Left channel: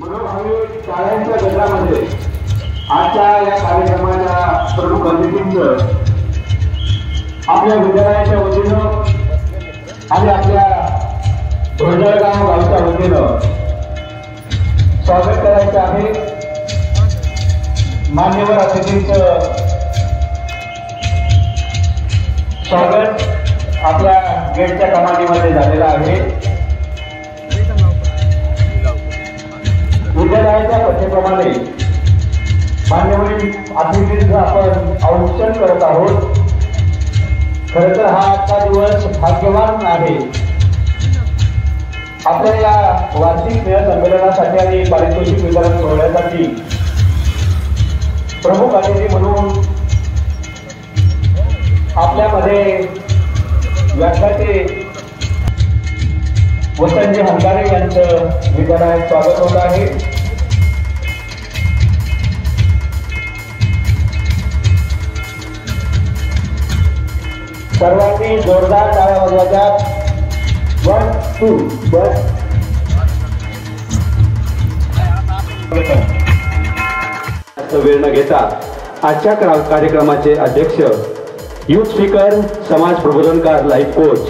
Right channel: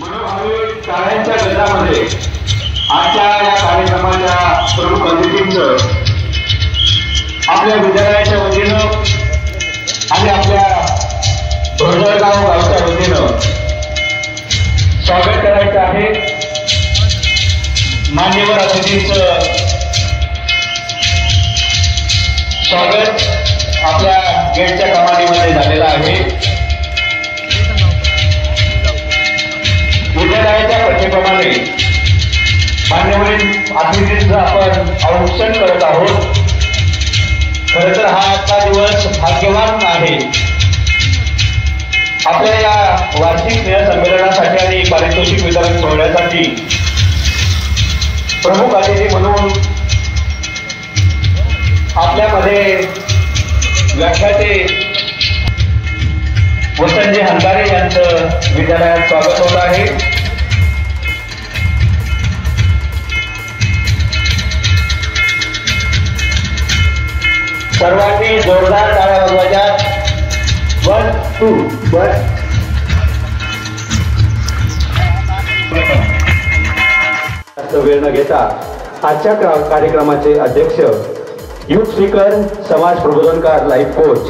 मनोभावी शाळांच्या गजरामध्ये आजच्या या कार्यक्रमाच्या प्रमुख अतिथींचं आपल्या विद्यालयाच्या वतीनं आणि आपल्या भोजळगाव गावच्या वतीनं स्वागत करायचं आहे। मान्यवर अतिथींचं स्वागत आपल्या गेटच्या कमानीमध्ये झालेलं आहे। विद्यालयाच्या पद्धतीप्रमाणे मान्यवरील अतिथींचं आपण औक्षण करत आहोत। खरं तर हा आजचा दिवस भाग्यवान आहे। आपल्या या वार्षिक स्नेहसंमेलनासाठी आणि पारितोषिक वितरण सोहळ्यासाठी प्रमुख अतिथी म्हणून आपल्यामध्ये व्याख्याते वसंतजी हंकारे यांचं विद्यालयात स्वागत होत आहे। सर्वांनी जोरदार टाळ्या वाजवायच्या। 1 2 वेळ न घेता आजच्या कार्यक्रमाचे अध्यक्ष, युथ स्पीकर, समाज प्रबोधनकार, लाईफ कोच,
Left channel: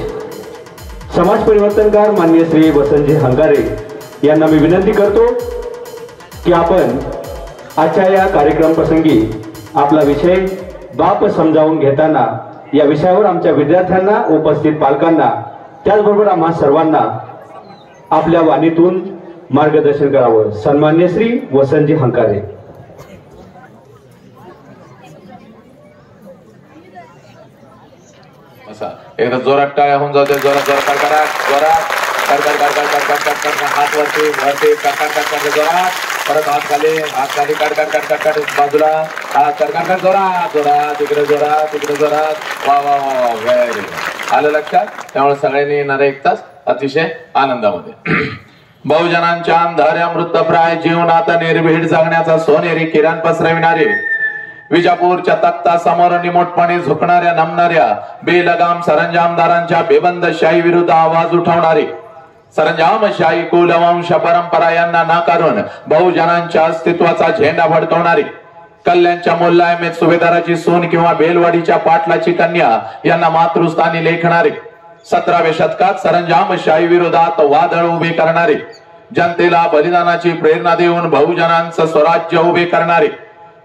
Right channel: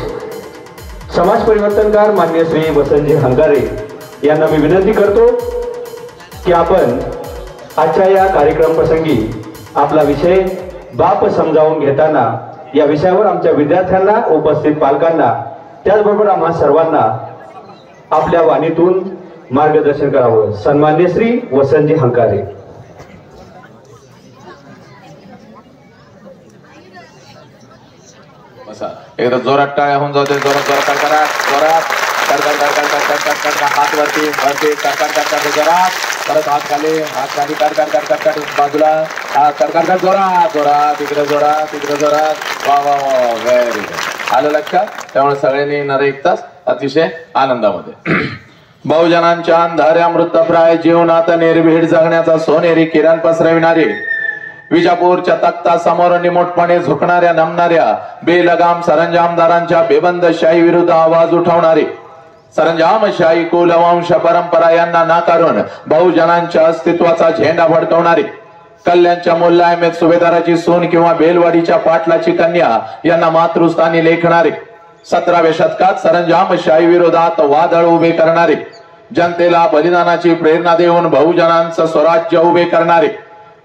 समाज परिवर्तनकार माननीय श्री वसंतजी हंकारे यांना मी विनंती करतो की आपण आजच्या या कार्यक्रम प्रसंगी आपला विषय बाप समजावून घेताना या विषयावर आमच्या विद्यार्थ्यांना, उपस्थित पालकांना, त्याचबरोबर आम्हा सर्वांना आपल्या वाणीतून मार्गदर्शन करावं। सन्माननीय श्री वसंतजी हंकारे। एकदा जोरात टाळ्या होऊन जाऊ दे। जोरात जोरात करा, जोरात हात वरती वरती जोरात, परत हात खाली बाजूला, हात जोरात जोरात, इकडे जोरात इकडे जोरात। वा वा वा, व्हेरी गुड। आलं लक्षात? त्यामुळे सगळ्यांनी येणार 1 तास अतिशय आनंदामध्ये। बहुजनांच्या अंधाऱ्या मृतप्राय जीवनात निर्भीड जगण्याचा सोनेरी किरण पसरविणारे, विजापूरच्या तख्ता समोर निमोटपणे झुकणाऱ्या नमणाऱ्या बेलगाम सरंजामदारांच्या बेबंदशाही विरुद्ध आवाज उठवणारे, सरंजामशाही कुलवंश परंपरा यांना नाकारून बहुजनांच्या अस्तित्वाचा झेंडा फडकवणारे, कल्याणच्या मुल्लायमेत सुभेदाराची सून किंवा बेलवाडीच्या पाटलाची कन्या यांना मातृस्थानी लेखणारे, 17व्या शतकात सरंजामशाही विरोधात वादळ उभे करणारे, जनतेला बलिदानाची प्रेरणा देऊन बहुजनांचं स्वराज्य उभे करणारे,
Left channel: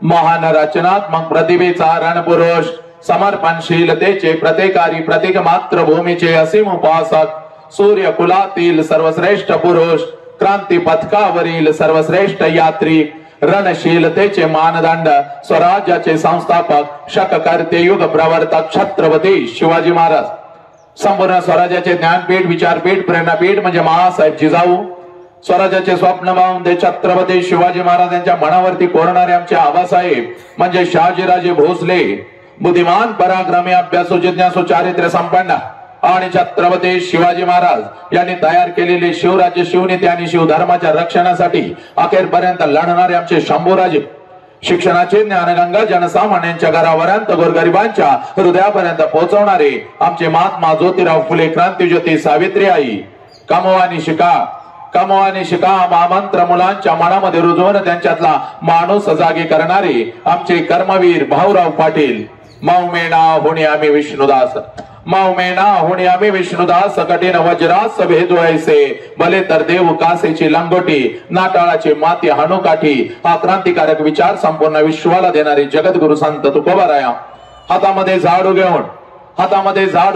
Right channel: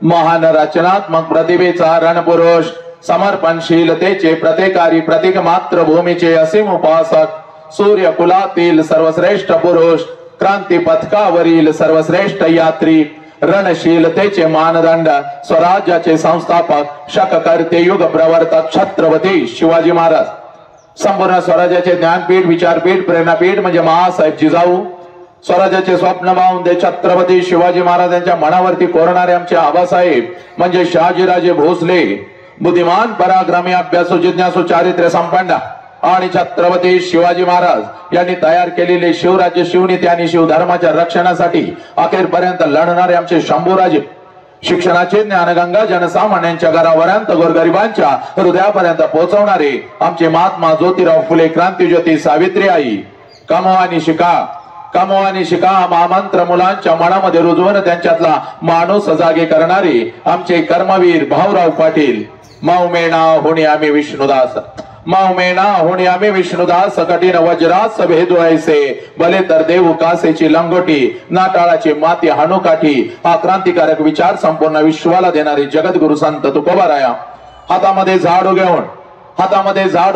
महान रचनात्मक प्रतिभेचा रणपुरुष, समर्पणशीलतेचे प्रत्येकारी, प्रत्येक मातृभूमीचे असीम उपासक, सूर्य कुलातील सर्वश्रेष्ठ पुरुष, क्रांती पथकावरील सर्वश्रेष्ठ यात्री, रणशीलतेचे मानदंड, स्वराज्याचे संस्थापक, शककर्ते, युग प्रवर्तक छत्रपती शिवाजी महाराज, संपूर्ण स्वराज्याचे ज्ञानपीठ, विचारपीठ, प्रेरणापीठ म्हणजे महासाहेब जिजाऊ, स्वराज्याचे स्वप्न पाहून ते छत्रपती शिवाजी महाराजांच्या मनावरती कोरणारे आमचे आबासाहेब म्हणजे शहाजीराजे भोसले, बुद्धिमान, पराक्रमी, अभ्यासू, जिज्ञासू, चारित्र्य संपन्न आणि छत्रपती शिवाजी महाराज यांनी तयार केलेले शिवराज्य, शिवनीती आणि शिवधर्माच्या रक्षणासाठी अखेरपर्यंत लढणारे आमचे शंभूराजे, शिक्षणाचे ज्ञानगंगा जनसामान्यांच्या घरापर्यंत, गोरगरिबांच्या हृदयापर्यंत पोहोचवणारे आमचे महात्मा ज्योतिराव फुले, क्रांतीज्योती सावित्रीबाई, कमो आणि शिका महामंत्र मुलांच्या मनामध्ये रुजवून त्यांच्यातला माणूस जागे करणारे आमचे कर्मवीर भाऊराव पाटील, मौमेना होणे आम्ही विष्णुदास, मौमेना होणे आम्ही विष्णुदास, कठीण वज्रास भेदू ऐसे, भले तर देव कासेची लंगोटी, नाटाळाची माती हाणूकाठी, हा क्रांतिकारक विचार संपूर्ण विश्वाला देणारे जगद्गुरु संत तुकोबाराया हातामध्ये झाडू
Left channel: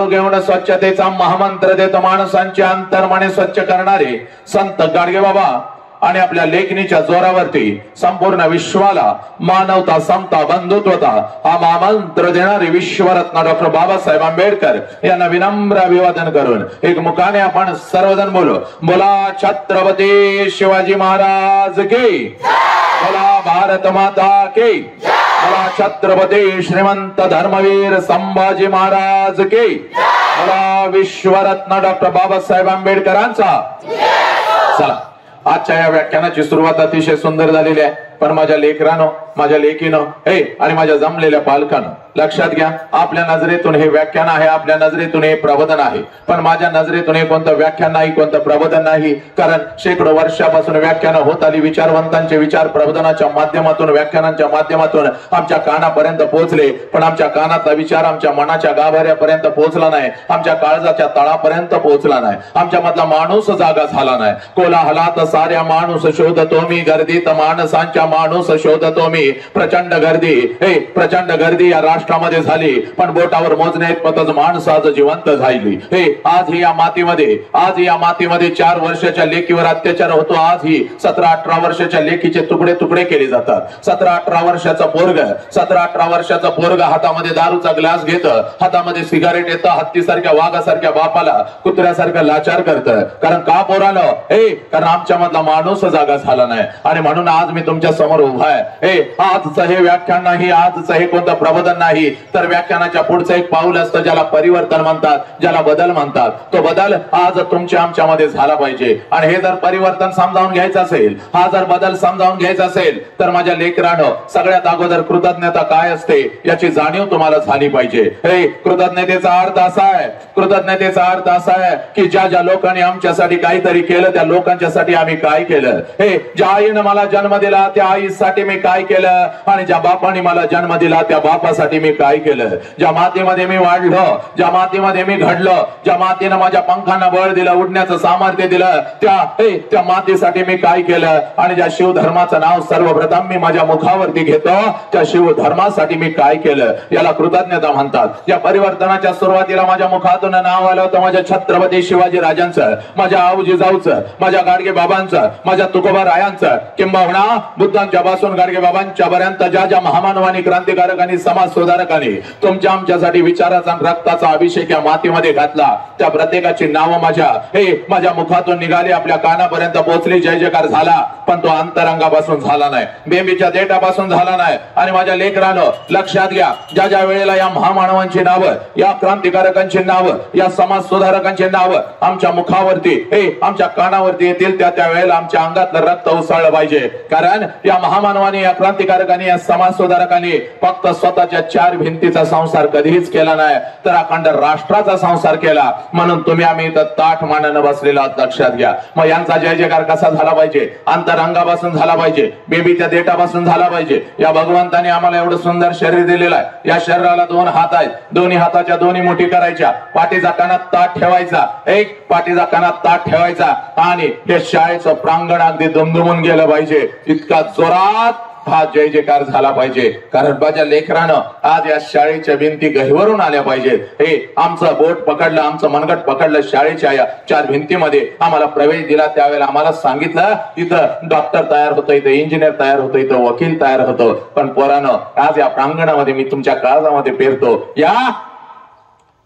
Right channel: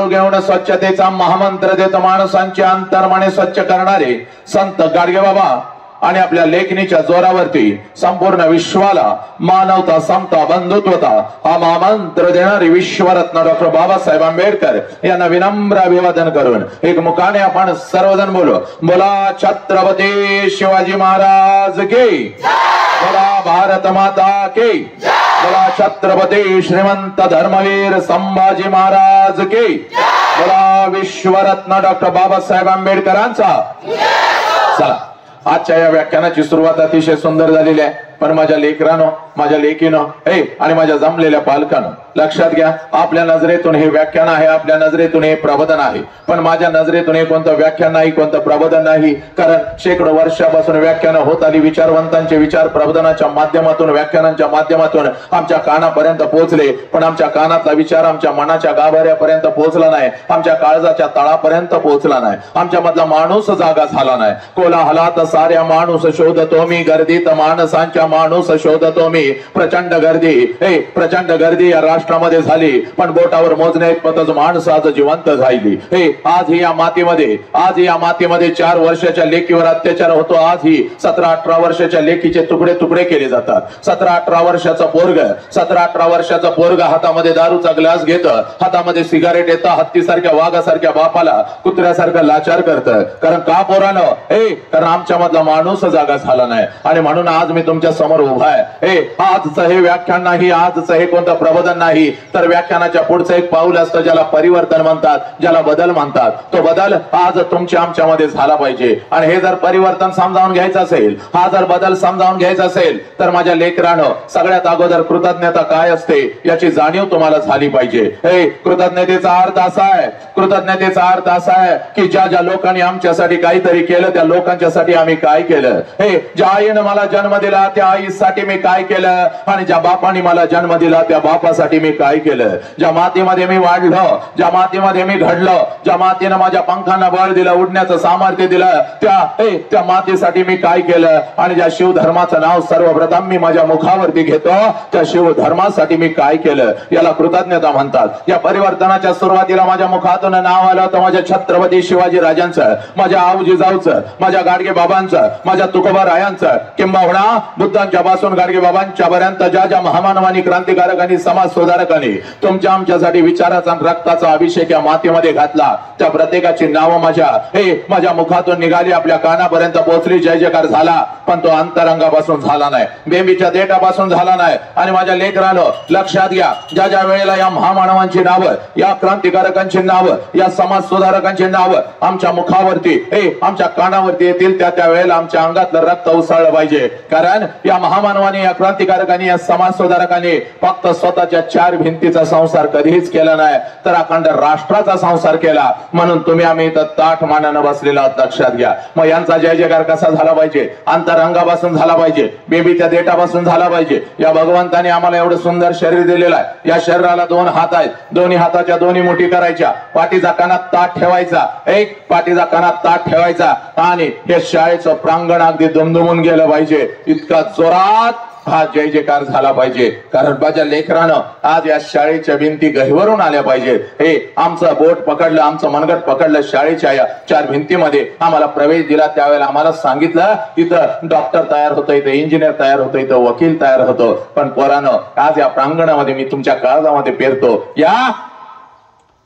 घेऊन स्वच्छतेचा महामंत्र देत माणसांचे अंतर्मने स्वच्छ करणारे संत गाडगे बाबा आणि आपल्या लेखणीच्या जोरावरती संपूर्ण विश्वाला मानवता, समता, बंधुत्वता हा महामंत्र देणारे विश्वरत्न डॉक्टर बाबासाहेब आंबेडकर यांना विनम्र अभिवादन करून एक मुखाने आपण सर्वजण बोलू, बोला छत्रपती शिवाजी महाराज की, बोला भारत माता की, बोला छत्रपती श्रीमंत धर्मवीर संभाजी महाराज की, बोला विश्वरत्न डॉक्टर बाबासाहेब आंबेडकरांचा। चला, आजच्या या व्याख्यानाची सुरुवात अतिशय सुंदर झालेली आहे। पण माझ्या लेकरानं, माझ्या लेकीनं आणि माझ्या जमलेल्या पालकानं लक्षात घ्या, आपल्या नजरेतून हे व्याख्यान आहे, आपल्या नजरेतून हे प्रबोधन आहे, पण माझ्या नजरेतून हे कोणतं व्याख्यान नाही, कोणतं प्रबोधन नाही. कारण शेकडो वर्षापासून व्याख्यानं होत आली, विचारवंतांचे विचार प्रबोधनाच्या माध्यमातून, व्याख्यानांच्या माध्यमातून आमच्या कानापर्यंत पोहोचले, पण आमच्या कानातला विचार आमच्या मनाच्या गाभाऱ्यापर्यंत पोहोचला नाही, आमच्या काळजाच्या तळापर्यंत पोहोचला नाही, आमच्या मधला माणूस जागा झाला नाही. कोलाहलात साऱ्या माणूस शोधतो मी, गर्दीत माणसांच्या माणूस शोधतो मी. प्रचंड गर्दी या राष्ट्रामध्ये झाली, पण बोटावर मोजण्याइतपतच माणसं आज जिवंत झाली. आज ही या मातीमध्ये 4 वर्षाच्या लेकीवर अत्याचार होतो. आज ही 17-18 वर्षाच्या लेकीचे तुकडे तुकडे केले जातात. 17-18 वर्षाचा पोरग हातामध्ये दारूचा ग्लास घेत, हातामध्ये सिगारेट येतं, हत्तीसारख्या वाघासारख्या बापाला कुत्र्यासारखं लाचार करतं. कारण का पोरानं? कारण आमच्या मधला माणूस जागा झाला नाही. आणि म्हणून आज मी तुमच्या समोर उभा आहे. आजचं हे व्याख्यान नाही, आजचं हे कोणतं प्रबोधन नाही, तर व्याख्यानाच्या पुढचं एक पाऊल असतं ज्याला परिवर्तन म्हणतात, ज्याला बदल म्हणतात. तो बदल आज तुमच्या आमच्यामध्ये झाला पाहिजे. आणि हे जर परिवर्तन समजावून घ्यायचं असेल, हा जर बदल समजावून घ्यायचा असेल, तर माझ्या लेकरानं सगळ्यात अगोदर कृतज्ञता काय असते याची जाणीव तुम्हाला झाली पाहिजे. कृतज्ञतेचा अर्थ असा आहे की ज्या लोकांनी आमच्यासाठी काहीतरी केलं, त्या लोकांच्यासाठी आम्ही काय केलं. ज्या आईनं मला जन्म दिला त्या आईसाठी मी काय केलं, आणि ज्या बापाने मला जन्म दिला त्या बापासाठी मी काय केलं. ज्या मातीमध्ये मी वाढलो, ज्या मातीमध्ये मी घडलो, ज्या मातीनं माझ्या पंखांना बळ दिलं, उडण्याचं सामर्थ्य दिलं, त्या मातीसाठी मी काय केलं. आणि ज्या शिवधर्माचं नाव सर्वप्रथम मी माझ्या मुखावरती घेतो, त्या शिवधर्मासाठी मी काय केलं, याला कृतज्ञता म्हणतात. या परिवर्तनाच्या सुरुवातीला माझ्या मुखातून नाव आलं होतं माझ्या छत्रपती शिवाजी राजांचं, माझ्या आऊजी जाऊचं, माझ्या गाडगे बाबांचं, माझ्या तुकोबा रायांचं, किंबहुना बुद्धांच्या पासून गाडगे बाबांच्या पर्यंत ज्या महामानवानी, क्रांतिकारकांनी, समाज सुधारकांनी तुमच्या आमच्यासाठी विचाराचा रक्ताचा अभिषेक या मातीमध्ये घातला, त्या प्रत्येकाची नावं माझ्या मुखातून निघाली, आपल्या कानापर्यंत पोहोचली, जय जयकार झाला. पण तो अंतरंगापासून झाला नाही, बेंबीच्या देठापासून झाला नाही. आणि माझ्या लेकरानं लक्षात घ्या, ज्या वेळेला या महामानवांची नावं, या क्रांतिकारकांची नावं, या समाज सुधारकांची नावं आमच्या मुखावरती, आमच्या कानावरती येतील, त्या वेळेला आमच्या अंगातलं रक्त उसळलं पाहिजे. कारण या महामानवांनी, या क्रांतिकारकांनी, या समाज सुधारकांनी फक्त स्वतःच्या 4 भिंतीचा संसार कधीच केला नाही, तर अखंड राष्ट्राचा संसार केला. म्हणून तुम्ही आम्ही इथं ताठ मानानं बसलेला लक्षात घ्या. मग यांचा जय जयकार कसा झाला पाहिजे? अंतरंगापासून झाला पाहिजे, बेबीच्या देठापासून झाला पाहिजे. या भगवंताने आम्हाला एवढं सुंदर शरीर दिलेलं आहे. या शरीराला 2 हात आहेत, दोन्ही हाताच्या दोन्ही मुठी करायच्या, पाठीचा कानात ताट ठेवायचा, पाठीचा कानात ताट ठेवायचा. आणि हे शाळेचं प्रांगण अगदी दुमदुमून गेलं पाहिजे, इतका जोरात हा जय जयकार झाला पाहिजे. कारण माझ्या लेकरानं आज या शाळेच्या भिंती गहिवरून आल्या पाहिजेत. आमचं बोट पकडलं, आमचं मनगट पकडलं, शाळेच्या या 4 भिंतीमध्ये आम्हाला प्रवेश दिला. त्यावेळेला आम्हाला सांगितलं इथं डॉक्टर तयार होतं, इथं इंजिनियर तयार होतं, इथं वकील तयार होतं. पण पोरानं आज या प्रांगणामध्ये मी तुमच्या काळजामध्ये पेरतो, या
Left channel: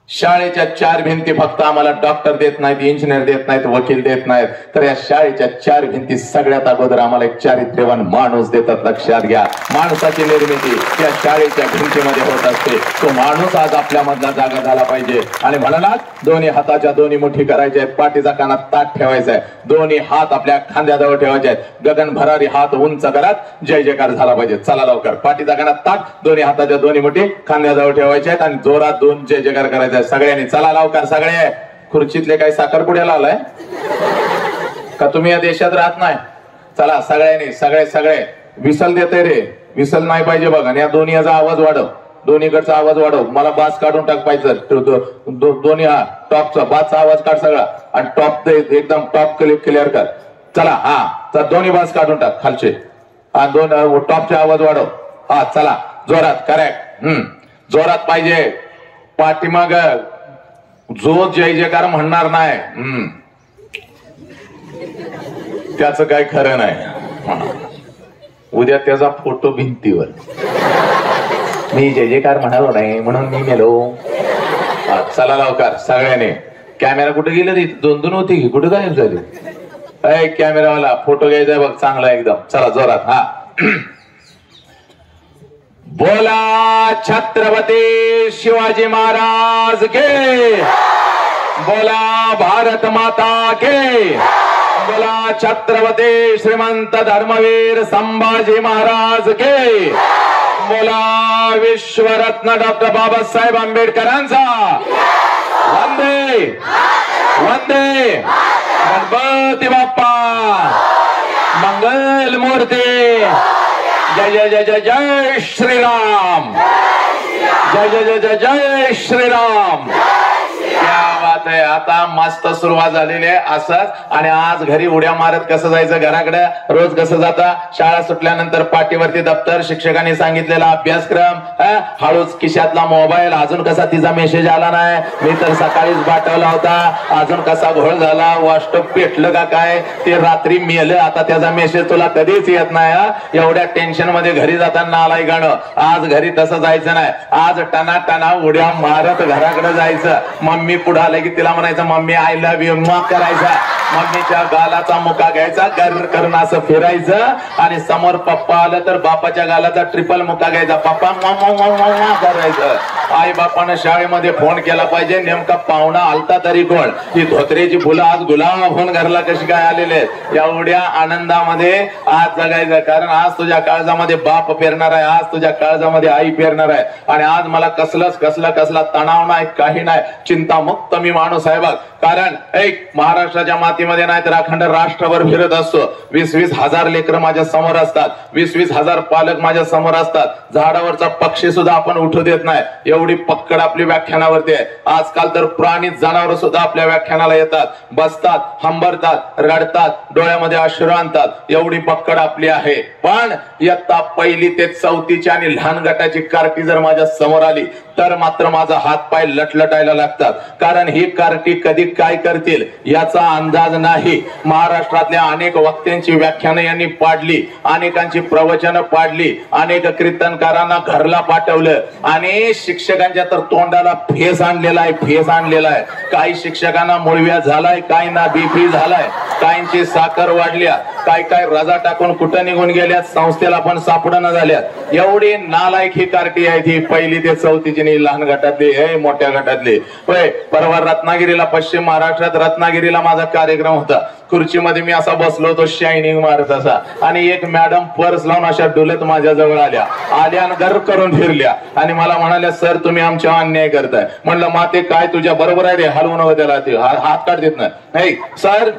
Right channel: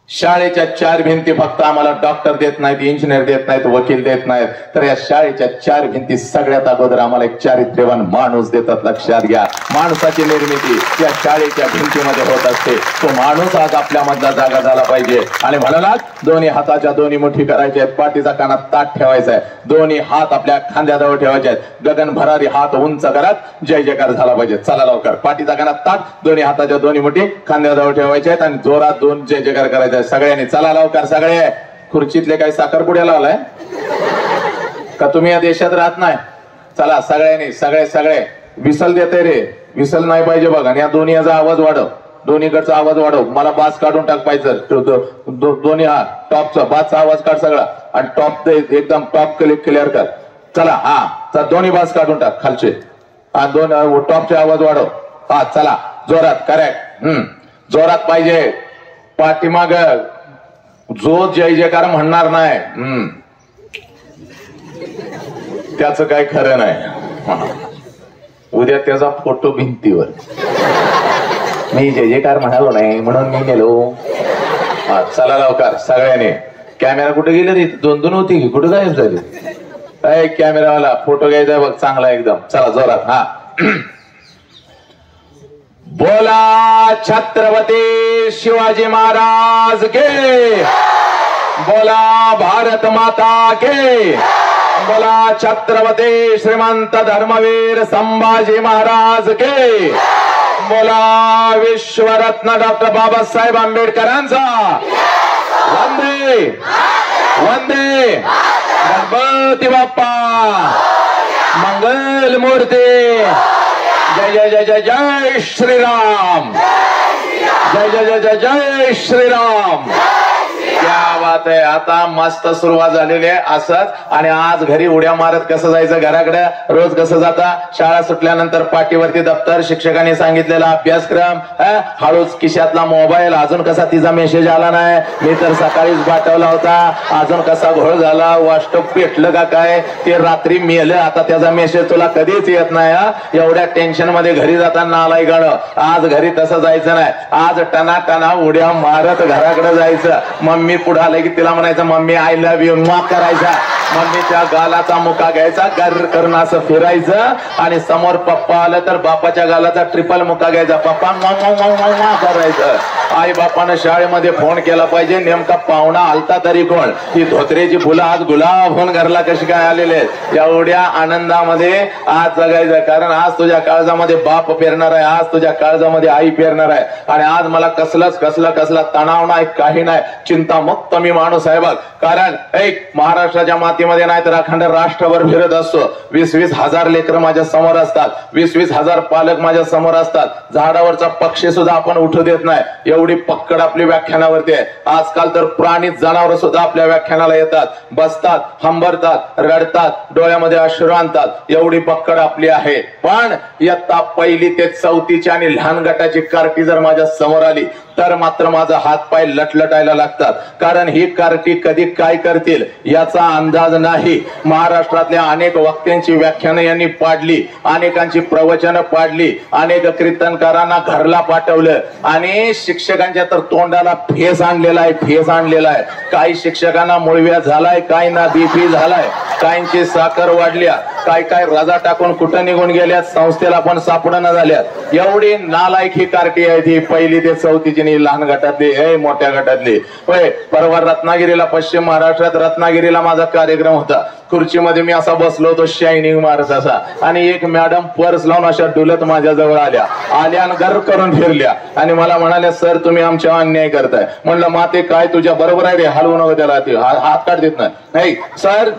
शाळेच्या 4 भिंती फक्त आम्हाला डॉक्टर देत नाहीत, इंजिनियर देत नाहीत, वकील देत नाहीत, तर या शाळेच्या 4 भिंती सगळ्यात अगोदर आम्हाला एक चारित्र्यवान माणूस देतात. लक्षात घ्या, माणसाची निर्मिती या शाळेच्या भिंतीमध्ये होत असते. तो माणूस आज आपल्या मधला जागा झाला पाहिजे. आणि म्हणालात दोन्ही हाताच्या दोन्ही मुठी करायच्या आहेत, पाठीचा कानात ताट ठेवायचा आहे, दोन्ही हात आपल्या खांद्याजवळ ठेवायचे आहेत, गगन भरारी हात उंच करत जय जयकार झाला पाहिजे. चला लवकर, पाठीचा कानात ताट, दोन्ही हाताच्या दोन्ही मुठी खांद्याजवळ ठेवायच्या आहेत आणि जोरात 2 जय जयकार करायचे सगळ्यांनी. चला लवकर सगळे. खुर्चीतले काही साखरपुड्या लावलाय का तुम्ही या देशात राहत नाही? चला सगळ्यांनी, सगळे विसल देते रे, विसल नाही पाहिजे बघा. या दोन्हीचा आवाज वाढव, दोन्हीकडचा आवाज वाढव. मला बास काढून टाक पाहिजे, दोन्ही हा टॉपचा बासचा आवाज काढ सगळा, आणि टॉप एकदम टॉप क्लिअर कर. चला हा, तर दोन्ही बास काढून टाक खालचे, हा 2 टॉपचे आवाज वाढव. हा चला जोरात, करेक्ट, जोरात पाहिजे. पाठीमाग जो जय जयकार म्हणणार नाही त्याचं काय खरं नाही. उद्या त्याचा फोटो भिंतीवर, मी जय जयकार म्हणालो नाही म्हणून मी गेलो. चला लवकर सगळ्याने. कॅमेरा कुठे गेले रे? 2 होती, कुठे गायब झाले? कॅमेरावाला फोटो घ्यायचा बघ चांगला एकदम. चला जोरात. हा बोला छत्रपती शिवाजी महाराज के, बोला भारत माता के, बोला छत्रपती श्रीमंत धर्मवीर संभाजी महाराज के, बोला विश्वरत्न डॉक्टर बाबासाहेब आंबेडकरांचा वंदे वंदे गणपती बाप्पा मंगल मूर्ती। जय जय जय जय जय श्रीराम, जय जय जय जय जय श्रीराम। क्या बात आहे। आता मस्त सुरुवात झालेली आहे असंच। आणि आज घरी उड्या मारत कसं जायचं घराकडे, रोज कसं जाता, शाळा सुटल्यानंतर पाठीवरती दप्तर, शिक्षकांनी सांगितलेला अभ्यासक्रम, हळूच खिशातला मोबाईल, अजून कसा तिचा मेसेज आला नाही, मी तर सकाळीच पाठवला होता, अजून कसा घोळ झाला, वास्टप पेटलं का काय, ते रात्री मेलं, आता त्याचा मेसेज तुला कधीच येत नाही। एवढ्या टेन्शन मध्ये घरी जाताना आलाय गाणं। आज घरी तसं जायचं नाही, आज टना टना उड्या मारत घराकडे जायचं। मम्मी पुढे आले की तिला म्हणायचं मम्मी आय लव्ह यू, माफ करायचा, मम्मीच्या गालाचा मुका घ्यायचा, गर करणं असं फिरायचं, आणि समोर पप्पा आलं तर बापाच्या गालाचा ट्रिपल मुका घ्यायचा, पप्पा मा करायचं। आई बापानं शाळेमध्ये फोन केला पाहिजे, नेमका पाहुणा आलता तरी कोण, ती धोत्रेची फुलं आज गुलाब होऊन घरला कशी काय आलेले आहेत। एवढ्या आनंदामध्ये आज जगायचं, कारण आज तुझ्या काळजामध्ये बाप पेरणार आहे, आज तुझ्या काळजामध्ये आई पेरणार आहे। आणि आज मला कसला तणाव नाही, काही नाही, चिंतामुक्त मी माणूस आहे बघ। कारण एक महाराष्ट्राच्या मातीमध्ये नाही तर अखंड राष्ट्रभर फिरत असतो। 20-20 हजार लेकरं माझ्या समोर असतात, 20-20 हजार पालक माझ्या समोर असतात, झाडावरचा पक्षी सुद्धा आपण उठू देत नाही, एवढी पक्कड आपली व्याख्यानावरती आहे। आजकाल तर प्राणी जनावर सुद्धा आपल्या व्याख्यानाला येतात, बसतात, हंबरतात, रडतात, डोळ्यामध्ये अश्रू आणतात, एवढी पक्कड आपली आहे। पण इयत्ता 1ली ते 4थीची आणि लहान गटाची कार्टी जर माझ्या समोर आली तर मात्र माझा हात पाय लटलटायला लागतात, कारण ही कार्टी कधी काय करतील याचा अंदाज नाही। महाराष्ट्रातल्या अनेक वक्त्यांची व्याख्यानं यांनी पाडली, अनेकांची प्रवचनं पाडली, अनेक कीर्तनकारांना घरला पाठवलं, आणि शिक्षकांच्या तर तोंडाला फेस आणलेला आहे। काही शिक्षकांना मुळव्या झालाय, काही ना बीपी झालाय, काहींची साखर वाढल्या, काय रजा टाकून कुठं निघून गेल्यात, संस्थेला पण सापडणं झाल्यात। एवढी नालायक ही कार्टी आहे ती 1ली ते 4थीची, लहान गटातली मोठ्या गटातली। होय, परवा रत्नागिरीला, पश्चिम महाराष्ट्रात रत्नागिरीला माझा कार्यक्रम होता। खुर्चीमध्ये मी असा बसलो होतो शायनिंग मारत असा, आणि एक मॅडम पर्स लावून अशा डुलत माझ्या जवळ आल्या आणि गर करून फिरल्या आणि मला म्हणाल्या सर तुम्ही आमच्यावर अन्याय करताय। म्हणलं माते काय तुझ्या बरोबर आहे, हलवू नको त्याला, ते हात काढ देत नाही सर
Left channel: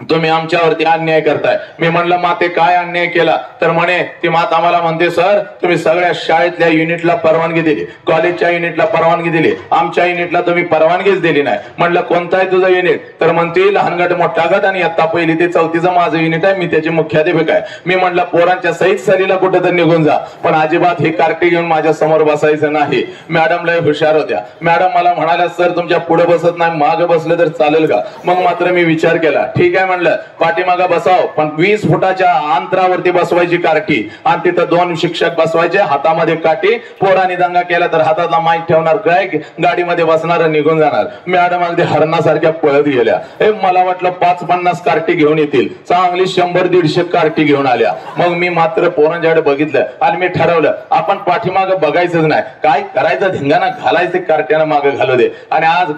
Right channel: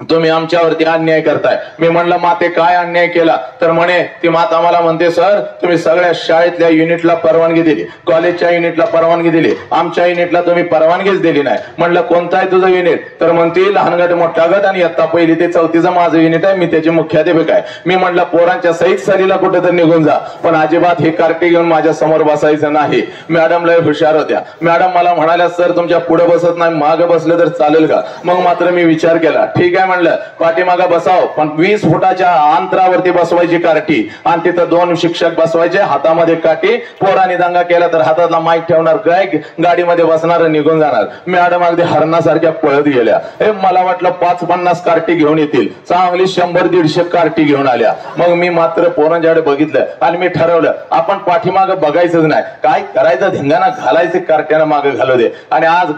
तुम्ही आमच्यावरती अन्याय करताय। मी म्हणलं माते काय अन्याय केला, तर म्हणे ती माता मला म्हणते सर तुम्ही सगळ्या शाळेतल्या युनिटला परवानगी दिली, कॉलेजच्या युनिटला परवानगी दिली, आमच्या युनिटला तुम्ही परवानगीच दिली नाही। म्हणलं कोणतं आहे तुझं युनिट, तर म्हणते लहान गट मोठा गट आणि इयत्ता 1ली ते 4थीचं माझं युनिट आहे, मी त्याचे मुख्याध्यापक आहे। मी म्हटलं पोरांच्या सहित सहलीला कुठं तर निघून जा, पण अजिबात ही कार्टी घेऊन माझ्या समोर बसायचं नाही। मॅडम लय हुशार होत्या, मॅडम मला म्हणाल्या सर तुमच्या पुढे बसत नाही, मागे बसलं तर चालेल का। मग मात्र मी विचार केला, ठीक आहे म्हणलं पाठीमागा बसाव, पण 20 फुटाच्या अंतरावरती बसवायची कार्टी, आणि तिथं 2 शिक्षक बसवायचे, हातामध्ये काठी, पोरांनी दंगा केला तर हातातला माईक ठेवणार, काय गाडीमध्ये बसणार निघून जाणार। मॅडम अगदी हरणासारख्या पळत गेल्या। मला वाटलं 5-50 कार्टी घेऊन येतील, चांगली 100-150 कार्टी घेऊन आल्या। मग मी मात्र पोरांच्याकडे बघितलं आणि मी ठरवलं आपण पाठीमागं बघायचंच नाही, काय करायचं धिंगाणा घालायचे, कार्ट्यानं मागे घालू दे। आणि आज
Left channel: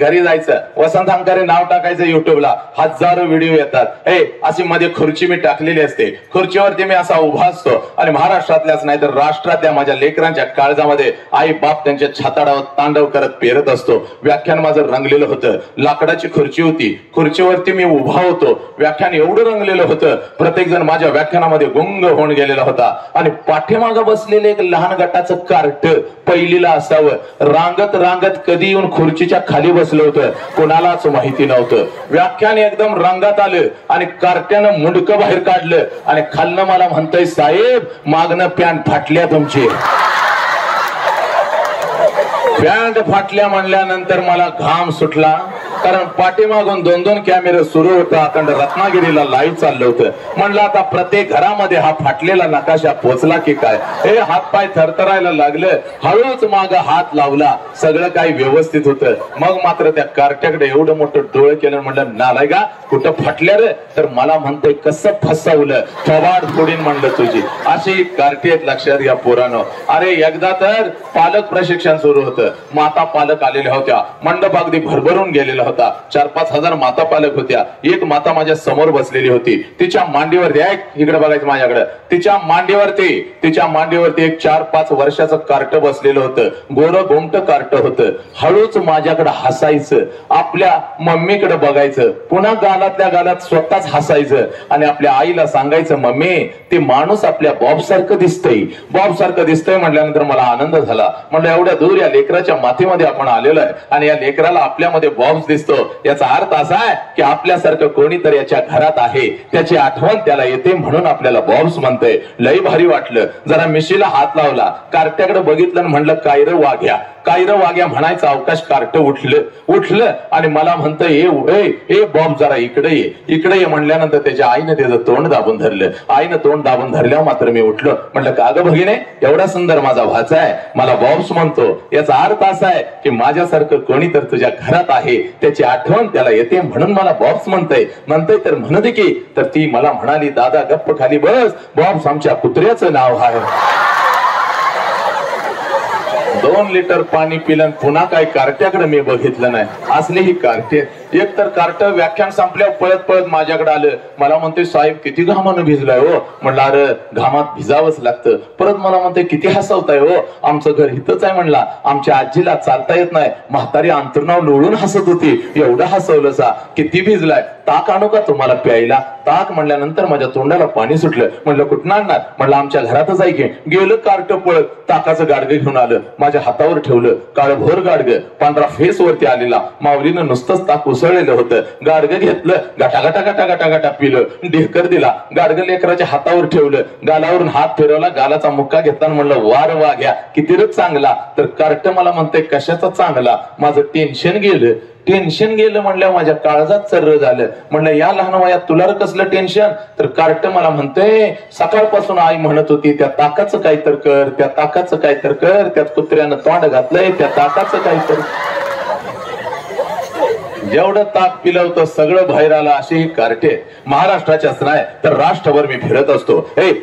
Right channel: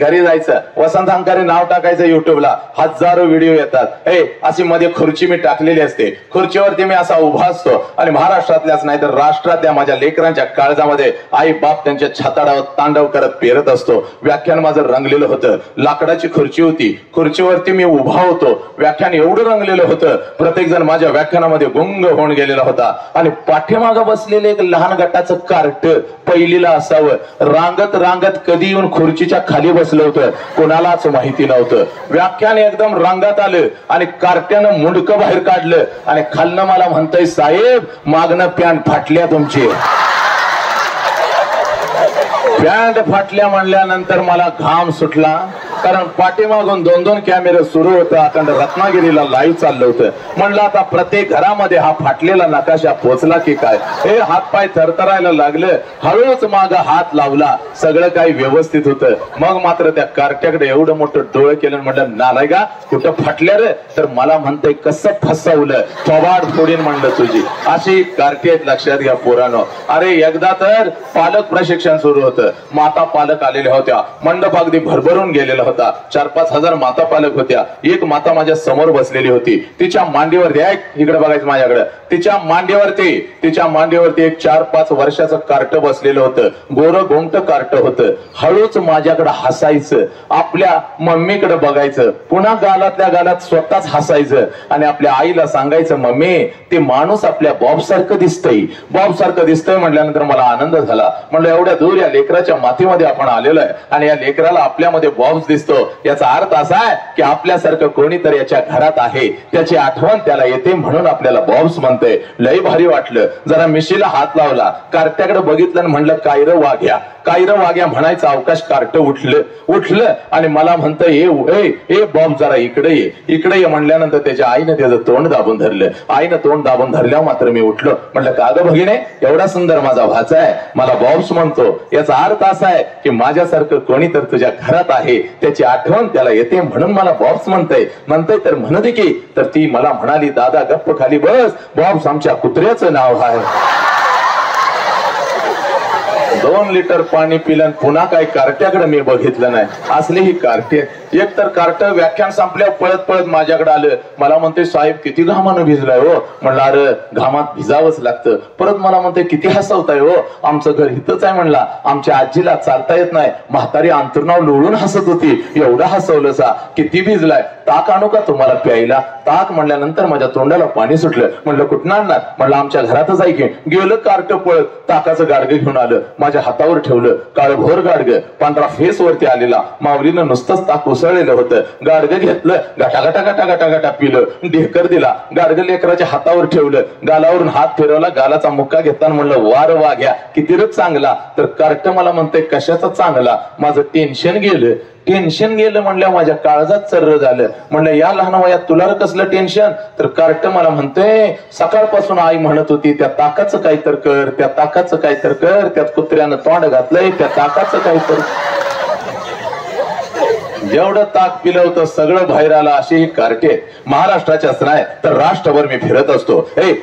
घरी जायचं, वसंत हंकारे नाव टाकायचं युट्यूबला, हजारो व्हिडिओ येतात। अशी मध्ये खुर्ची मी टाकलेली असते, खुर्चीवरती मी असा उभा असतो आणि महाराष्ट्रातल्याच नाही तर राष्ट्रातल्या माझ्या लेकरांच्या काळजामध्ये आई बाप त्यांच्या छाताडावर तांडव करत पेरत असतो। व्याख्यान माझं रंगलेलं होतं, लाकडाची खुर्ची होती, खुर्चीवरती मी उभा होतो, व्याख्यान एवढं रंगलेलं होतं, प्रत्येक जण माझ्या व्याख्यानामध्ये गुंग होऊन गेलेला होता। आणि पाठीमागं बसलेले एक लहान गटाचं कार्ट 1लीला असावं, रांगत कधी येऊन खुर्चीच्या खाली बसलं होतं कोणालाच माहिती नव्हतं। व्याख्यान एकदम रंगात आलं आणि कार्ट्यानं मुंडकं बाहेर काढलं आणि खालनं मला म्हणतोय साहेब मागणं पॅन्ट फाटल्या तुमची। पॅन्ट फाटल्या म्हणल्यानंतर मला घाम सुटला, कारण पाठीमागून 2-2 कॅमेरे सुरू होता, अखंड रत्नागिरीला लाईव्ह चाललं होतं। म्हणलं आता प्रत्येक घरामध्ये हा फाटलेला नकाशा पोचला की काय, हे हातपाय थरथरायला लागलं, हळूच माग हात लावला, सगळं काही व्यवस्थित होतं। मग मात्र त्या कार्ट्याकडे एवढं मोठं डोळं केलं, म्हटलं नालाय का कुठं फाटल्या रे, तर मला म्हणतोय कसं फसवलं, थोबाड फोडीन म्हणलं तुझी। अशी कार्टी आहेत, लक्षात घ्या पोरांनो। अरे एकदा तर पालक प्रशिक्षण सुरू होतं, होतं. माता पालक आलेल्या होत्या. मंडप अगदी भरभरून गेलेला होता. 4-5 हजार माता पालक होत्या. एक माता माझ्या समोर बसलेली होती. तिच्या मांडीवरती इकडे बघायचं माझ्याकडे, तिच्या मांडीवरती एक 4-5 वर्षाचं कार्ट बसलेलं होतं. गोरं गोमट कार्ट होतं. हळूच माझ्याकडे हसायचं, आपल्या मम्मीकडे बघायचं, पुन्हा गालातल्या गालात स्वतःच हसायचं आणि आपल्या आईला सांगायचं, मम्मी ते माणूस आपल्या बॉब सारखं दिसतंय म्हटल्यानंतर मला आनंद झाला. म्हणलं एवढ्या दूर या लेकराच्या मातीमध्ये आपण आलेलो आहे आणि या लेकराला आपल्यामध्ये बॉब्स दिसतो, याचा अर्थ असा आहे की आपल्यासारखं कोणीतरी याच्या घरात आहे, त्याची आठवण त्याला येते म्हणून आपल्याला बॉब्स म्हणतंय. लई भारी वाटलं. जरा मिशीला हात लावला, कार्ट्याकडे बघितलं आणि म्हणलं काय रे वाघ्या म्हणायचं अवकाश कार्ट उठलं आणि मला म्हणतं ए बॉब जरा इकडे ये म्हणल्यानंतर त्याच्या आईनं त्याचं तोंड दाबून धरलं. आईनं तोंड दाबून धरल्यावर मात्र मी उठलो. म्हटलं का ग भगिने, एवढा सुंदर माझा भाचा आहे, मला बॉब्स म्हणतो, याचा अर्थ असा आहे की माझ्यासारखं कोणी तर तुझ्या घरात आहे, त्याची आठवण त्याला येते म्हणून मला बॉब्स म्हणतंय तर म्हणू दे की. तर ती मला म्हणाली, दादा गप्प खाली बस, बॉब्स आमच्या कुत्र्याचं नाव आहे. 2 लिटर पाणी पिलं पुन्हा काही कार्ट्याकडे मी बघितलं नाही. असली ही कार्टे. एक तर कार्ट व्याख्यान संपल्यावर पळत माझ्याकडे आलं. मला म्हणते, साहेब किती घामानं भिजलाय हो. म्हणलं अरे घामात भिजावंच लागतं. परत मला म्हणते, किती हसवताय हो, आमचं घर इथंच आहे. म्हणला आमच्या आजीला चालता येत नाही, म्हातारी अंतर्नाव लोळून हसत होती, एवढं हसवलं सा. किती भिजलाय, ताक आणू का तुम्हाला प्यायला. ताक म्हणल्यानंतर माझ्या तोंडाला पाणी सुटलं. म्हणलं कुठं आणणार. म्हणलं आमच्या घरातच आहे की. गेलं कार्ट पळत ताकाचं गाडगं घेऊन आलं, माझ्या हातावर ठेवलं. काळभोर गाडगं, पांढरा फेस वरती आलेला. माऊलीनं नुसतंच ताक उसळलेलं होतं. गाडगं घेतलं, गटा पिलं. ढेकर दिला, गाडगं लेकराच्या हातावर ठेवलं, गालावरून हात फिरवला, गालाचा मुक्का घेताना म्हणलं वार वाघ्या किती रच चांगला. तर कार्ट मला म्हणते कशाचा चांगला. माझं टेन्शन गेलं म्हणलं, माझ्या काळजात चर्र झालं. म्हणलं या लहान वयात तुला कसलं टेन्शन. तर कार्ट मला म्हणतोय, सकाळपासून आई म्हणत होती त्या ताकाचं काहीतर कर, त्यात कुत्र्यानं तोंड घातलंय, त्या ताकाचं काहीतर. जेवढं ताक पिलं होतं सगळं बाहेर आलं. अशी ही कार्टे महाराष्ट्राच्याच नाही तर राष्ट्रभर मी फिरत असतो.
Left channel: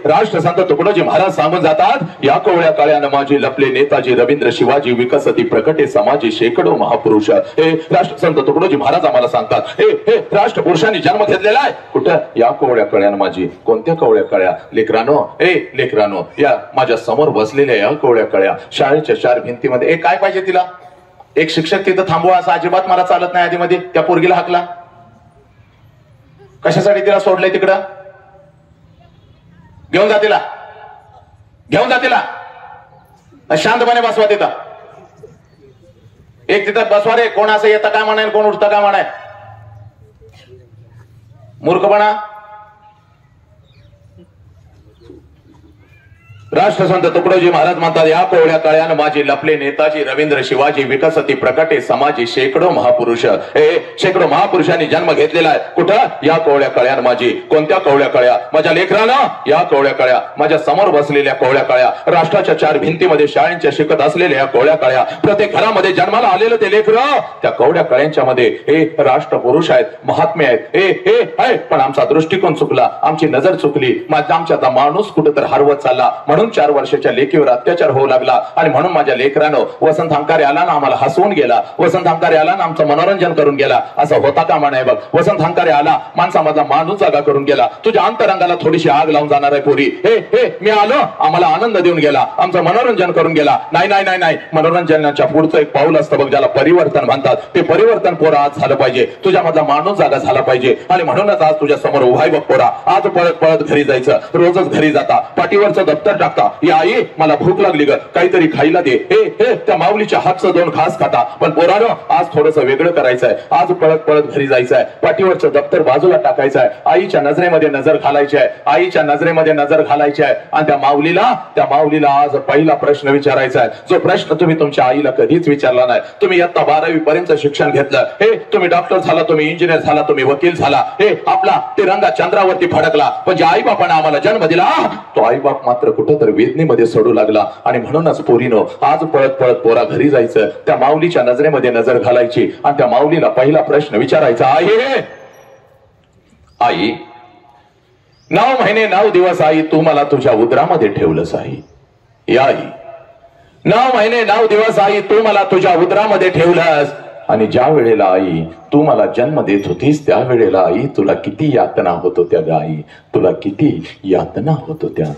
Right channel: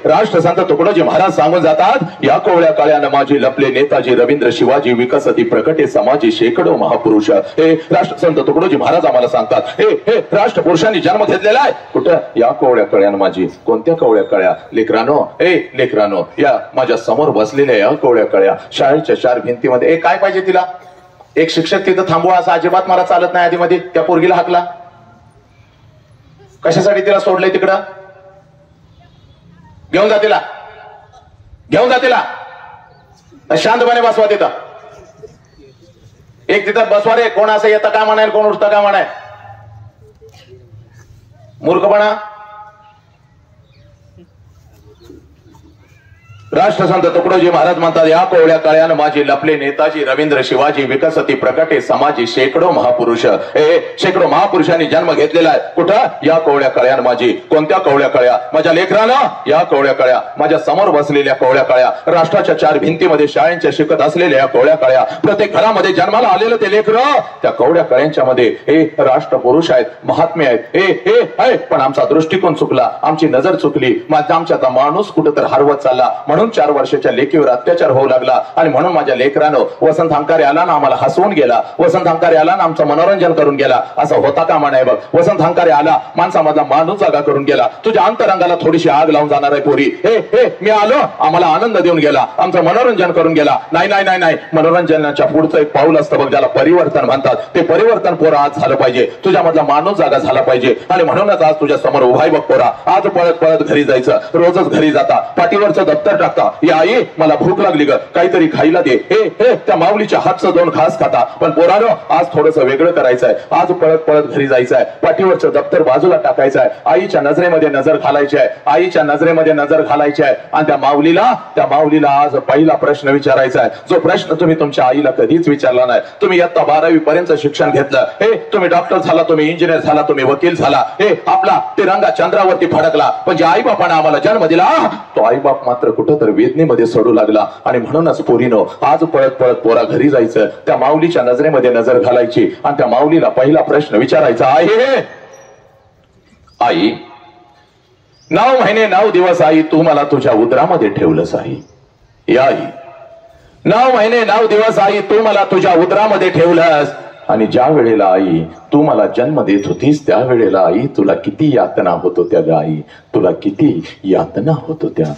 राष्ट्रसंत तुकडोजी महाराज सांगून जातात, या कोवळ्या काळ्यानं माझी लपले नेताजी रवींद्र शिवाजी विकसती प्रकटे समाजी शेकडो महापुरुष. राष्ट्रसंत तुकडोजी महाराज आम्हाला सांगतात, हे राष्ट्रपुरुषांनी जन्म घेतलेला आहे. कुठं, या कोवळ्या काळ्यानं माझी. कोणत्या कोवळ्या काळ्या. लेकरानो या माझ्या समोर बसलेल्या या कोवळ्या काळ्या शाळेच्या 4 भिंतीमध्ये. काय पाहिजे तिला. एक शिक्षक तिथं थांबवा असं अजिबात मला चालत नाही. आधीमध्ये त्या पोरगीला हाकला. कशासाठी तिला सोडलंय तिकडं. घेऊन जा तिला. शांतपणे बसवा तिथं. एक तिथं बसवा रे. कोण असं येतं काय म्हणाय, कोण उठतं काय म्हणाय. मूर्खपणा. राष्ट्रसंत तुकडोजी महाराज म्हणतात, या कोवळ्या काळ्यानं माझी लपले नेताजी रवींद्र शिवाजी विकसती प्रकटे समाजी शेकडो महापुरुष. शेकडो महापुरुषांनी जन्म घेतलेला आहे. कुठं, या कोवळ्या काळ्यानं माझी. कोणत्या कोवळ्या काळ्या. माझ्या लेकरानं या कोवळ्या काळ्या, माझ्या समोर बसलेल्या कोवळ्या काळ्या, राष्ट्राच्या 4 भिंतीमध्ये शाळेंच्या शिकत असलेल्या या कोवळ्या काळ्या, प्रत्येक घरामध्ये जन्माला आलेलं ते लेकरं, त्या कोवळ्या काळ्यांच्या मध्ये राष्ट्रपुरुष आहेत, महात्मे आहेत. पण आमचा दृष्टिकोन चुकला, आमची नजर चुकली. आमचा माणूस कुठं तर हरवत चालला. म्हणून 4 वर्षाच्या लेकीवर अत्याचार होऊ लागला आणि म्हणून माझ्या लेकरानं वसंत हंकारे आला ना आम्हाला हसवून गेला. वसंत हंकारे आला ना आमचं मनोरंजन करून गेला. असं होता कामा नये बघ. वसंत हंकारे आला, माणसामधला माणूस जागा करून गेला. तुझ्या अंतरंगाला थोडीशी आग लावून जाणार आहे पोरी. मी आलो, आम्हाला आनंद देऊन गेला, आमचं मनोरंजन करून गेला. नाही. मनोरंजनाच्या पुढचं एक पाऊल असतं बघ, ज्याला परिवर्तन म्हणतात. ते परिवर्तन पोरा आज झालं पाहिजे. तुझ्यामधला माणूस जागा झाला पाहिजे. आणि म्हणूनच आज तुझ्या समोर उभा आहे बघ पोरा. आज पळत घरी जायचं. रोजच घरी जाता, पाठीवरचं दप्तर टाकता, आई मला भूक लागली ग, काहीतरी खायला दे. त्या माऊलीच्या हातचं 2 घास खाता. पण पोरानो आज थोडस वेगळं करायचंय. आज पळत घरी जायचंय. पाठीवरचं दप्तर बाजूला टाकायचंय. आईच्या नजरेमध्ये नजर घालायची आहे. आणि त्या माऊलीला आज पहिला प्रश्न विचारायचा आहे, जो प्रश्न तुम्ही तुमच्या आईला कधीच विचारला नाही. तुम्ही इयत्ता 12वी पर्यंत शिक्षण घेतलं. तुम्ही डॉक्टर झाला, तुम्ही इंजिनियर झाला, तुम्ही वकील झाला. आपला तिरंगा चंद्रावरती फडकला. पण ज्या आईबापानं आम्हाला जन्म दिला, तो आईबाप मात्र कुठं तर वेदनेमध्ये सोडू लागला. आणि म्हणूनच पोरीनो आज पळत पोरा घरी जायचं. त्या माऊलीच्या नजरेमध्ये नजर घालायची आणि त्या माऊलीला पहिला प्रश्न विचारायचा, आई 9 महिने 9 दिवस आई तू मला तुझ्या उदरामध्ये ठेवलंस. आई 9 महिने 9 दिवस आई तू मला तुझ्या उदरामध्ये ठेवलंस आणि ज्या वेळेला आई तू मला जन्म देत होतीस त्या वेळेला आई तुला किती यातना होत होत्या ग आई, तुला किती यातना होत होत्या.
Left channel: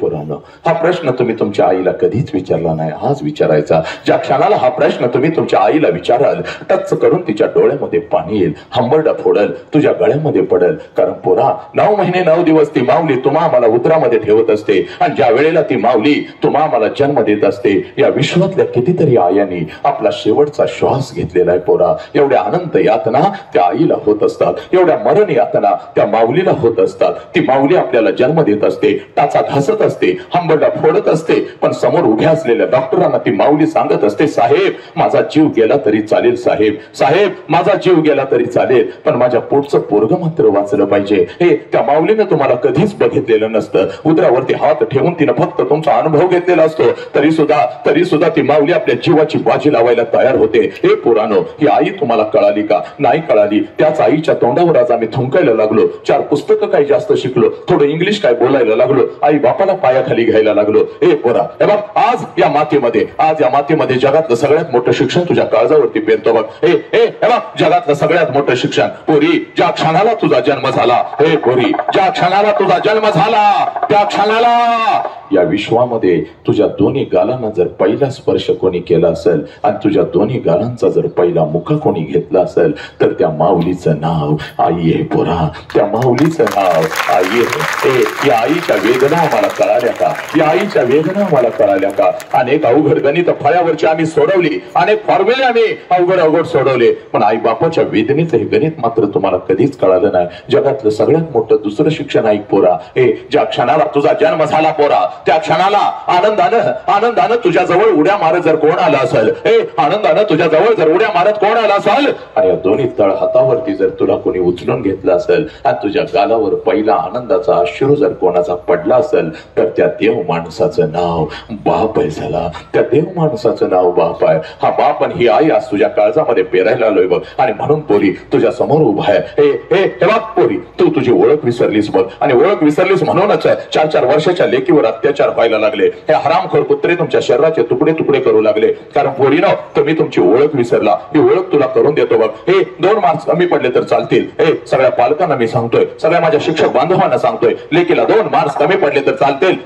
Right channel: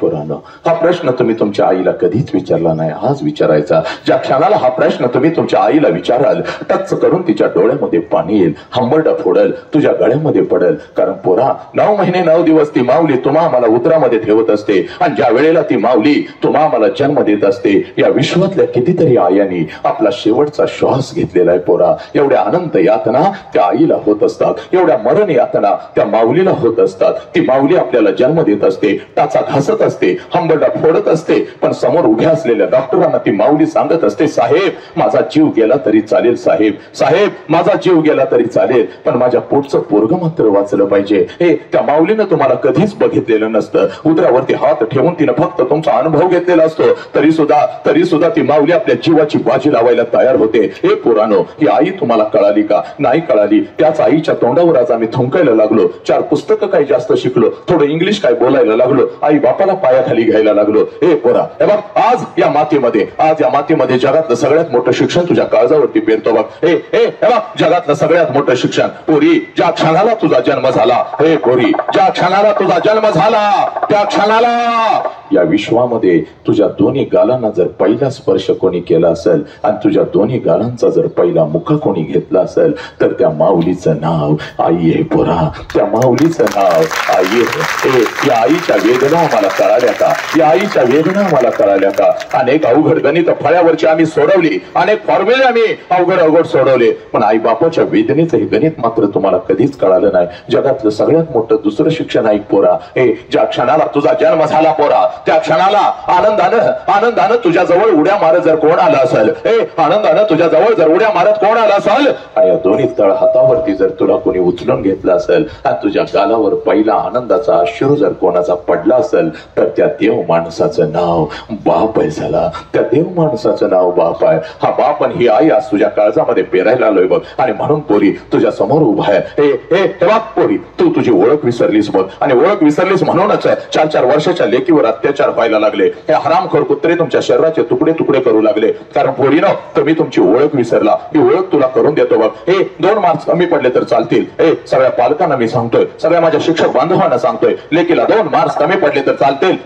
पोरानो, हा प्रश्न तुम्ही तुमच्या आईला कधीच विचारला नाही, हाच विचारायचा. ज्या क्षणाला हा प्रश्न तुम्ही तुमच्या आईला विचाराल टच करून तिच्या डोळ्यामध्ये पाणी येईल, हंबरडा फोडल, तुझ्या गळ्यामध्ये पडल. कारण पोरा 9 महिने 9 दिवस ती माऊली तुम्हा मला उदरामध्ये ठेवत असते आणि ज्या वेळेला ती माऊली तुम्हा मला जन्म देत असते या विश्वातल्या कितीतरी आयांनी आपला शेवटचा श्वास घेतलेला आहे. पोरा, एवढ्या अनंत यातना त्या आईला होत असतात, एवढ्या मरण यातना त्या माऊलीला होत असतात. ती माऊली आपल्याला जन्म देत असते, टाचा घासत असते, हंबरडा फोडत असते, पण समोर उभ्या असलेल्या डॉक्टरांना ती माऊली सांगत असते, साहेब माझा जीव गेला तरी चालेल, साहेब साहेब माझा जीव गेला तरी चालेल, पण माझ्या पोटचं पोरग मात्र वाचलं पाहिजे. हे त्या माऊलीनं तुम्हाला कधीच बघितलेलं नसतं. उदरावरती हात ठेवून तिनं फक्त तुमचा अनुभव घेतलेला असतो, तरी सुद्धा ती माऊली आपल्या जीवाची बाजी लावायला तयार होते. हे पोरानो, ही आई तुम्हाला कळाली का? नाही कळाली. त्याच आईच्या तोंडावर आज आम्ही थुंकायला लागलो, 4 पुस्तकं काही जास्त शिकलो, थोडं इंग्लिश काय बोलायला लागलो, आई बापाला पायाखाली घ्यायला लागलो. हे पोरा, हे बघ आज या मातीमध्ये जगातलं सगळ्यात मोठं शिक्षण तुझ्या काळजावरती पेरतो बघ. हे बघ जगातलं सगळ्यात मोठं शिक्षण. पोरी, ज्या क्षणाला तुझा जन्म झाला, हे पोरी ज्या क्षणाला तुझा जन्म झाला त्या क्षणाला या विश्वामध्ये तुझ्या दोन्ही गालांना जर पहिला स्पर्श कोणी केला असेल आणि तुझ्या दोन्ही गालांचा जर पहिला मुखा कोणी घेतला असेल तर त्या माऊलीचं नाव आई आहे. पोरा, त्या माऊलीचं नाव आई आहे. या आईच्या वेदना मला कळाल्या का? या आईच्या वेदना मला कळाल्या का? अनेक अवघड गणित फळ्यावरची आम्ही सोडवली, अनेक फॉर्म्युले आम्ही अवघड सोडवले, पण आई बापाच्या वेदनेचं हे गणित मात्र तुम्हाला कधीच कळालं नाही. जगातलं सगळ्यात मोठं दुसरं शिक्षण ऐक पोरा, ज्या क्षणाला तुझा जन्म झाला पोरा त्या क्षणाला आनंदानं तुझ्या जवळ उड्या मारत जर कोण आला असेल, आनंदानं तुझ्या जवळ जर उड्या मारत कोण आला असेल आणि या दोन्ही तळ हातावरती जर तुला कोणी उचलून घेतलं असेल आणि तुझ्या गालावर पहिला आनंदाचा अश्रू जर कोणाचा पडला असेल तर त्या देव माणसाचं नाव बाप आहे. झाला त्या देव माणसाचं नाव बाप आहे. हा बाप आणि ही आई आज तुझ्या काळजामध्ये पेरायला आलोय बघ. आणि म्हणून पोरी तुझ्या समोर उभा आहे. हे बघ पोरी, तू तुझी ओळख विसरलीस बघ, आणि ओळख विसरलीस म्हणूनच 4-4 वर्षाच्या लेकीवर अत्याचार व्हायला लागले. हे हरामखोर कुत्रे तुमच्या शरीराचे तुकडे तुकडे करू लागले. कारण पोरीनो, तुम्ही तुमची ओळख विसरला. ही ओळख तुला करून देतो बघ. 2 मार्क्स कमी पडले तर चालतील. सगळ्या पालकांना मी सांगतोय, सगळ्या माझ्या शिक्षक बांधवांना सांगतोय, लेकीला 2 मार्क्स कमी पडले तर चालतील.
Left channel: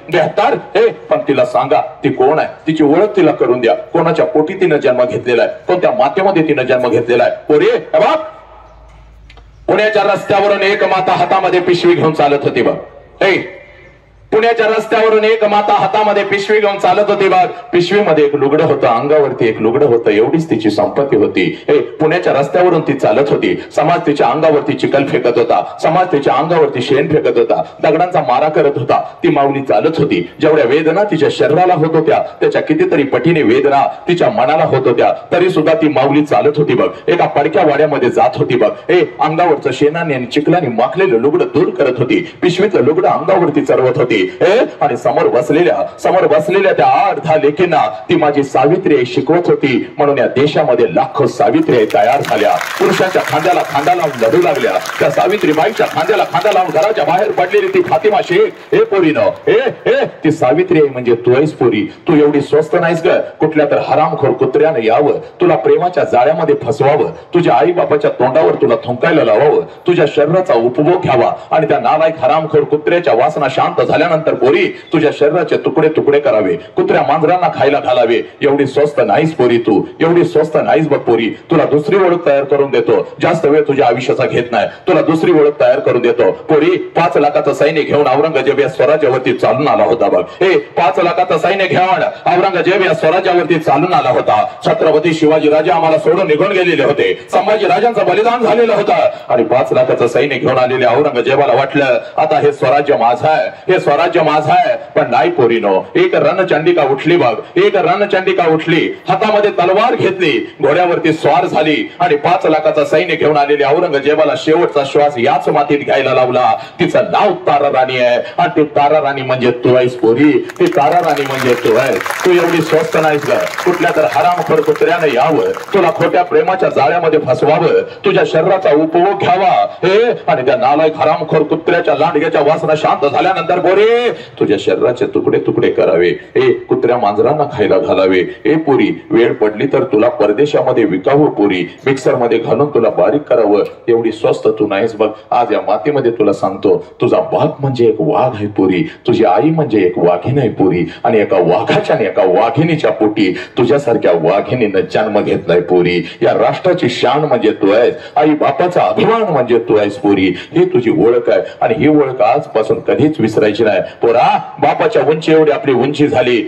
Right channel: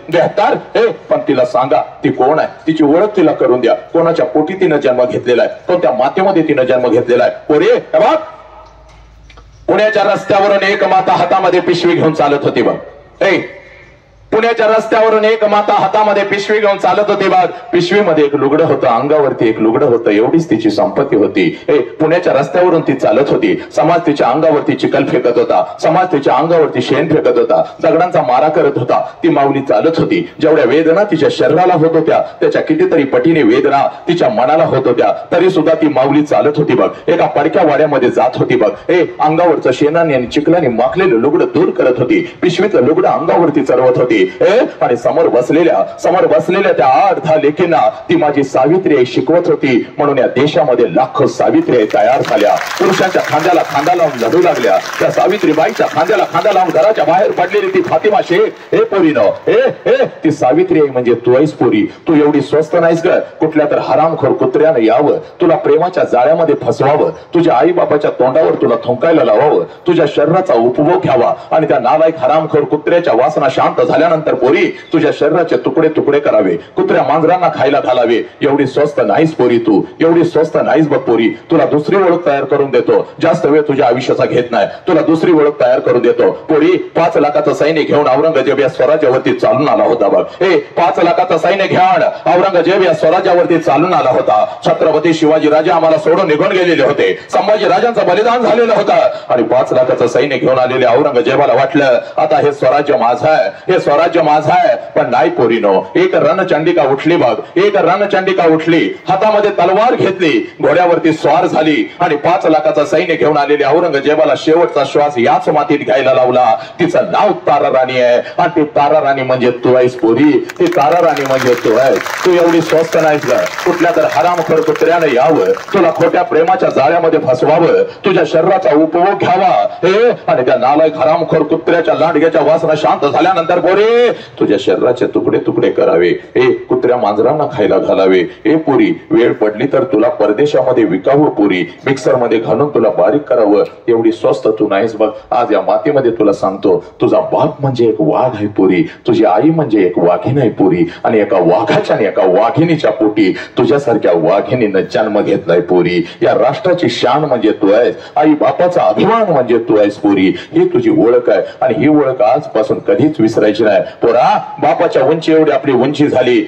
पण तिला सांगा ती कोण आहे, तिची ओळख तिला करून द्या. कोणाच्या पोटी तिनं जन्म घेतलेला आहे, कोणत्या मातेमध्ये तिनं जन्म घेतलेला आहे. पोरी, पुण्याच्या रस्त्यावरून एक माता हातामध्ये पिशवी घेऊन चालत होती बघ. पुण्याच्या रस्त्यावरून एक माता हातामध्ये पिशवी घेऊन चालत होती बघ. पिशवीमध्ये एक लुगडं होतं, अंगावरती एक लुगडं होतं, एवढीच तिची संपत्ती होती. पुण्याच्या रस्त्यावरून ती चालत होती. समाज तिच्या अंगावरती चिखल फेकत होता, समाज तिच्या अंगावरती शेण फेकत होता, दगडांचा मारा करत होता. ती माऊली चालत होती. जेवढ्या वेदना तिच्या शरीराला होत होत्या त्याच्या कितीतरी पटीने वेदना तिच्या मनाला होत होत्या, तरी सुद्धा ती माऊली चालत होती बघ. एका पडक्या वाड्यामध्ये जात होती बघ. अंगावरचं शेणाने आणि चिखलाने माखलेलं लुगडं दूर करत होती, पिशवीचं लुगडं अंगावरती चढवत होती. आणि समोर बसलेल्या त्या 8-10 लेकींना ती माझी सावित्री शिकवत होती. म्हणून या देशामध्ये लाखो सावित्री तयार झाल्या, पुरुषांच्या खांद्याला खांदा लावून लढू लागल्या. त्या सावित्रीबाईच्या खांद्याला खांदा लावून घराच्या बाहेर पडलेली ती फातिमा शेख, हे पोरीनो, ती सावित्री आहे म्हणजे तू आहेस पोरी. तू एवढी स्वस्त नाहीस ग, कुठल्या तर हरामखोर कुत्र्यानं यावं, तुला प्रेमाच्या जाळ्यामध्ये फसवावं, तुझ्या आई बापाच्या तोंडावर तुला थुंकायला लावावं, तुझ्या शरीराचा उपभोग घ्यावा आणि त्या नालायक हरामखोर कुत्र्याच्या वासना शांत झाल्यानंतर पोरी तुझ्या शरीराचे तुकडे तुकडे करावे, कुत्र्या मांजरांना खायला घालावे. एवढी स्वस्त नाहीस पोरी तू, एवढी स्वस्त नाहीस बघ पोरी. तुला दुसरी ओळख तयार करून देतो, जास्त वेळ तुझ्या आयुष्याचा घेत नाही, तुला दुसरी ओळख तयार करून देतो. पोरी 5 लाखाचं सैन्य घेऊन औरंगजेब या स्वराज्यावरती चालून आला होता बघ. 5 लाखाचं सैन्य घेऊन औरंगजेब या स्वराज्यावरती चालून आला होता. छत्रपती शिवाजी राजा आम्हाला सोडून निघून गेलेले होते, संभाजी राजांचं बलिदान झालेलं होतं आणि 5 लाखाचं सैन्य घेऊन आलेल्या औरंगजेबाला वाटलं आता हे स्वराज्य माझं आहे, हे स्वराज्य माझं आहे. पण नाही पोरीनो, एक रणचंडिका उठली बघ, एक रणचंडिका उठली, हातामध्ये तलवार घेतली, घोड्यावरती स्वार झाली आणि 5 लाखाचं सैन्य घेऊन आलेल्या औरंगजेबाला शेवटचा श्वास याच मातीत घ्यायला लावला. तिचं नाव तारा राणी आहे आणि ती तारा राणी म्हणजे तू आहेस पोरी, ती तारा राणी म्हणजे तू आहेस. तू एवढी स्वस्त नाहीस ग, कुठल्या तर हरामखोर कुत्र्यानं यावं, तुला खोट्या प्रेमाच्या जाळ्यामध्ये फसवावं, तुझ्या शरीराचा उपभोग घ्यावा आणि त्या नालायक हरामखोर कुत्र्याच्या लांडग्याच्या वासना शांत झाल्यानंतर पोरी तुझ्या शरीराचे तुकडे तुकडे करावे, कुत्र्या मांजरांना खायला घालावे. पोरी, वेळ पडली तर तुला परदेशामध्ये विकावं पोरी, मिक्सर मध्ये घालून तुला बारीक करावं. एवढी स्वस्त तू नाहीस बघ. आज या मातीमध्ये तुला सांगतो, तुझा बाप म्हणजे एक वाघ आहे पोरी, तुझी आई म्हणजे एक वाघीण आहे पोरी, आणि एका वाघाच्या आणि एका वाघिणीच्या पोटी तुझ्यासारख्या वाघिणीनं जन्म घेतलाय पोरी. या राष्ट्राची शान म्हणजे तू आहेस, आई बापाचा अभिमान म्हणजे तू आहेस पोरी. ही तुझी ओळख आहे आणि ही ओळख आजपासून कधीच विसरायची नाही पोरा. बापाच्या उंची एवढी आपली उंची झाली,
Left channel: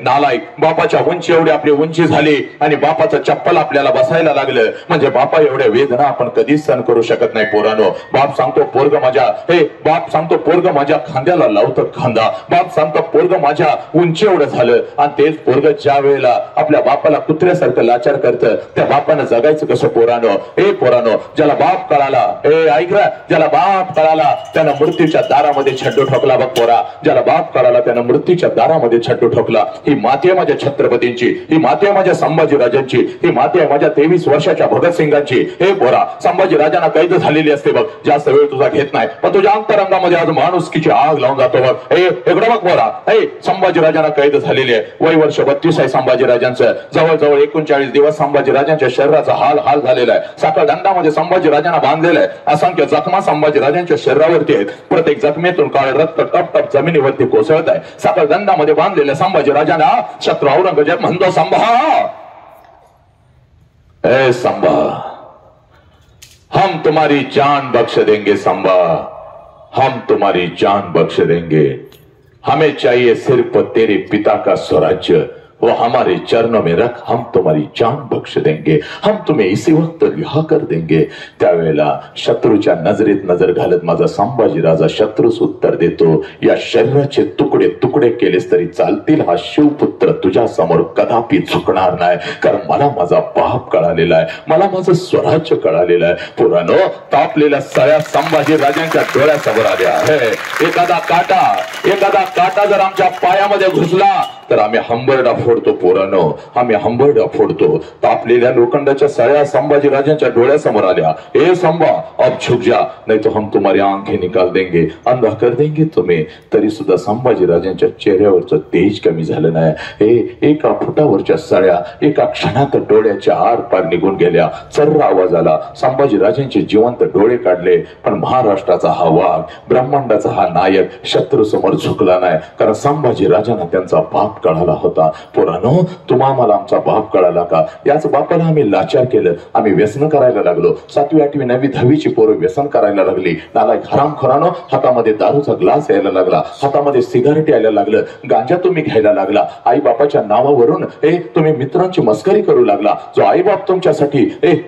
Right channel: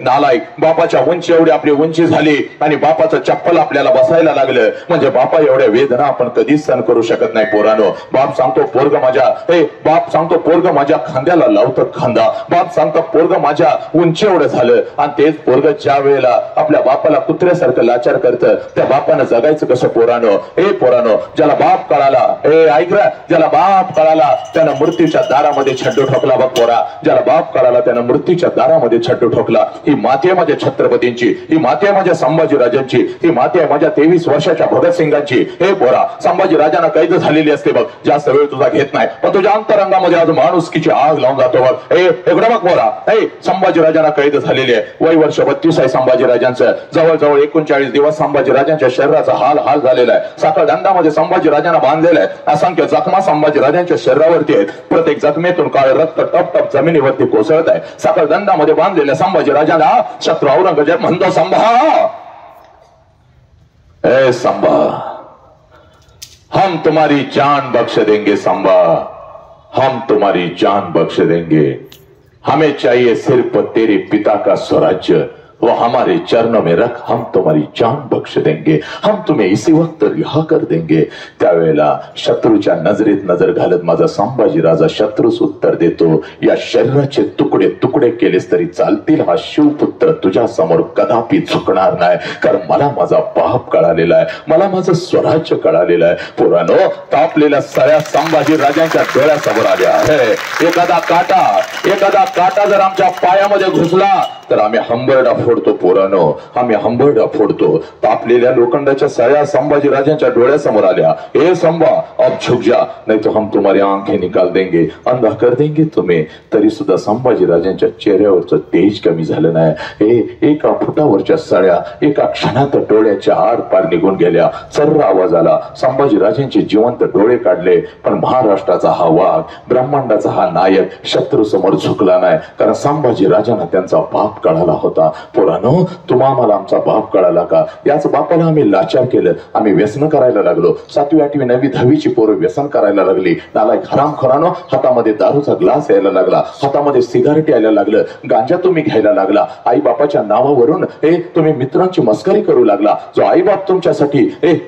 नालायक, बापाच्या उंची एवढी आपली उंची झाली आणि बापाचं चप्पल आपल्याला बसायला लागलं म्हणजे बापा एवढ्या वेदना आपण कधीच सहन करू शकत नाही पोरानो. बाप सांगतो पोरग माझ्या, बाप सांगतो पोरग माझ्या खांद्याला लावतं खांदा, बाप सांगतो पोरग माझ्या उंची एवढं झालं. आणि तेच पोरग ज्या वेळेला आपल्या बापाला कुत्र्यासारखं लाचार करतं, त्या बापानं जगायचं कसं पोरानो. पोरानो, ज्याला बाप कळाला, ऐक रा, ज्याला बाप कळाला त्यानं मृत्यूच्या दारामध्ये छड्डू ठोकला बघ पोरा. ज्याला बाप कळाला त्यानं मृत्यूच्या दारामध्ये छड्डू ठोकला. ही माती आहे माझ्या छत्रपतींची, ही माती आहे माझ्या संभाजीराजांची, ही माती आहे माझ्या 23 वर्षाच्या भगतसिंगांची. पोरा, संभाजीराजांना कैद झालेली असते बघ, जास्त वेळ तुझा घेत नाही, पण तुझ्या अंतरंगामध्ये आज माणुसकीची आग लावून जातो बघ. इकडं बघ पोरा, संभाजीराजांना कैद झालेली आहे. वय वर्ष 32 आहे संभाजीराजांचं. जवळजवळ 39 दिवस संभाजीराजांच्या शरीराचा हाल झालेला आहे. साखळ दंडामध्ये संभाजीराजांना बांधलेला आहे. असंख्य जखमा संभाजीराजांच्या शरीरावरती आहेत. प्रत्येक जखमेतून काळे रक्त टप टप जमिनीवरती कोसळत आहे. साखळ दंडामध्ये बांधलेल्या संभाजीराजांना शत्रु औरंगजेब म्हणतो, संभा, संभा, हम तुम्हारी जान बख्श देंगे संभा, हम तुम्हारी जान बख्श देंगे. हमें चाहिए सिर्फ तेरे पिता का स्वराज्य, वो हमारे चरणों में रख, हम तुम्हारी जान बख्श देंगे, हम तुम्हें इसी वक्त रिहा कर देंगे. त्यावेळेला शत्रूच्या नजरेत नजर घालत माझा संभाजीराजा शत्रूस उत्तर देतो, या शरीराचे तुकडे तुकडे केलेस तरी चालतील, हा शिवपुत्र तुझ्या समोर कदापि झुकणार नाही, कारण मला माझा बाप कळालेला आहे, मला माझं स्वराज्य कळालेलं आहे. पोरानो, तापलेल्या सगळ्या संभाजीराजांच्या डोळ्यासमोर आल्या आहे. एखादा काटा जर आमच्या पायामध्ये घुसला तर आम्ही हंबरडा फोडतो पोरानो, आम्ही हंबरडा फोडतो. तापलेल्या लोखंडाच्या सळ्या संभाजीराजांच्या डोळ्यासमोर आल्या. संभा, अब झुक जा, नहीं तो हम तुम्हारी आंखें निकाल देंगे, अंधा कर देंगे तुम्हें. तरी सुद्धा संभाजीराजांच्या चेहऱ्यावरचं तेज कमी झालं नाही. एका फुटावरच्या सळ्या एका क्षणात डोळ्याच्या आर पार निघून गेल्या. सर्र आवाज आला. संभाजीराजांचे जिवंत डोळे काढले, पण महाराष्ट्राचा हा वाघ, ब्रह्मांडाचा हा नायक शत्रू समोर झुकला नाही, कारण संभाजीराजांना त्यांचा बाप कळाला होता. पोरानो, तुम्हा आम्हाला आमचा बाप कळाला का? याच बापाला आम्ही लाचार केलं, आम्ही व्यसन करायला लागलो. 7वी 8वी 9वी 10वीची पोरं व्यसन करायला लागली. नालायक हरामखोरानो, हातामध्ये दारूचा ग्लास यायला लागला, हातामध्ये सिगारेट यायला लागलं, गांजा तुम्ही घ्यायला लागला. आई बापाच्या नावावरून तुम्ही मित्रांची मस्करी करू लागला. जो आई बाप तुमच्यासाठी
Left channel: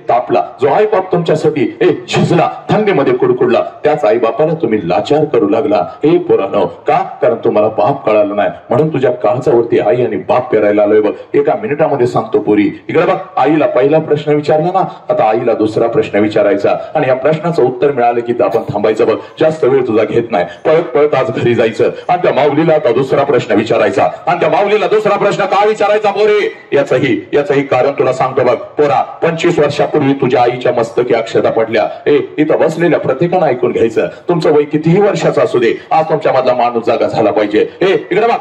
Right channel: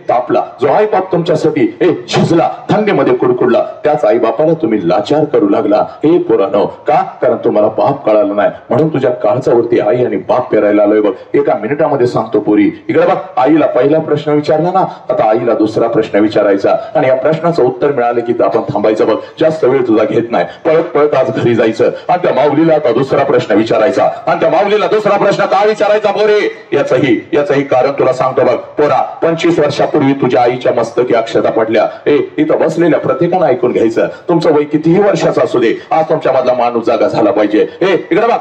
तापला, जो आई बाप तुमच्यासाठी झिजला, थंडीमध्ये कुडकुडला, त्याच आई बापाला तुम्ही लाचार करू लागला. पोरानो, का? कारण तुम्हाला बाप कळाला नाही, म्हणून तुझ्या काळजावरती आई आणि बाप पेरायला आलोय बघ. एका मिनिटामध्ये सांगतो पोरी, इकडे बघ. आईला पहिला प्रश्न विचारला ना, आता आईला दुसरा प्रश्न विचारायचा, आणि या प्रश्नाचं उत्तर मिळालं की आपण थांबायचं बघ. जास्त वेळ तुझा घेत नाही, पळत पळत आज घरी जायचं, आणि त्या माऊलीला आता दुसरा प्रश्न विचारायचा. आणि त्या माऊलीला दुसरा प्रश्न का विचारायचा पोरी? याचंही कारण तुला सांगतो बघ. पोरा, 25 वर्षापूर्वी तुझ्या आईच्या मस्तकी अक्षता पडल्या. इथं बसलेल्या प्रत्येकानं ऐकून घ्यायचं. तुमचं वय कितीही वर्षाचं असू दे, आज तुमच्या मधला माणूस जागा झाला पाहिजे. इकडे बघ.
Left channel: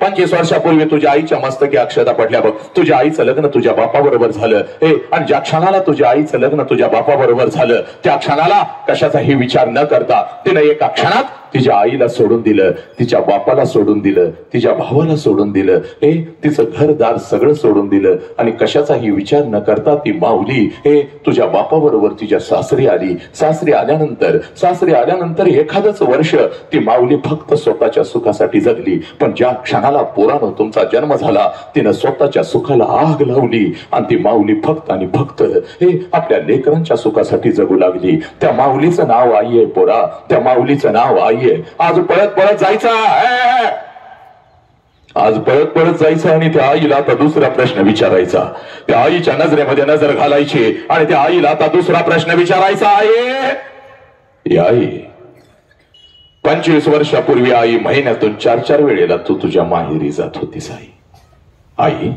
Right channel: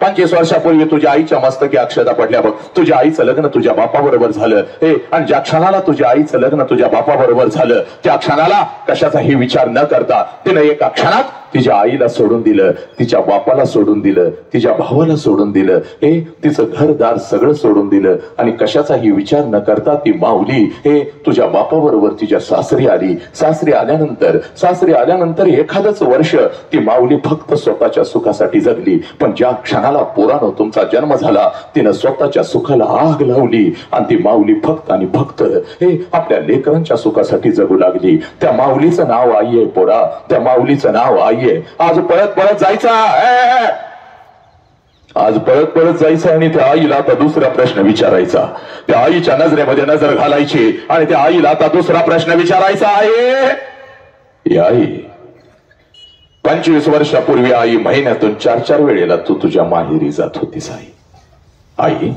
25 वर्षापूर्वी तुझ्या आईच्या मस्तकी अक्षता पडल्या बघ. तुझ्या आईचं लग्न तुझ्या बापाबरोबर झालं. आणि ज्या क्षणाला तुझ्या आईचं लग्न तुझ्या बापाबरोबर झालं, त्या क्षणाला कशाचाही विचार न करता तिने एका क्षणात तिच्या आईला सोडून दिलं, तिच्या बापाला सोडून दिलं, तिच्या भावाला सोडून दिलं, तिचं घरदार सगळं सोडून दिलं, आणि कशाचाही विचार न करता ती माऊली तुझ्या बापाबरोबर तिच्या सासरी आली. सासरी आल्यानंतर एखादंच वर्ष ती माऊली फक्त स्वतःच्या सुखासाठी जगली. पण ज्या क्षणाला पोरानो तुमचा जन्म झाला, तिनं स्वतःच्या सुखाला आग लावली, आणि ती माऊली फक्त आणि फक्त आपल्या लेकरांच्या सुखासाठी जगू लागली. त्या माऊलीचं नाव आई आहे पोरा, त्या माऊलीचं नाव आई. आज पळत पळत जायचं आणि त्या आईला आता दुसरा प्रश्न विचारायचा. त्या आईच्या नजरेमध्ये नजर घालायची आणि त्या आईला आता दुसरा प्रश्न विचारायचा. आई, 25 वर्षापूर्वी आई महिन्यातून 4 वेळेला तू तुझ्या माहेरी जात होतीस. आई,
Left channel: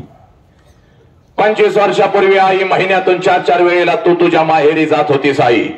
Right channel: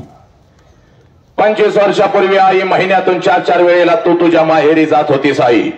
25 वर्षापूर्वी आई महिन्यातून 4 वेळेला तू तुझ्या माहेरी जात होतीस. आई,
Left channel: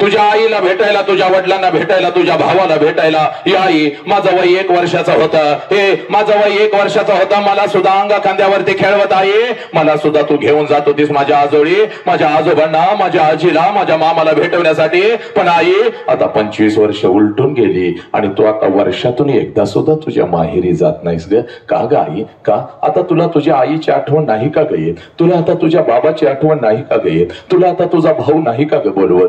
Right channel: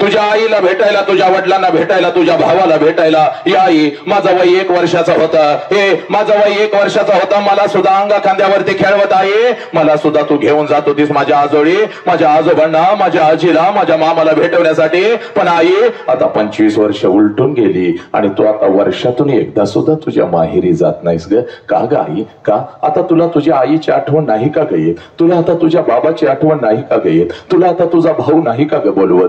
तुझ्या आईला भेटायला, तुझ्या वडिलांना भेटायला, तुझ्या भावाला भेटायला. या आई, माझं वय 1 वर्षाचा होतं. हे माझं वय 1 वर्षाचा होता. मला सुद्धा अंगा खांद्यावरती खेळवत आहे. मला सुद्धा तू घेऊन जात होतीस माझ्या आजोळी, माझ्या आजोबांना, माझ्या आजीला, माझ्या मामाला भेटवण्यासाठी. पण आई, आता 25 वर्ष उलटून गेली आणि तू आता वर्षातून एकदा सुद्धा तुझ्या माहेरी जात नाहीस ग. का ग आई? का? आता तुला तुझ्या आईची आठवण नाही का ग येत? तुला आता तुझ्या बाबाची आठवण नाही का ग येत? तुला आता तुझा भाऊ नाही का ग बोलवत?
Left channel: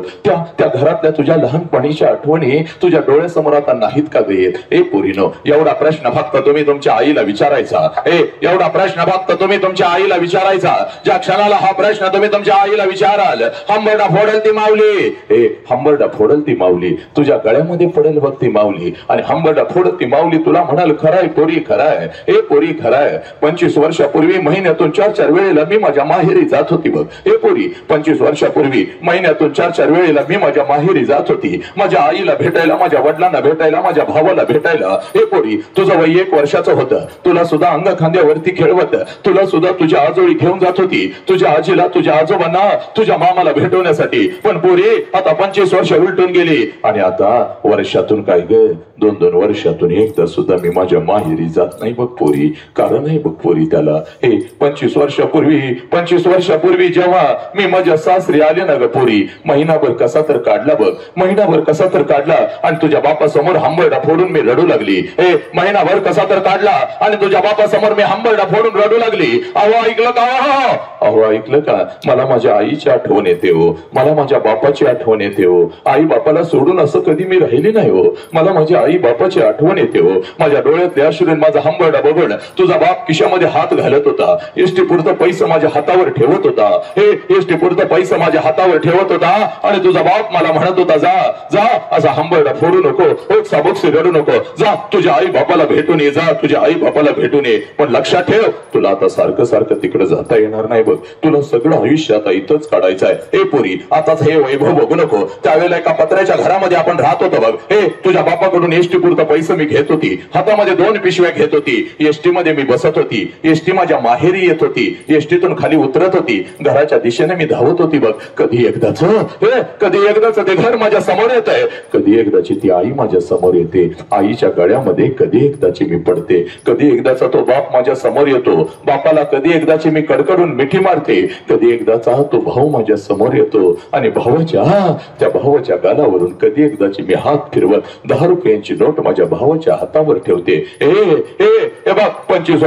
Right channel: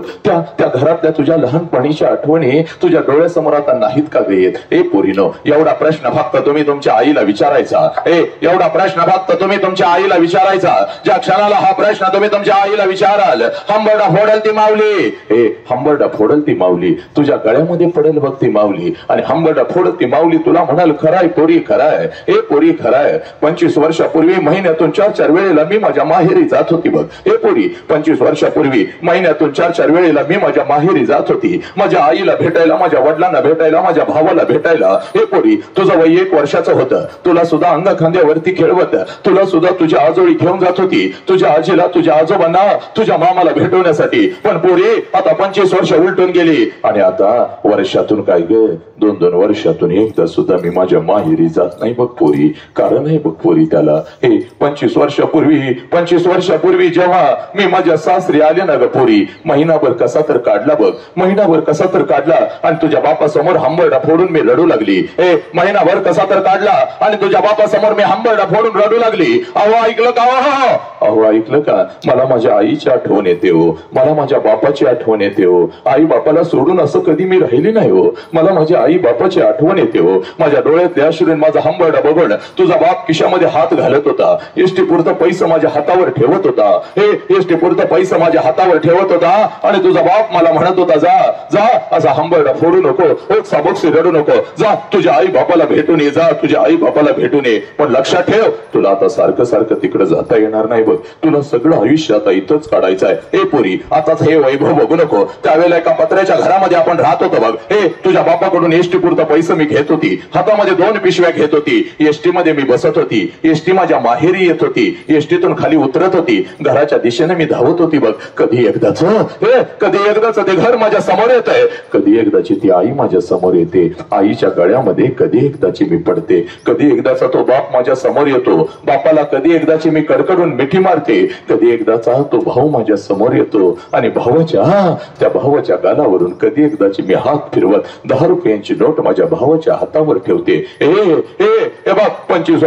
त्या घरातल्या तुझ्या लहानपणीच्या आठवणी तुझ्या डोळ्यासमोर आता नाहीत का ग येत? ए पोरीनो, एवढा प्रश्न फक्त तुम्ही तुमच्या आईला विचारायचा. एवढा प्रश्न फक्त तुम्ही तुमच्या आईला विचारायचा. ज्या क्षणाला हा प्रश्न तुम्ही तुमच्या आईला विचाराल, हंबरडा फोडल ती माऊली, हंबरडा फोडल ती माऊली, तुझ्या गळ्यामध्ये पडेल बघ ती माऊली, आणि हंबरडा फोडल ती माऊली तुला म्हणाल, खराय पोरी खराय, हे पोरी खराय. 25 वर्षापूर्वी महिन्यातून 4-4 वेळेला मी माझ्या माहेरी जात होती बघ. हे पोरी, 25 वर्षापूर्वी महिन्यातून 4-4 वेळेला मी माझ्या माहेरी जात होती, माझ्या आईला भेटायला, माझ्या वडिलांना भेटायला, माझ्या भावाला भेटायला. हे पोरी, तुझं वय 1 वर्षाचं होतं. तुला सुद्धा अंग खांद्यावरती खेळवत, तुला सुद्धा तुझ्या आजोळी घेऊन जात होती, तुझ्या आजीला, तुझ्या आजोबांना, तुझ्या मामाला भेटवण्यासाठी. पण पोरी, आता 25 वर्ष उलटून गेली आणि आता वर्षातून काय ग, 2-2 वर्षातून एकदा सुद्धा मी माझ्या माहेरी जात नाही बघ पोरी. कारण आहे बघ पोरी त्याला. हे 25 वर्षापूर्वी जेव्हा मी माझ्या सासरी आले ना ग पोरी, महिनाभर कसा तर काढला बघ, महिनाभर कसा तर काढला आणि तुझ्या बापासमोर हंबरडा फोडून मी रडू लागली. महिनाभर कसा तर काढला आणि तुझ्या बापासमोर मी हंबरडा फोडून रडू लागली. अहो ऐकलं का? अहो ऐकलं का? मला माझ्या आईची आठवण येते हो, मला माझ्या बापाची आठवण येते हो. आई बापाला सोडून असं कधी मी राहिली नाही हो. मला माझ्या आई बापाची आठवण येते हो. माझ्या डोळ्यातले अश्रू माझा हंबरडा बघून तुझा बाप खिशामध्ये हात घालत होता, एसटी पुरतं पैसा माझ्या हातावर ठेवत होता. एसटी पुरतं पैसा माझ्या हातावर ठेवत होता आणि तुझा बाप मला म्हणत होता, जा जा, असा हंबरडा फोडू नको, साबोक्षी रडू नको, जा तुझ्या आई बापाला भेटून ये, जा तुझ्या आई बापाला भेटून ये. पण लक्षात ठेव, तुला आता सारखं सारखं तिकडे जाता येणार नाही बघ. तुला सगळं आयुष्य आता इथंच काढायचं आहे. हे पोरी, आताच हे वैभव बघू नको. त्यावेळेला एका पत्र्याच्या घरामध्ये आपण राहत होतो बघ. तुझ्या बापाकडून एसटी पुरता पैसे मी घेत होती, हातामध्ये 2 पिशव्या घेत होती, एसटी मध्ये मी बसत होती, एसटी माझ्या माहेरी येत होती, एसटीतून खाली उतरत होती, घराच्या दिशेने मी धावत होती बघ. कधी एकदाच ते घर माझ्या समोर येत आहे, कधी एकदाची ती आई माझ्या समोर येते, आईच्या गळ्यामध्ये कधी एकदाची मी पडते, कधी एकदाचा तो बाप माझ्या समोर येतो, बापाला कधी एकदाची मी कडकडून मिठी मारते, कधी एकदाचा तो भाऊ माझ्या समोर येतो आणि त्या भावाच्या गालावरून कधी एकदाची मी हात फिरवत 10 रुपयांची नोट माझ्या भावाच्या हातावर ठेवते. बघ, 25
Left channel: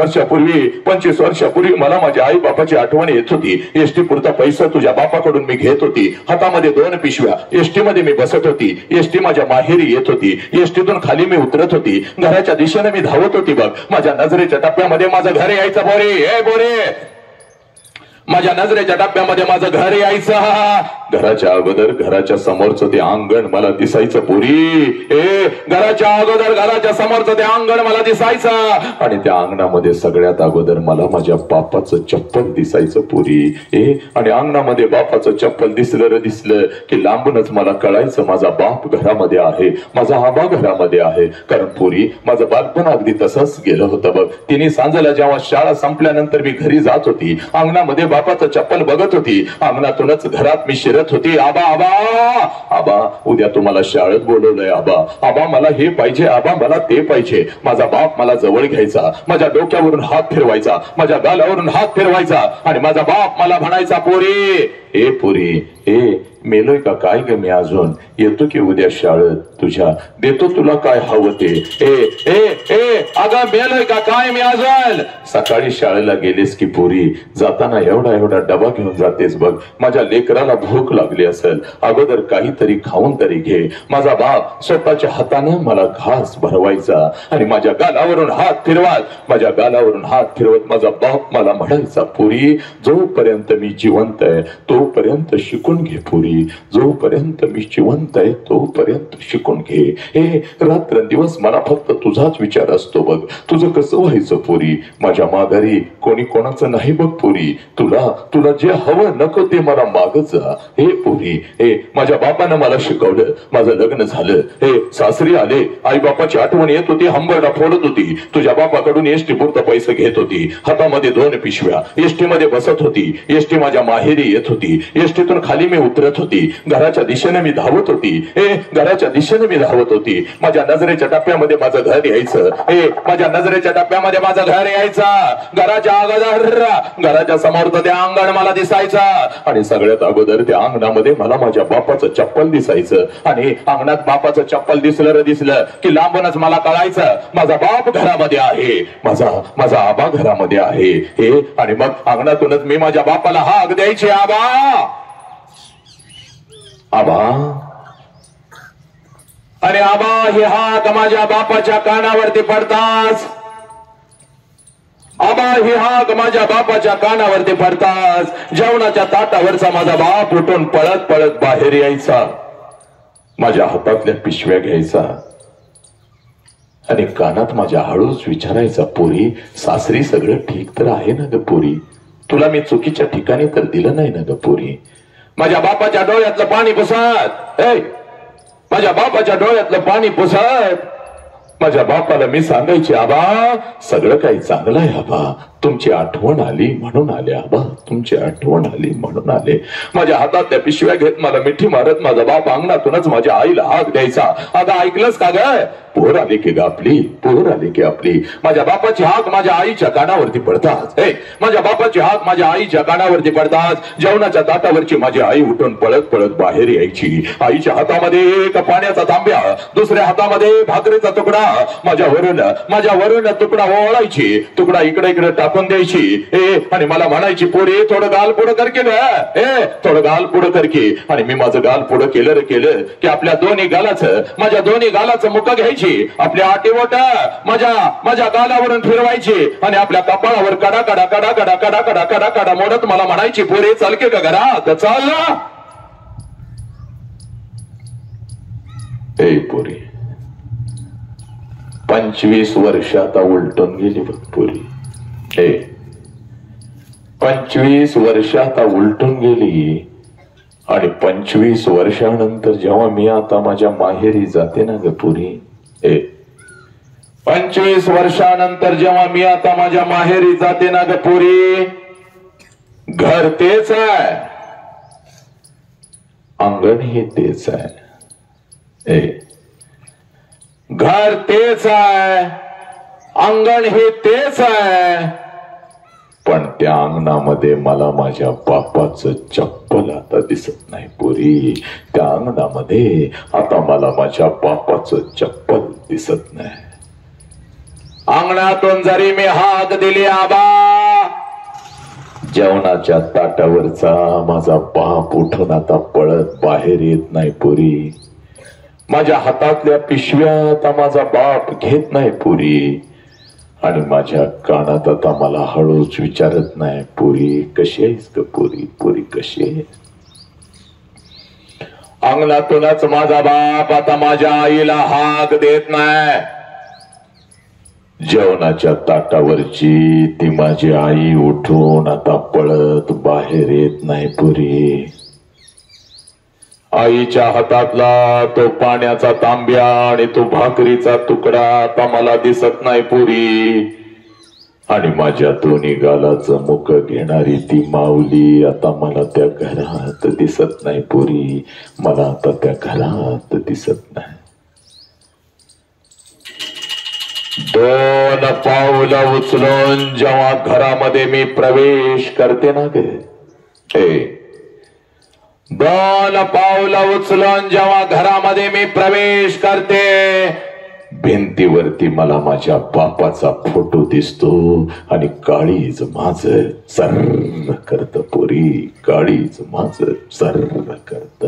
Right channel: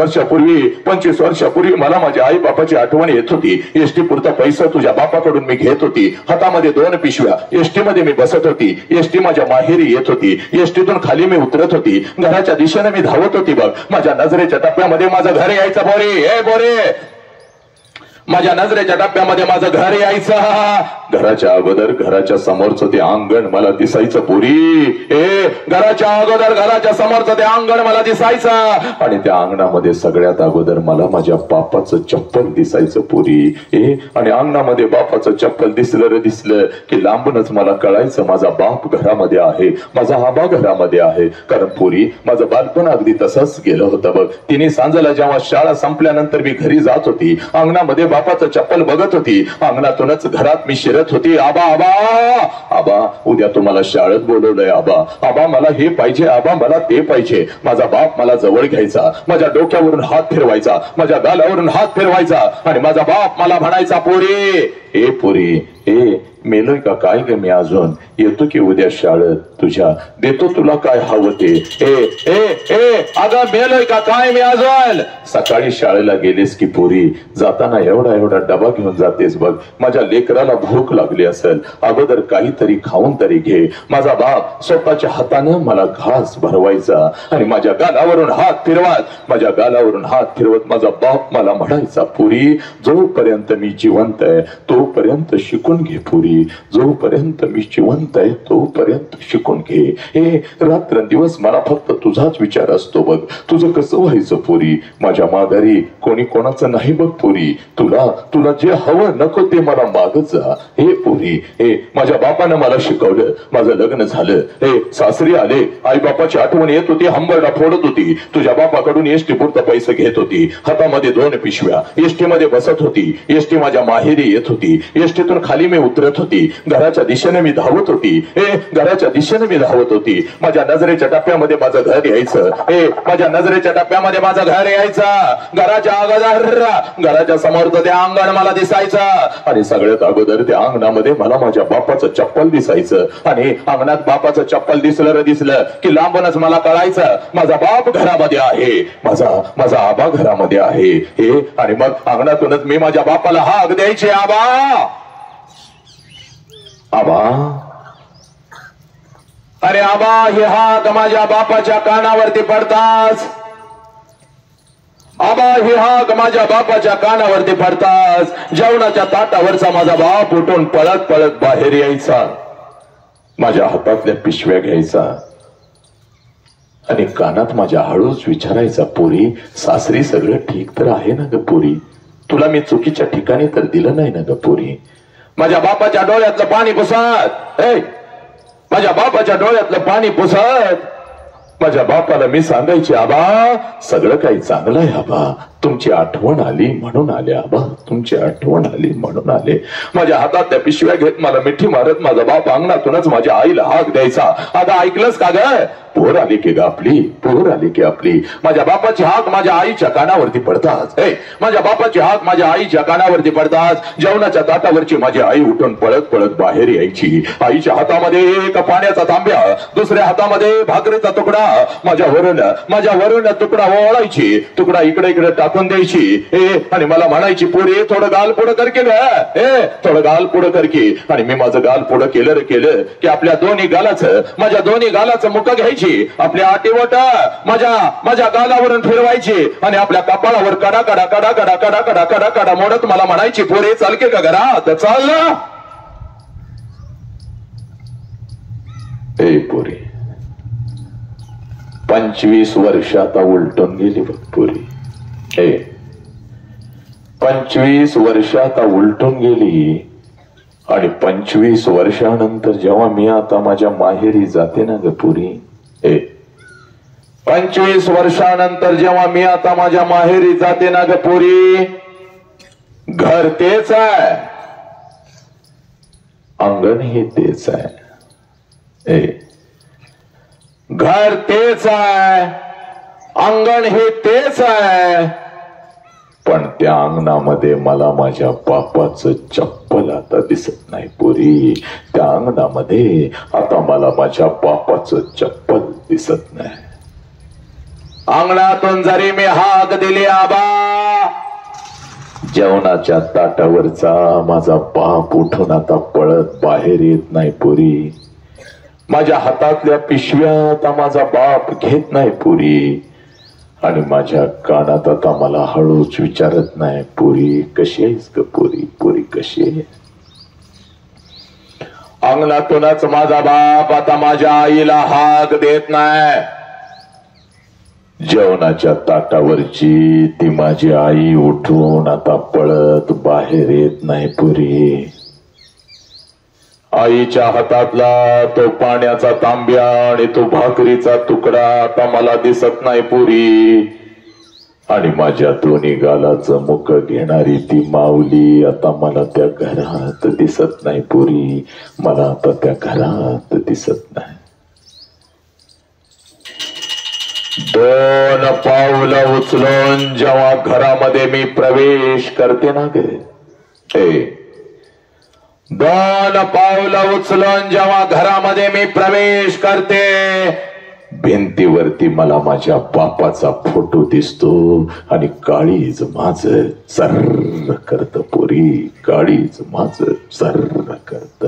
वर्षापूर्वी मला माझ्या आई बापाची आठवण येत होती. एसटी पुरता पैसा तुझ्या बापाकडून मी घेत होती, हातामध्ये 2 पिशव्या, एसटी मध्ये मी बसत होती, एसटी माझ्या माहेरी येत होती, एसटीतून खाली मी उतरत होती, घराच्या दिशेने मी धावत होती बघ. माझ्या नजरेच्या टप्प्यामध्ये माझं घर यायचं बोरे, माझ्या नजरेच्या टप्प्यामध्ये माझं घर यायचं. घराच्या अगोदर घराच्या समोरचं ते अंगण मला दिसायचं पोरी. घराच्या अगोदर घराच्या समोरचं ते अंगण मला दिसायचं आणि त्या अंगणामध्ये सगळ्यात अगोदर मला माझ्या बापाचं चप्पल दिसायचं पोरी. आणि अंगणामध्ये बापाचं चप्पल दिसलं की लांबूनच मला कळायचं माझा बाप घरामध्ये आहे, माझा आबा घरामध्ये आहे. कारण पोरी, माझं बालपण अगदी तसंच गेलं होतं बघ. 3 सांजेला जेव्हा शाळा संपल्यानंतर मी घरी जात होती, अंगणामध्ये बापाचं चप्पल बघत होती, अंगणातूनच घरात मी शिरत होती, आबा आबा आबा, उद्या तुम्हाला शाळेत बोलवलंय आबा, आबा मला हे पाहिजे, आबा मला ते पाहिजे. माझा बाप मला जवळ घ्यायचा, माझ्या डोक्यावरून हात फिरवायचा, माझ्या गालावरून हात फिरवायचा आणि माझा बाप मला म्हणायचा, पोरी पोरी, मेलोय का काय ग मी अजून, येतो की उद्या शाळेत तुझ्या, देतो तुला काय हवं ते. अगं मेलोय का काय मी अजून. सकाळी शाळेला गेलीस की पोरी, जाताना एवढा डबा घेऊन जातेस बघ. माझ्या लेकराला भूक लागली असेल, अगोदर काहीतरी खाऊन तरी घे. माझा बाप स्वतःच्या हातानं मला घास भरवायचा आणि माझ्या गालावरून हात फिरवत माझा बाप मला म्हणायचा, पोरी जोपर्यंत मी जिवंत आहे तोपर्यंत शिकून घे पोरी, जोपर्यंत मी जिवंत आहे तोपर्यंत शिकून घे. रात्रंदिवस मला फक्त तुझाच विचार असतो बघ, तुझं कसं व्हायचं पोरी. माझ्या माघारी कोणी कोणाचं नाही बघ पोरी. तुला जे हवं नको ते मला मागत जा. पोरी, माझ्या बापानं मला शिकवलं, माझं लग्न झालं, सासरी आले, आई बापाची आठवण येत होती, हंबरडा फोडत होती, तुझ्या बापाकडून एसटी पुरतं पैसे घेत होती, हातामध्ये 2 पिशव्या, एसटी मध्ये बसत होती, एसटी माझ्या माहेरी येत होती, एसटीतून खाली खाली मी उतरत होती, घराच्या दिशेने मी धावत होती, घराच्या दिशेने मी धावत होती. माझ्या नजरेच्या टप्प्यामध्ये माझं घर यायचं, माझ्या नजरेच्या टप्प्यामध्ये माझं घर यायचं. घराच्या अगोदर घराच्या समोर ते अंगण मला दिसायचं आणि सगळ्यात अगोदर त्या अंगणामध्ये मला माझ्या बापाचं चप्पल दिसायचं. आणि अंगणात बापाचं चप्पल दिसलं की लांबूनच मला कळायचं माझा बाप घरामध्ये आहे, माझा आबा घरामध्ये आहे. आणि मग अंगणातूनच मी माझ्या बापाला हाक द्यायचे, आबा आबा. अरे आबा हे हाक माझ्या बापाच्या कानावरती पडताच, आबा हे हाक माझ्या बापाच्या कानावरती पडताच जेवणाच्या ताटावरचा माझा बाप उठून पळत पळत बाहेर यायचा, माझ्या हातातल्या पिशव्या घ्यायचा आणि कानात माझ्या हळूच विचारायचा, पोरी सासरी सगळं ठीक तर आहे ना ग पोरी, तुला मी चुकीच्या ठिकाणी तर दिलं नाही ना ग पोरी. माझ्या बापाच्या डोळ्यातलं पाणी पुसत, माझ्या बापाच्या डोळ्यातलं पाणी पुसत माझ्या बापाला मी सांगायचे, आबा सगळं काही चांगलं आहे आबा, तुमची आठवण आली म्हणून आले आबा, तुमची आठवण आली म्हणून आले. माझ्या हातातल्या पिशव्या घेत मला मिठी मारत माझा बाप अंगणातूनच माझ्या आईला हाक द्यायचा, आता ऐकलंस का ग, पोर आली की ग आपली, पोर आली की आपली. माझ्या बापाची हाक माझ्या आईच्या कानावरती पडतात, माझ्या बापाची हाक माझ्या आईच्या कानावरती पडतात. जेवणाच्या ताटावरची माझी आई उठून पळत पळत बाहेर यायची, आईच्या हातामध्ये एक पाण्याचा तांब्या, दुसऱ्या हातामध्ये भाकरीचा तुकडा, माझ्या वरून तुकडा ओळायची, तुकडा इकडे इकडे टाकून द्यायची आणि मला म्हणायची, पोरी थोडं गाल पुढं कर की ग, थोडं गाल पुढं कर की. आणि मी माझं गाल पुढं केलं की आपल्या दोन्ही गालाचं, माझ्या दोन्ही गालाचं मुख घ्यायची, आपल्या आटीवट माझ्या गालावरून फिरवायची आणि आपल्या कपाळावर कडा कडा कडा कडा कडा कडा कडा कडा मोडत मला म्हणायची, पोरी चल की का घरात चाल ना. पोरी 25 वर्ष आता उलटून गेली बघ पोरी, 25 वर्ष आता उलटून गेली. आणि 25 वर्षानंतर जेव्हा मी आता माझ्या माहेरी जाते ना ग पुरी, 25 वर्षानंतर जेव्हा मी आता माझ्या माहेरी जाते ना ग पुरी, घर तेच आहे, अंगण हे तेच आहे, घर तेच आहे, अंगण हे तेच आहे, पण त्या अंगणामध्ये मला माझ्या बापाचं चप्पल आता दिसत नाही पोरी. त्या अंगणामध्ये आता मला माझ्या बापाचं चप्पल दिसत नाही. अंगणातून जरी मी हाक दिली, आबा जेवणाच्या ताटावरचा माझा बाप उठून आता पळत बाहेर येत नाही पोरी. माझ्या हातातल्या पिशव्या आता माझा बाप घेत नाही पोरी. आणि माझ्या कानात आता मला हळूच विचारत नाही, पोरी कशी आहेस ग पोरी, पोरी कशी आहे. अंगणातूनच माझा बाप आता माझ्या आईला हाक देत नाही. जेवणाच्या ताटावरची ती माझी आई उठून आता पळत बाहेर येत नाही पोरी. आईच्या हातातला तो पाण्याचा तांब्या आणि तो भाकरीचा तुकडा आता मला दिसत नाही पुरी. आणि माझ्या दोन्ही गालाचं मुख घेणारी ती माऊली आता मला त्या घरात दिसत नाही पुरी. मला आता त्या घरात दिसत नाही. 2 पावलं उचलून जेव्हा घरामध्ये मी प्रवेश करते ना गे, 2 पावलं उचलून जेव्हा घरामध्ये मी प्रवेश करते, भिंतीवरती मला माझ्या बापाचा फोटो दिसतो आणि काळीज माझ सर्र करत पोरी, काळीज माझ सर्र करत.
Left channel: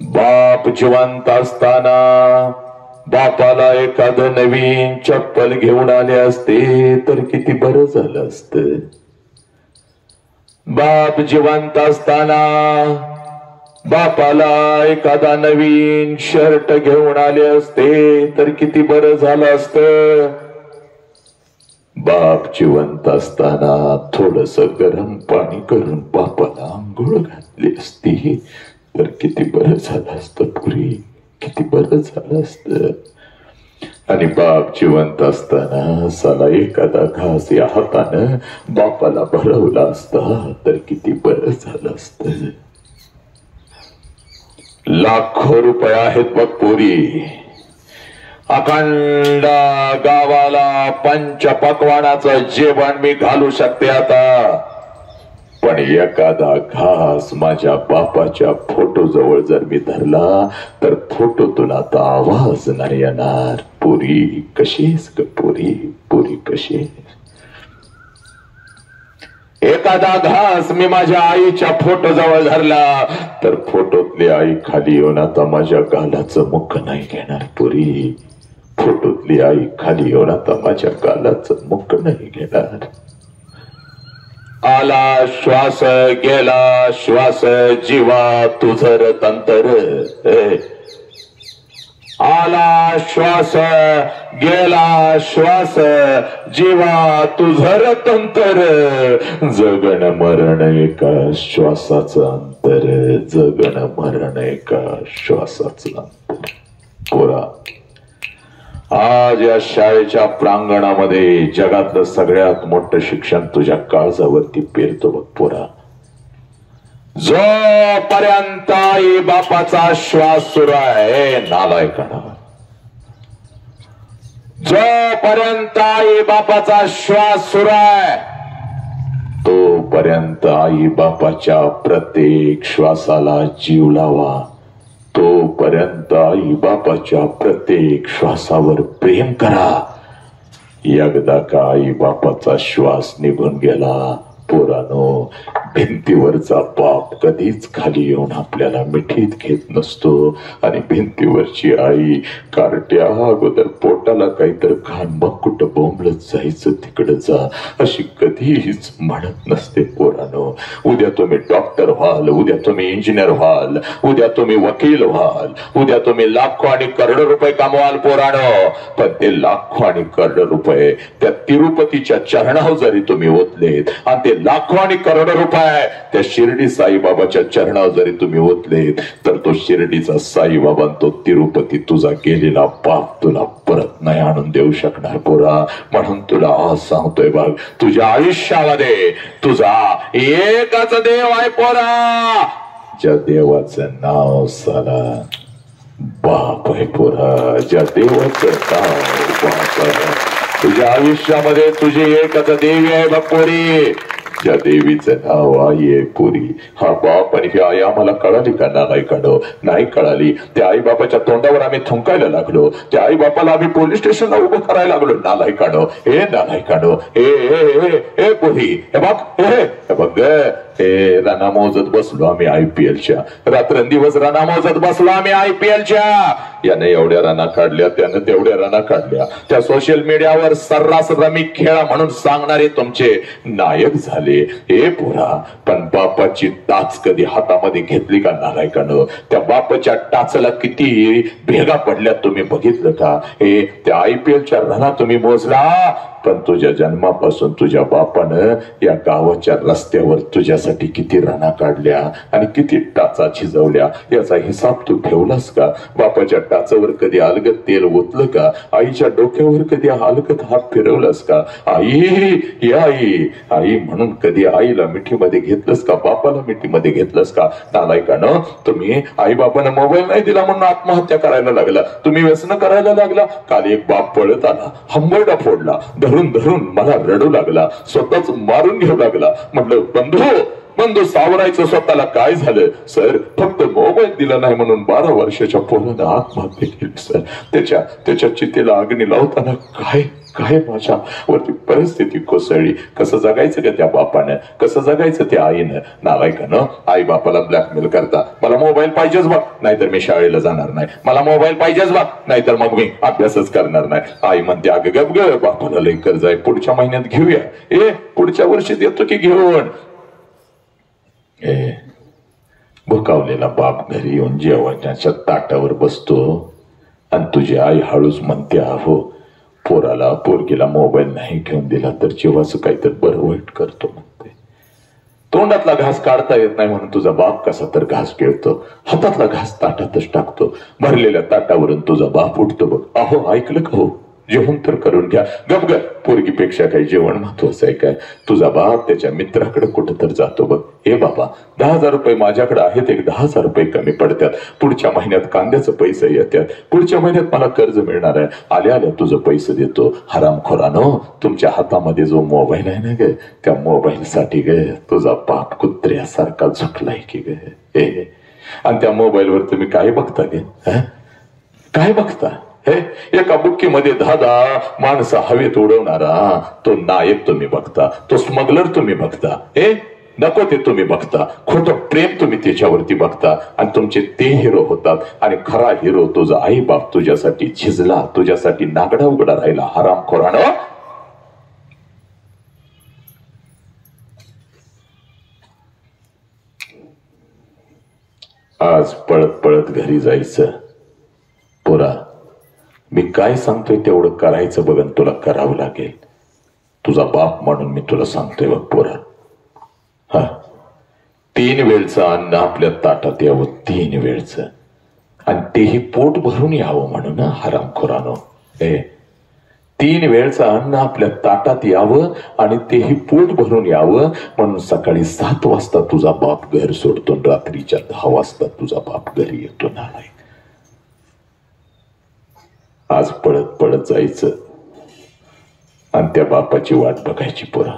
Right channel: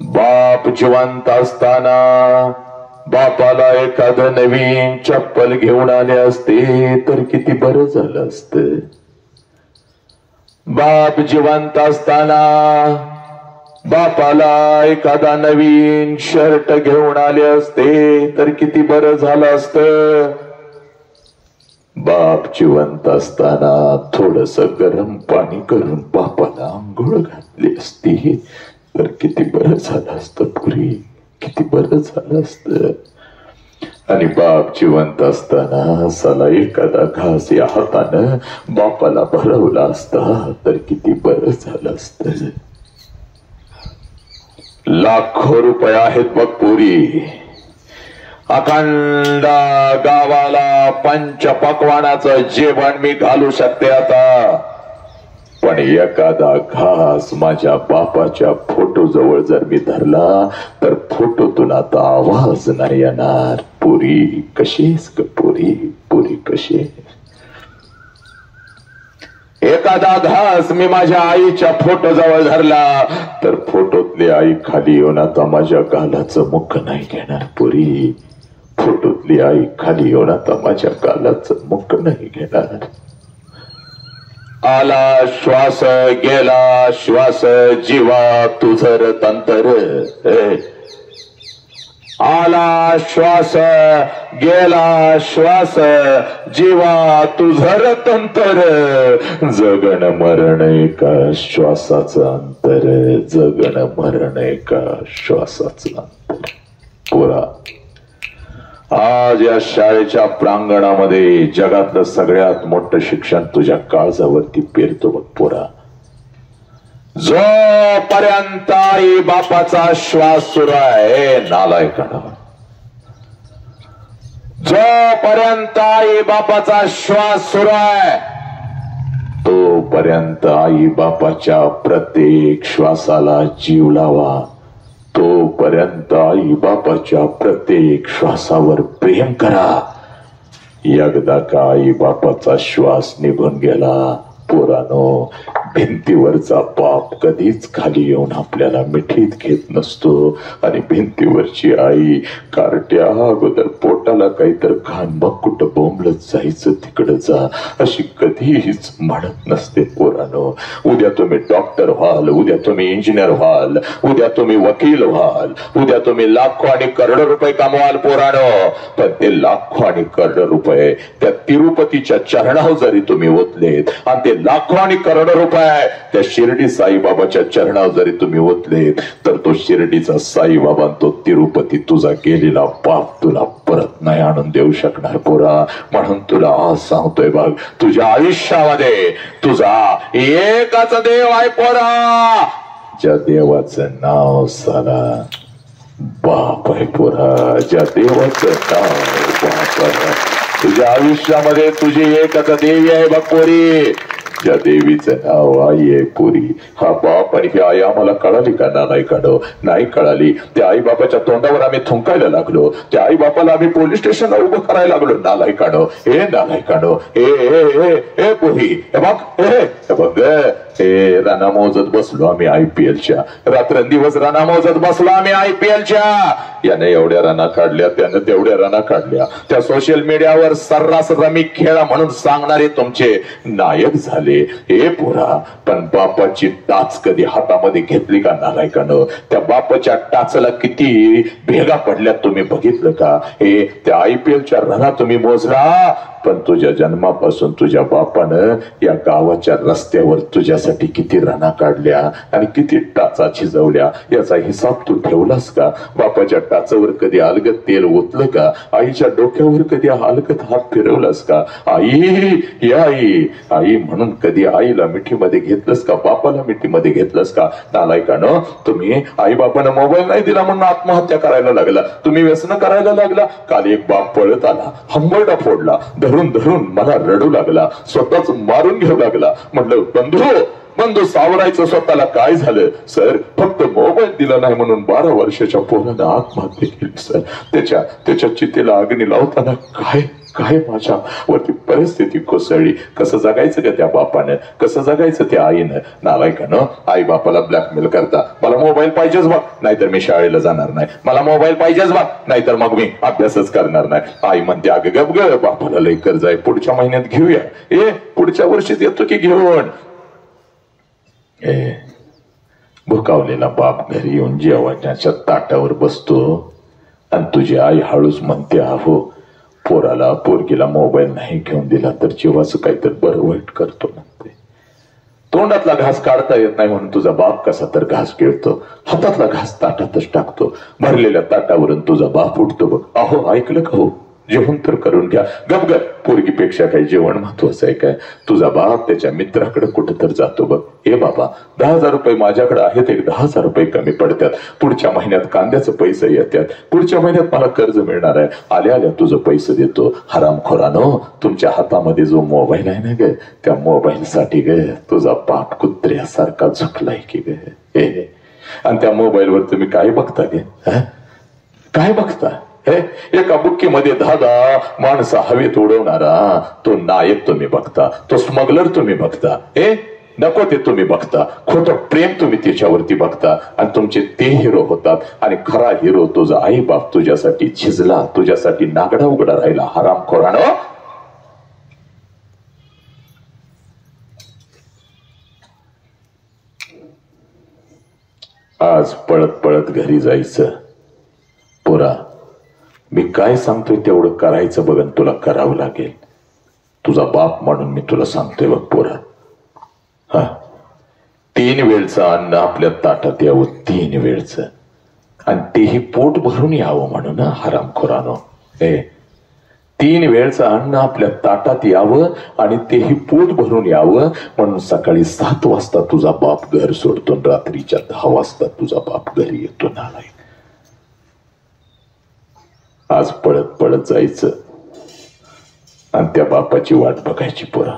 बाप जिवंत असताना बापाला एखादं नवीन चप्पल घेऊन आले असते तर किती बरं झालं असतं. बाप जिवंत असताना बापाला एखादा नवीन शर्ट घेऊन आले असते तर किती बरं झालं असतं. बाप जिवंत असताना थोडस गरम पाणी करून बापाला आंघोळ घातली असती तर किती बरं झालं असतं पुरी, किती बरं झालं असतं. आणि बाप जिवंत असताना साला एखादा घास या हातानं बापाला भरवला असता तर किती बरं झालं असत. लाखो रुपये आहेत बघ पोरी. अखंड गावाला पंचपक्वानाचं जेवण मी घालू शकते आता. पण एखादा घास माझ्या बापाच्या फोटो जवळ जर मी धरला तर फोटोतून आता आवाज नाही येणार. पुरी कशीस ग पुरी, पुरी कशी. एखादा घास मी माझ्या आईच्या फोटो जवळ धरला तर फोटोतली आई खाली येऊन आता माझ्या गालाचं मुख नाही घेणार. पुरी फोटोतली आई खाली येऊन आता माझ्या गालाचं मुख नाही घेणार. आला श्वास गेला श्वास जीवा तुझर तंतर. आला श्वास गेला श्वास जीवा तुझर तंतर. जगण मरण एका श्वासाचं अंतर. जगण मरण एका श्वासाचं अंतर. पोरा, आज या शाळेच्या प्रांगणामध्ये जगातलं सगळ्यात मोठं शिक्षण तुझ्या काळजावरती पेरतो बघ पोरा. जोपर्यंत आई बापाचा श्वास सुरू आहे नालायकानं, जोपर्यंत आई बापाचा श्वास सुरू आहे तोपर्यंत आई बापाच्या प्रत्येक श्वासाला जीव लावा. तोपर्यंत आई बापाच्या प्रत्येक श्वासावर प्रेम करा. एकदा का आई बापाचा श्वास निघून गेला पोरानो, भिंतीवरचा बाप कधीच खाली येऊन आपल्याला मिठीत घेत नसतो. आणि भिंतीवरची आई कार्ट्या अगोदर पोटाला काहीतरी खान मग कुठं बोंबलत जायचं तिकडं जा अशी कधीच म्हणत नसते पोरानो. उद्या तुम्ही डॉक्टर व्हाल, उद्या तुम्ही इंजिनियर व्हाल, उद्या तुम्ही वकील व्हाल, उद्या तुम्ही लाखो आणि करोडो रुपये कमवाल पोरानो. पण ते लाखो आणि करोडो रुपये त्या तिरुपतीच्या चरणावर जरी तुम्ही ओतलेत आणि ते लाखो आणि करोडो रुपये त्या शिर्डी साईबाबाच्या चरणावर जरी तुम्ही ओतलेत तर तो शिर्डीचा साईबाबा तो तिरुपती तुझा गेलेला बाप तुला परत नाही आणून देऊ शकणार पोरा. म्हणून तुला आज सांगतोय बघ, तुझ्या आयुष्यामध्ये तुझा एकच देव आहे पोरा. ज्या देवाचं नाव साला बाप आहे पोरा. ज्या देवाचं नाव बाप आहे. तुझ्या आयुष्यामध्ये तुझी एकच देवी आहे बघ पोरी. ज्या देवीचं नाव आई आहे पुरी. हा बाप आणि ही आई आम्हाला कळाली का नालायकानो? नाही कळाली. त्या आई बापाच्या तोंडावर आम्ही थुंकायला लागलो. त्या आई बापाला आम्ही पोलीस स्टेशनला उभं करायला लागलो. नालायकानो, हे नालायकानो, हे पुरी, हे बघ, हे बघ, हे राणा मोजत बसलो आम्ही IPLच्या. रात्रंदिवस राणा मोजत बसलो आम्ही IPLच्या. यानं एवढ्या राणा काढल्या, त्यानं तेवढ्या राणा काढल्या. त्या सोशल मीडियावर सर्रास रमी खेळा म्हणून सांगणारे तुमचे नायक झाले हे पोरा. पण बापाची टाच कधी हातामध्ये घेतली का नालायकानं? त्या बापाच्या टाचला किती भेगा पडल्या तुम्ही बघितलं का? हे त्या IPLच्या रना तुम्ही मोजला. पण तुझ्या जन्मापासून तुझ्या बापानं या गावाच्या रस्त्यावर तुझ्यासाठी किती रना काढल्या आणि किती टाचा झिजवल्या याचा हिसाब तू ठेवलास का? बापाच्या टाचावर कधी अलगत तेल ओतलं का? आईच्या डोक्यावर कधी अलगत हात फिरवलास का? आई, या आई, आई म्हणून कधी आईला मिठीमध्ये घेतलंस का? बापाला मिठीमध्ये घेतलंस का? नालायकानं, तुम्ही आई बापानं मोबाईल नाही दिला म्हणून आत्महत्या करायला लागला. तुम्ही व्यसन करायला लागला. काल एक बाप पळत आला, हंबरडा फोडला, धरून धरून मला रडू लागला, स्वतःच मारून घेऊ लागला. म्हटलं बंधू सावरायचं स्वतःला. काय झालं सर? फक्त मोबाईल दिला नाही म्हणून 12 वर्षाच्या पोरानं आत्महत्या केली सर. त्याच्या चितेला अग्नी लावताना काय माझ्यावरती परिस्थिती कोसळली. कसं जगायचं का त्या बापानं? कसं जगायचं त्या आईनं? नालायकानं, आई बापाला ब्लॅकमेल करता. मला मोबाईल पाहिजेच बघ, नाहीतर मी शाळेला जाणार नाही. मला मोबाईल पाहिजेच बघ, नाहीतर मग मी अभ्यासच करणार नाही. आई म्हणते अगं गप ग, बापाला लई कर्ज आहे, पुढच्या महिन्यात घेऊया. पुढच्या वर्षीच येतो की घेऊन. भुकावलेला बाप घरी येऊन जेवणाच्या ताटावर बसतो आणि तुझी आई हळूच म्हणते, अहो पोराला पोरगीला मोबाईल नाही घेऊन दिला तर जेव्हाच काहीतरी बरं वाईट करतो म्हणते. तो तोंडातला घास काढता येत नाही म्हणून तुझा बाप कसा तर घास गिळतो, हातातला घास ताटातच टाकतो, भरलेल्या ताटावरून तुझा बाप उठतो बघ. अहो ऐकलं का हो, जेवण तर करून घ्या. गप पोरगीपेक्षा काही जेवण महत्वाचं आहे काय? तुझा बाप त्याच्या मित्राकडे कुठं तर जातो बघ. हे बाबा 10,000 रुपये माझ्याकडे आहेत, एक 10,000 रुपये कमी पडतात, पुढच्या महिन्यात कांद्याचं पैसे येतात, पुढच्या महिन्यात मला कर्ज मिळणार आहे, आल्या आल्या तुझं पैसे देतो. हरामखोरानो, तुमच्या हातामध्ये जो मोबाईल आहे ना ग, त्या मोबाईल साठी ग तुझा बाप कुत्र्यासारखा झुकलाय की ग. आणि त्या मोबाईलवर तुम्ही काय बघता गे? काय बघता? एका बुक्कीमध्ये 10 माणसं हवेत उडवणारा तो नायक तुम्ही बघता, तो स्मगलर तुम्ही बघता. नको ते तुम्ही बघता, खोटं प्रेम तुम्ही त्याच्यावरती बघता आणि तुमचे ते हिरो होतात. आणि खरा हिरो तुझा आई बाप तुझ्यासाठी झिजला, तुझ्यासाठी नागडा उघडा राहिला. हरामखोरानो, आज पळत पळत घरी जायचं. पोरा, मी काय सांगतोय तेवढं करायचं बघ, तुला करावं लागेल. तुझा बाप म्हणून मी तुला सांगतोय बघ पोरा. 3 वेळचं अन्न आपल्या ताटात यावं, 3 वेळचं, आणि तेही पोट भरून यावं म्हणून. हरामखोरानो, 3 वेळचं अन्न आपल्या ताटात यावं आणि तेही पोट भरून यावं म्हणून सकाळी 7 वाजता तुझा बाप घर सोडतो, रात्रीच्या 10 वाजता तुझा बाप घरी येतो. नालायक. आज पळत पळत जायचं आणि त्या बापाची वाट बघायची पोरा.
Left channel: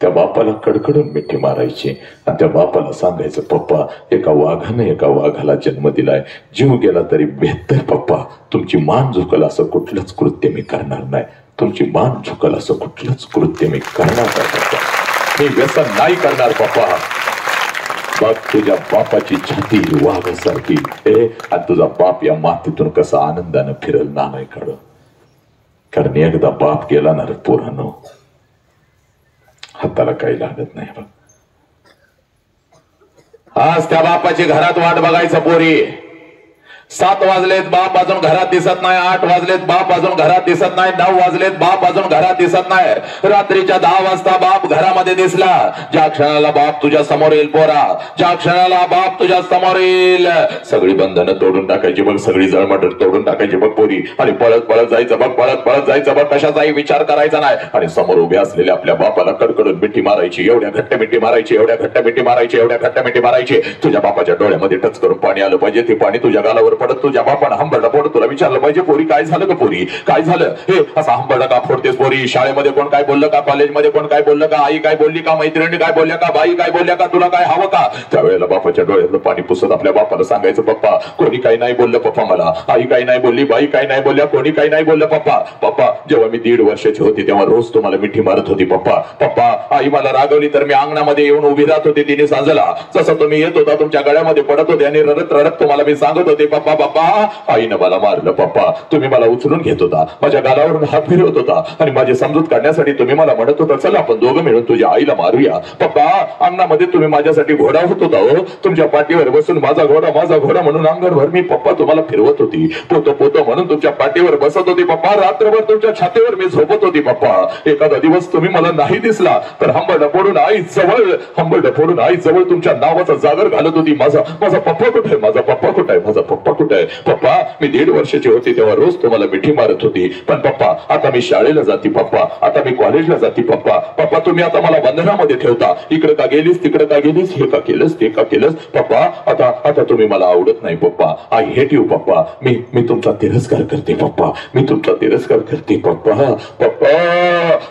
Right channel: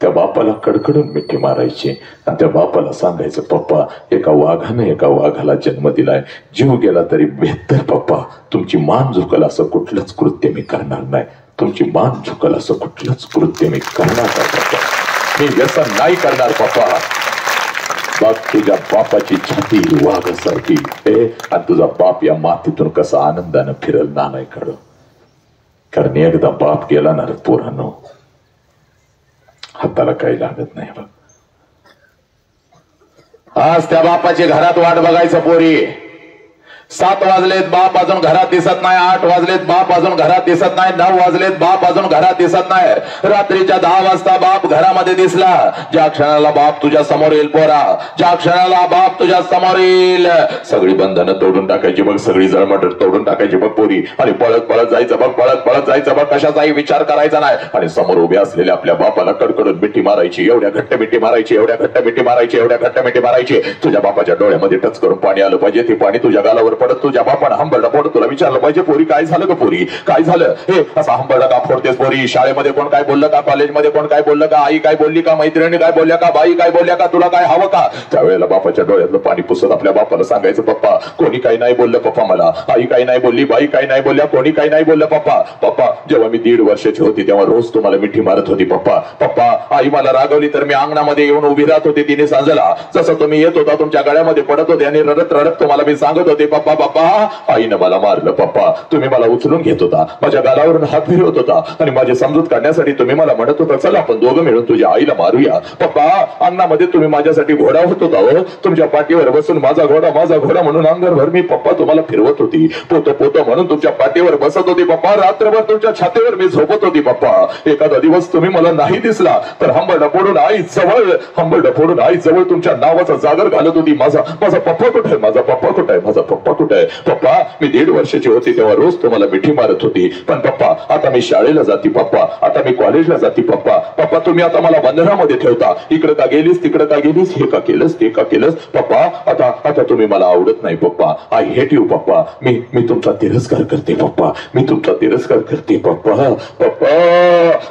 त्या बापाला कडकडून मिठी मारायची आणि त्या बापाला सांगायचं, पप्पा, एका वाघाने एका वाघाला जन्म दिलाय, जीव गेला तरी बेहतर पप्पा, तुमची मान झुकल असं कुठलंच कृत्य मी करणार नाही, तुमची मान झुकल असं कुठलंच कृत्य मी करणार नाही पप्पा, मी व्यसन नाही करणार पप्पा. बाप तुझ्या बापाची छाती वाघासारखी आणि तुझा बाप या मातीतून कसा आनंदानं फिरल नालाय काढ. कारण एकदा बाप गेला ना रे पोरांनो, हाताला काही लागत नाही बघ. आज त्या बापाची घरात वाट बघायचं पोरी. 7 वाजलेत, बाप अजून घरात दिसत नाही. 8 वाजलेत, बाप अजून घरात दिसत नाही. 9 वाजलेत, बाप अजून घरात दिसत नाही. रात्रीच्या 10 वाजता बाप घरामध्ये दिसला. ज्या क्षणाला बाप तुझ्या समोर येईल पोरा, ज्या क्षणाला बाप तुझ्या समोर येईल, सगळी बंधनं तोडून टाकायची बघ, सगळी जळमट तोडून टाकायची बघ पोरी, आणि पळत पळत जायचं बघ, पळत पळत जायचं बघ, कशाचाही विचार करायचा नाही. आणि समोर उभे असलेल्या आपल्या बापाला कडकडून मिठी मारायची, एवढ्या घट्ट मिठी मारायची, एवढ्या घट्ट मिठी मारायची, एवढ्या घट्ट मिठी मारायची. तुझ्या बापाच्या डोळ्यामध्ये टच करून पाणी आलं पाहिजे, ते पाणी तुझ्या गालावर पडत तुझ्या बापानं हंबरडा फोड. तुला विचारलं पाहिजे, पोरी काय झालं का, पोरी काय झालं, हे असा हंबरडा का फोडतेस पोरी? शाळेमध्ये कोण काय बोललं का, कॉलेजमध्ये कोण काय बोललं का, आई काय बोलली का, मैत्रिणी काय बोलल्या का, बाई काय बोलल्या का, तुला काय हवं का? त्यावेळेला बापाच्या डोळ्यातलं पाणी पुसत आपल्या बापाला सांगायचं, पप्पा कोणी काही नाही बोललं पप्पा, मला आई काही नाही बोलली, बाई काही नाही बोलल्या, कोणी काही नाही बोललं पप्पा. पप्पा जेव्हा मी 1.5 वर्षाची होती तेव्हा रोज तुम्हाला मिठी मारत होती पप्पा. पप्पा आई मला रागवली तर मी अंगणामध्ये येऊन उभी राहत होती तिने सांजला, जसं तुम्ही येत होता तुमच्या गळ्यामध्ये पडत होते आणि रडत रडत तुम्हाला मी सांगत होते, पप्पा पप्पा आईनं मला मारलं पप्पा. तुम्ही मला उचलून घेत होता, माझ्या गालावरून हात फिरवत होता आणि माझी समजूत काढण्यासाठी तुम्ही मला म्हणत होता, चला आपण दोघं मिळून तुझ्या आईला मारूया. पप्पा अंगणामध्ये तुम्ही माझ्यासाठी घोडा होत होता हो, तुमच्या पाठीवर बसून माझा घोडा म्हणून अंगणभर मी पप्पा तुम्हाला फिरवत होती, पोतो पोतो म्हणून तुमच्या पाठीवर बसत होती पप्पा, रात्रभर तुमच्या छातीवर मी झोपत होती पप्पा. एखादा दिवस तुम्ही मला नाही दिसला तर हंबरडा फोडून आई जवळ तुमच्या नावाचा जागर घालत होती, माझा पप्पा कुठे आहे, माझा पप्पा कुठे आहे, माझा पप्पा कुठे आहे. पप्पा मी 1.5 वर्षाची होती तेव्हा रोज तुम्हाला मिठी मारत होती, पण पप्पा आता मी शाळेला जाते पप्पा, आता मी कॉलेजला जाते पप्पा. पप्पा तुम्ही आता मला बंधनामध्ये ठेवता, इकडे का गेलीस, तिकडे का गेलीस, हे का केलंस, ते का केलंस पप्पा. आता तुम्ही मला आवडत नाही पप्पा, आय हेट यू पप्पा, मी तुमचा तिरस्कार करते पप्पा, मी तुमचा तिरस्कार करते पप्पा. पप्पा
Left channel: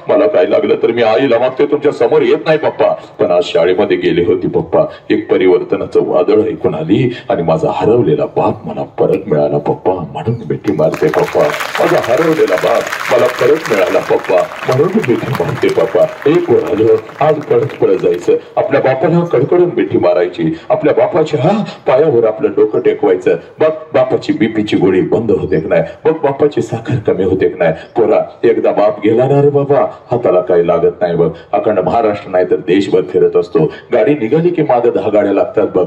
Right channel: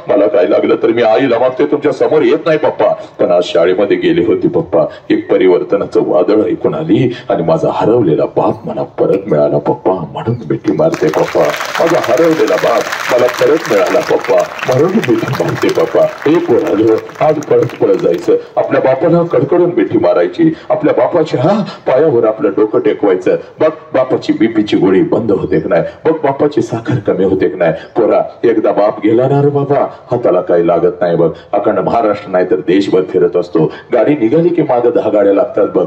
मला काय लागलं तर मी आईला मागते, तुमच्या समोर येत नाही पप्पा. पण आज शाळेमध्ये गेली होती पप्पा, एक परिवर्तनाचं वादळ ऐकून आली आणि माझा हरवलेला बाप मला परत मिळाला पप्पा, म्हणून मिठी मारते पप्पा. माझा हरवलेला बाप मला परत मिळाला पप्पा, म्हणून मिठी मारते पप्पा. एक पोरालो आज पळत पळत जायचं, आपल्या बापाला कडकडून मिठी मारायची, आपल्या बापाच्या पायावर आपलं डोकं टेकवायचं. बघ बापाची बीपीची गोळी बंद होते की नाही, बघ बापाची साखर कमी होते की नाही. पोरा एकदा बाप गेला ना रे बाबा, हाताला काही लागत नाही बघ. अखंड महाराष्ट्र नाही तर देशभर फिरत असतो, गाडी निघाली की मागे 10 गाड्या लागतात बघ.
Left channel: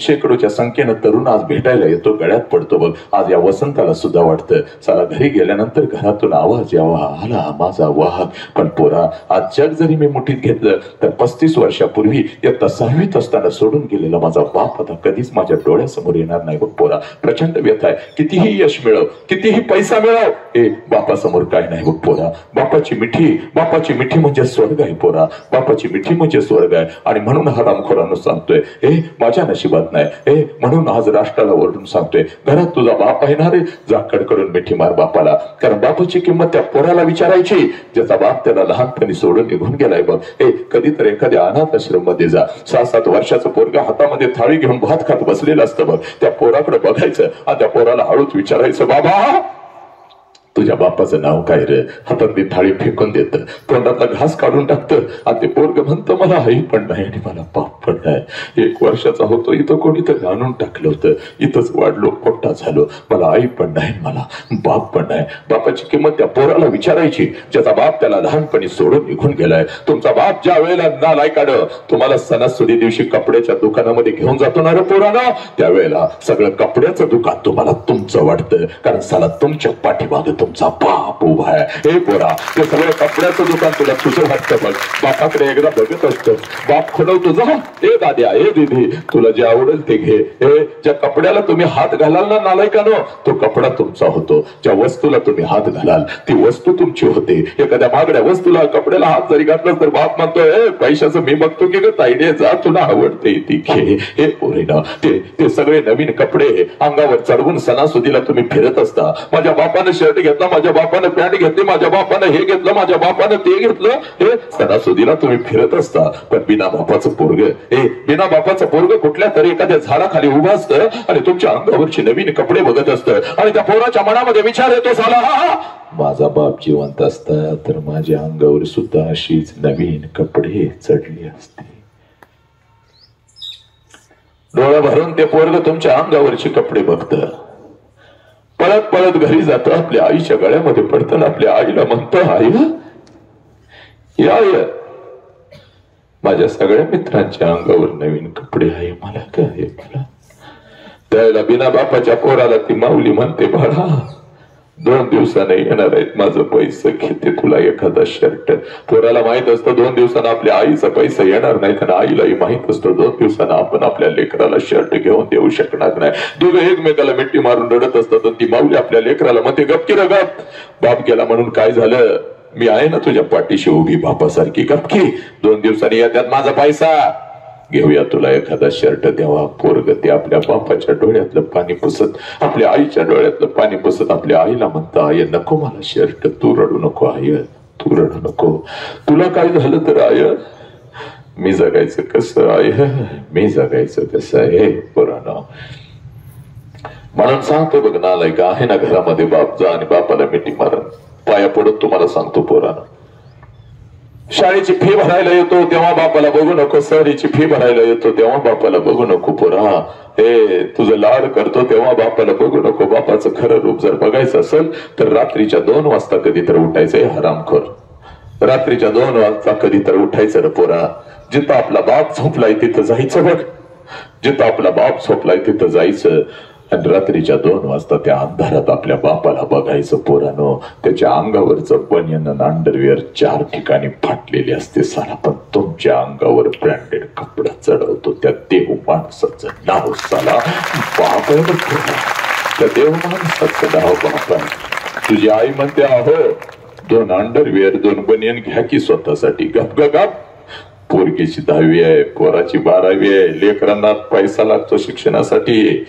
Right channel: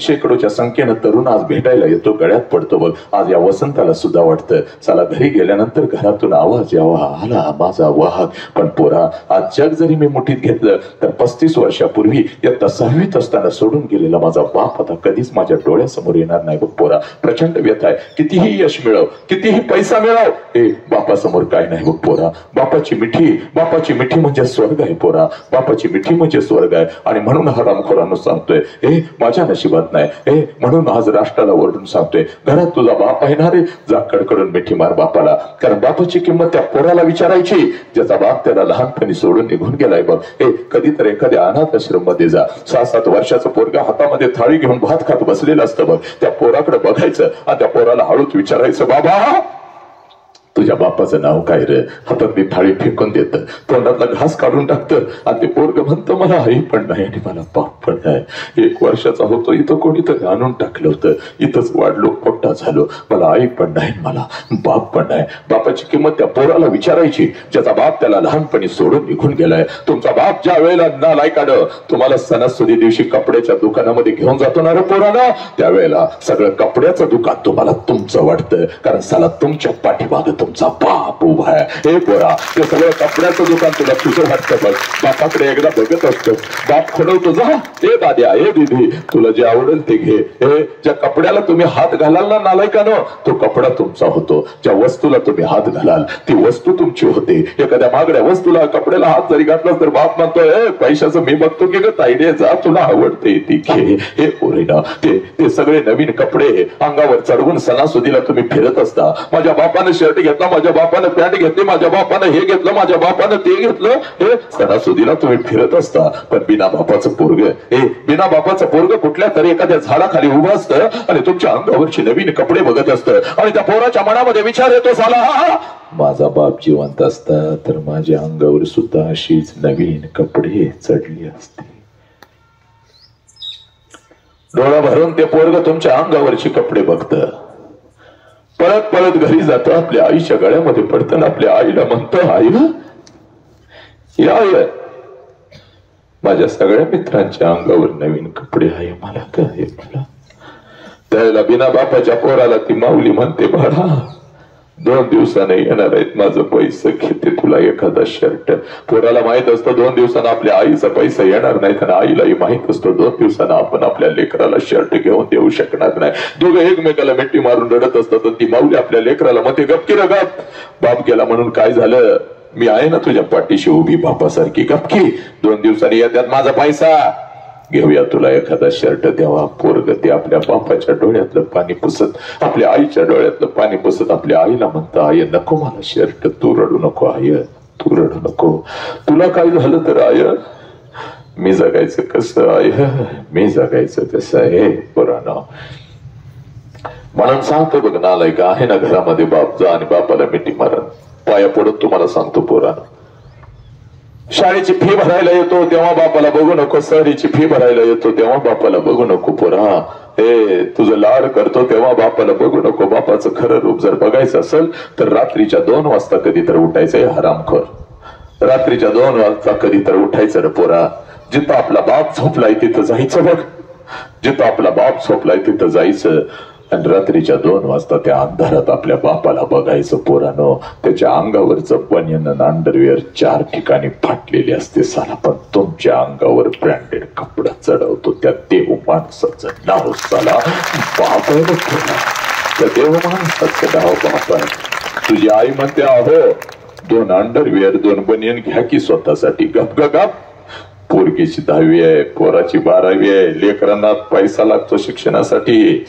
शेकडोच्या संख्येनं तरुण आज भेटायला येतो, गळ्यात पडतो बघ. आज या वसंताला सुद्धा वाटतं चला घरी गेल्यानंतर घरातून आवाज यावा, आला माझा वाहक. पण पोरा, आज जग जरी मी मुठीत घेतलं तर 35 वर्षापूर्वी इयत्ता 6वीत असताना सोडून गेलेला माझा बाप आता कधीच माझ्या डोळ्यासमोर येणार नाही बघ पोरा. प्रचंड व्यथा आहे. कितीही यश मिळव, कितीही पैसा मिळव, हे बापासमोर काय नाही बघ पोरा. बापाची मिठी म्हणजे स्वर्ग आहे पोरा. बापाची मिठी म्हणजे स्वर्ग आहे. आणि म्हणून हरामखोरांना सांगतोय, हे माझ्या नशिबात नाही, हे म्हणून आज राष्ट्राला ओरडून सांगतोय, घरात तुझा बाप आहे ना रे, जा कडकडून मिठी मार बापाला. कारण बापाची किंमत त्या पोराला विचारायची ज्याचा बाप त्याला लहानपणी सोडून निघून गेलाय बघ. हे कधीतरी एखाद्या अनाथ आश्रम मध्ये जा, 6-7 वर्षाचं पोरगा हातामध्ये थाळी घेऊन भात खात बसलेलं असतं बघ. त्या पोराकडे बघायचं आणि त्या पोराला हळूच विचारायचं, बाबा तुझ्या बापाचं नाव काय रे? हातातली थाळी फेकून देतं, तोंडातला घास काढून टाकतं आणि ते पोरग म्हणतं मला आई पण नाही आणि मला बाप पण नाही. 1 वर्षाचा होतो, इथं कोणीतरी आणून टाकलं होतं, इथंच वाढलो, मोठा झालो, मला आई पण नाही, मला बाप पण नाही. बापाची किंमत त्या पोराला विचारायची ज्याचा बाप त्याला लहानपणी सोडून निघून गेलाय. तुमचा बाप ज्या वेळेला नालायकानं तुम्हाला सणासुदी दिवशी कपड्याच्या दुकानामध्ये घेऊन जातो ना रे पोरानं, त्यावेळेला सगळं कपड्याचं दुकान तुम्हाला तुमचं वाटतं. कारण साला तुमच्या पाठीमागं तुमचा बाप उभा आहे. हे पोरा, ते सगळं कपड्याचं दुकान तुला तुझं वाटतं बघ. बापाकडे एकदा बघत असतो, बाप खुणवतो, जा ए दाद्या, ए दीदी, तुला जे आवडेल ते घे. हे ज्या कपड्याला तुम्ही हात घालाल ना नालायकानं, तो कपडा तुमचा होतो. ज्या वस्तूला तुम्ही हात घालाल ती वस्तू तुमची होते. एखाद्या महागड्या वस्तूला कपड्याला हात जरी घातला तर बाप म्हणतोय, पैशाचं मी बघतो की ग ताईडे, जा तुला आवडते ती घे. हे पोरीना, ते सगळे नवीन कपडे अंगावर चढवून सणासुदीला तुम्ही फिरत असता. माझ्या बापानं शर्ट घेतला, माझ्या बापानं पॅन्ट घेतली, माझ्या बापानं हे घेतलं, माझ्या बापानं ते घेतलं, हे सणासुदीला तुम्ही फिरत असता. पण बिना बापाचं पोरग कुठल्या तरी एखाद्या झाडाखाली उभं असतं आणि तुमच्या अंगावरचे नवीन कपडे बघत असतं आणि त्या पोराच्या मनामध्ये विचार येतो, साला माझा बाप जिवंत असता तर माझ्या अंगावर सुद्धा अशीच नवीन कपडे चढली असते. डोळा भरून ते पोरग तुमच्या अंगावरचे कपडे बघतं, परत घरी जातं, आपल्या आईच्या गळ्यामध्ये पडतं, आपल्या आईला म्हणतं, आई या माझ्या सगळ्या मित्रांच्या अंगावर नवीन कपडे आहे, मला काय मला. त्यावेळेला बिना बापाच्या पोराला ती माऊली म्हणते, बाळा 2 दिवसाने येणार आहेत, माझं पैसे घेते तुला एखादा शर्ट. पोराला माहित असतं 2 दिवसानं आपल्या आईचा पैसा येणार नाही, कारण आईलाही माहित असतं 2 दिवसानं आपण आपल्या लेकराला शर्ट घेऊन देऊ शकणार नाही. दोघं एकमेकाला मिठी मारून रडत असतात. ती माऊली आपल्या लेकराला म्हणते, गपकी र गप, बाप गेला म्हणून काय झालं, मी आहे ना तुझ्या पाठीशी उभी बापासारखी, गपकी 2 दिवसांनी येतात माझा पैसा, घेऊया तुला एखादा शर्ट द्यावा. पोरग ते आपल्या बापाच्या डोळ्यातलं पाणी पुसत, आपल्या आईच्या डोळ्यातलं पाणी पुसत आपल्या आईला म्हणतं, आय नको मला शर्ट, तू रडू नको आय, तू रडू नको, तुला काय झालं तर आय मी जगायचं कसं, आय मी जगायचं कसं आहे पोरांनो. म्हणून सांगतो बघ नालायक आहे ना घरामध्ये बाप, जा आणि बापाला मिठी मारण, पाया पडून तुम्हाला सांगतो पोरांनो. शाळेची फी भरायला येतो तेव्हा बापाला बघू नको, सहलीची फी भरायला येतो तेव्हा बापाला बघू नको पोरा. हे तुझं लाड करतो तेव्हा बापाला बघू नको. बापाचं खरं रूप जर बघायचं असेल तर रात्रीच्या 2 वाजता कधी तर उठायचंय हरामखोर, रात्रीच्या 2 वाजता कधी तर उठायचं रे पोरा. जिथं आपला बाप झोपलाय तिथं जायचं बघ, जिथं आपला बाप झोपलाय तिथं जायचं आणि रात्रीच्या 2 वाजता त्या अंधारात आपल्या बापाला बघायचं पोरानो. त्याच्या अंगावरचं बनियन आणि अंडरवेअर 4 ठिकाणी फाटलेले असते साला, पण तुमच्या अंगावर ब्रँडेड कपडा चढवतो त्या देव माणसाचं नाव साला बाप आहे. त्या देव माणसाचं नाव बाप आहे. तुझी आई म्हणते, अहो 2 अंडरवेअर 2 बनियन घ्या की स्वतःसाठी. गप गप, पोरगीची 10वी आहे, पोराची 12वी आहे, लेकरांना पैसा लागतो शिक्षणासाठी.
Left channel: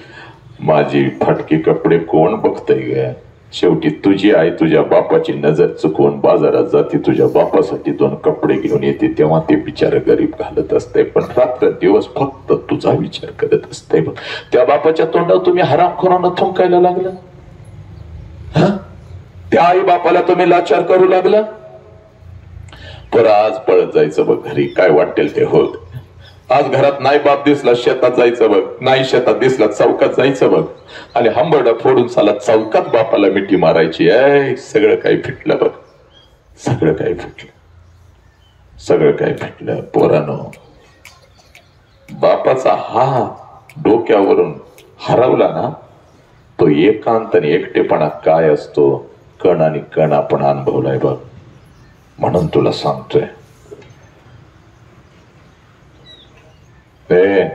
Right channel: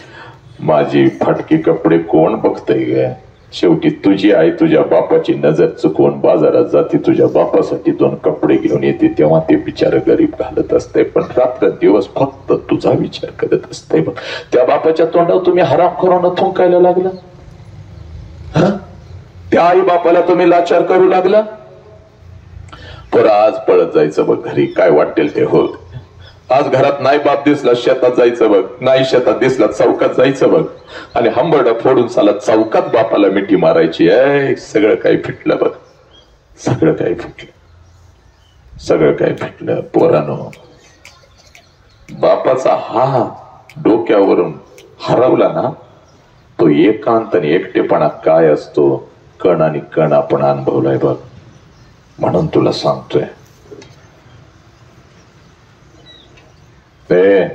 माझी फाटकी कपडे कोण बघतय ग? शेवटी तुझी आई तुझ्या बापाची नजर चुकवून बाजारात जाते, तुझ्या बापासाठी 2 कपडे घेऊन येते, तेव्हा ते बिचार गरीब घालत असते, पण रात्र दिवस फक्त तुझा विचार करत असते. त्या बापाच्या तोंडावर तुम्ही हरामखोरानं थुंकायला लागला, त्या आई बापाला तुम्ही लाचार करू लागला. पर आज पळत जायचं बघ घरी, काय वाटेल ते होत. आज घरात नाही बाप दिसला शेतात जायचं बघ, नाही शेतात दिसला चौकात जायचं बघ, आणि हंबरडा फोडून साला चौकात बापाला मिठी मारायची. सगळं काही फिटलं बघ, सगळं काही फिटलं, सगळं काही फिटलं पोरानो. बापाचा हात डोक्यावरून हरवला ना तो एकांत आणि एकटेपणा काय असतो कण आणि कण आपण अनुभवलाय बघ. म्हणून तुला सांगतोय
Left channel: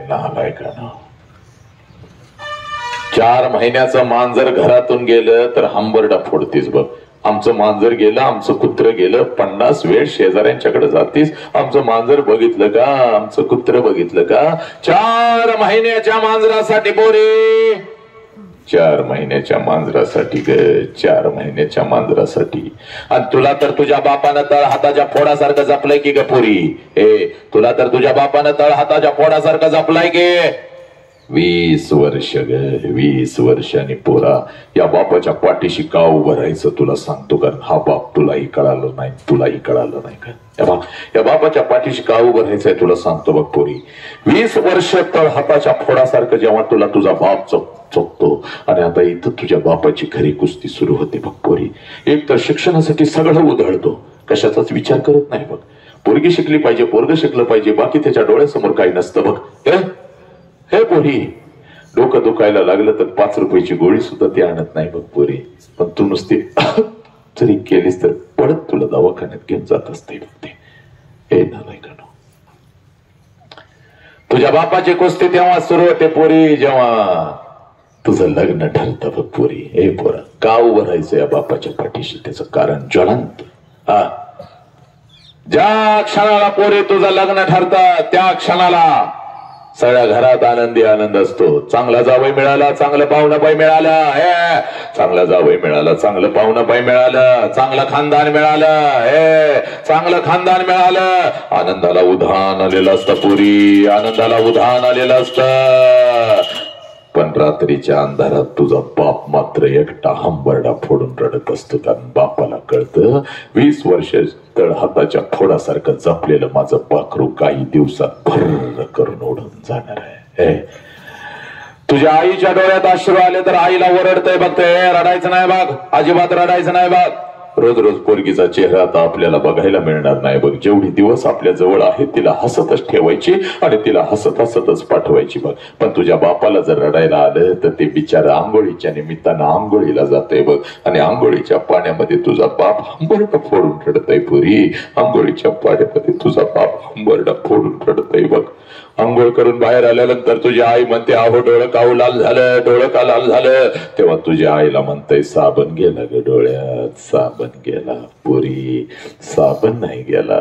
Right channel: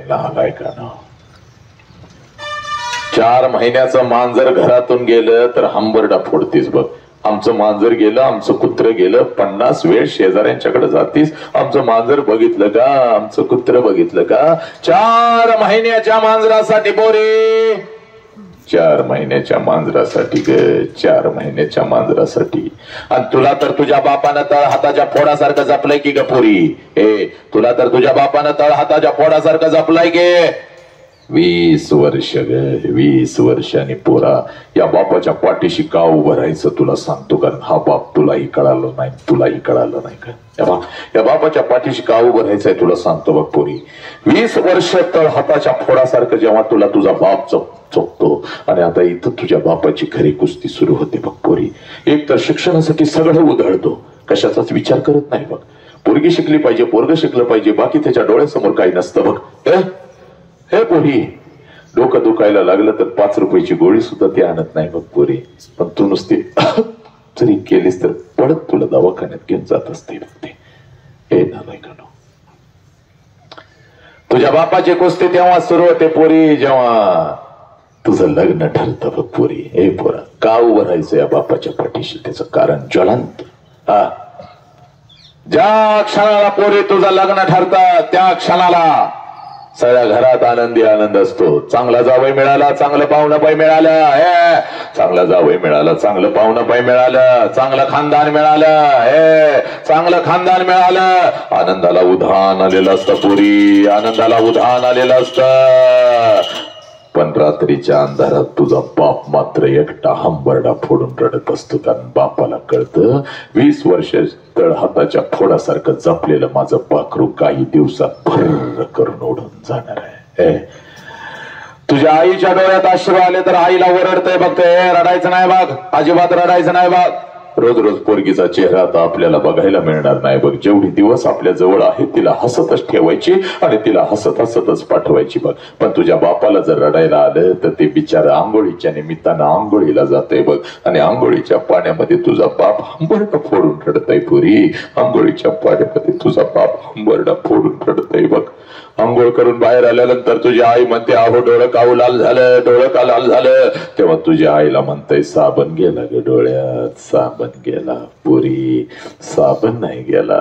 नालायकानं 4 महिन्याचं मांजर घरातून गेलं तर हंबरडा फोडतीस बघ. आमचं मांजर गेलं, आमचं कुत्र गेलं, 50 वेळ शेजाऱ्यांच्याकडे जातीस, आमचं मांजर बघितलं का, आमचं कुत्र बघितलं का. 4 महिन्याच्या मांजरासाठी बोरे, 4 महिन्याच्या मांजरासाठी ग, 4 महिन्याच्या मांजरासाठी. आणि तुला तर तुझ्या बापानं तळ हाताच्या फोडासारखं जपलंय की ग पोरी. हे तुला तर तुझ्या बापानं तळ हाताच्या फोडासारखं जपलाय की. 20 वर्ष ग, 20 वर्षांनी पोरा या बापाच्या पाठीशी का उभं राहायचं तुला सांगतो. कारण हा बाप तुलाही कळालं नाही, तुलाही कळालं नाही का. या बापाच्या पाठीशी का उभं राहायचंय तुला सांगतो बघ पोरी. 20 वर्ष तळ हाताच्या फोडासारखं जेव्हा तुला तुझा बाप चोखतो आणि आता इथं तुझ्या बापाची खरी कुस्ती सुरू होते बघ पोरी. एक तर शिक्षणासाठी सगळं उधळतो, कशाचाच विचार करत नाही बघ. पोरगी शिकली पाहिजे, पोरग शिकलं पाहिजे, बाकी त्याच्या डोळ्यासमोर काही नसतं बघ. हे पोरी डोकं दुखायला लागलं तर 5 रुपयाची गोळी सुद्धा ती आणत नाही बघ पोरी. पण तू नुसती जरी केलीस तर पडत तुला दवाखान्यात घेऊन जात असते बघ ते. हे नालायकानो, तुझ्या बापाची कुस्ती तेव्हा सुरू होते पोरी जेव्हा तुझं लग्न ठरतं बघ पोरी. हे पोरा का उभं राहायचं या बापाच्या पाठीशी, त्याचं कारण ज्वलंत. ज्या क्षणाला पोरी तुझं लग्न ठरतं त्या क्षणाला सगळ्या घरात आनंदी आनंद असतो. चांगला जावई मिळाला, चांगलं पाहुणं बाई मिळालं, चांगला जावई मिळाला, चांगलं पाहुणं बाई मिळालं, चांगलं खानदान मिळालं, चांगलं खानदान मिळालं. आनंदाला उधाण आलेलं असतं पुरी, आनंदाला उधाण आलेलं असतं. पण रात्रीच्या अंधारात तुझा बाप मात्र एकटा हंबरडा फोडून रडत असतो. कारण बापाला कळतं 20 वर्ष तळ हाताच्या फोडासारखं जपलेलं माझं पाखरू काही दिवसात भर करून ओढून जाणार आहे. तुझ्या आईच्या डोळ्यात अश्रू आले तर आईला ओरडतंय बघतंय, रडायचं नाही बघ, अजिबात रडायचं नाही बघ. रोज रोज पोरगीचा चेहरा आता आपल्याला बघायला मिळणार नाही बघ. जेवढी दिवस आपल्या जवळ आहे तिला हसतच ठेवायची आणि तिला हसत हसतच पाठवायची बघ. पण तुझ्या बापाला जर रडायला आलं तर ते बिचारा आंघोळीच्या निमित्तानं आंघोळीला जातंय बघ. आणि आंघोळीच्या पाण्यामध्ये तुझा बाप हंबरडा फोडून रडतय पुरी. आंघोळीच्या पाण्यामध्ये तुझा बाप हंबरडा फोडून रडतय बघ. आंघोळ करून बाहेर आल्यानंतर तुझी आई म्हणते अहो डोळं काऊ लाल झालं, डोळं का लाल झालं. तेव्हा तुझ्या आईला म्हणतंय साबण गेला ग डोळ्यात, साबण गेला पुरी, साबण नाही गेला.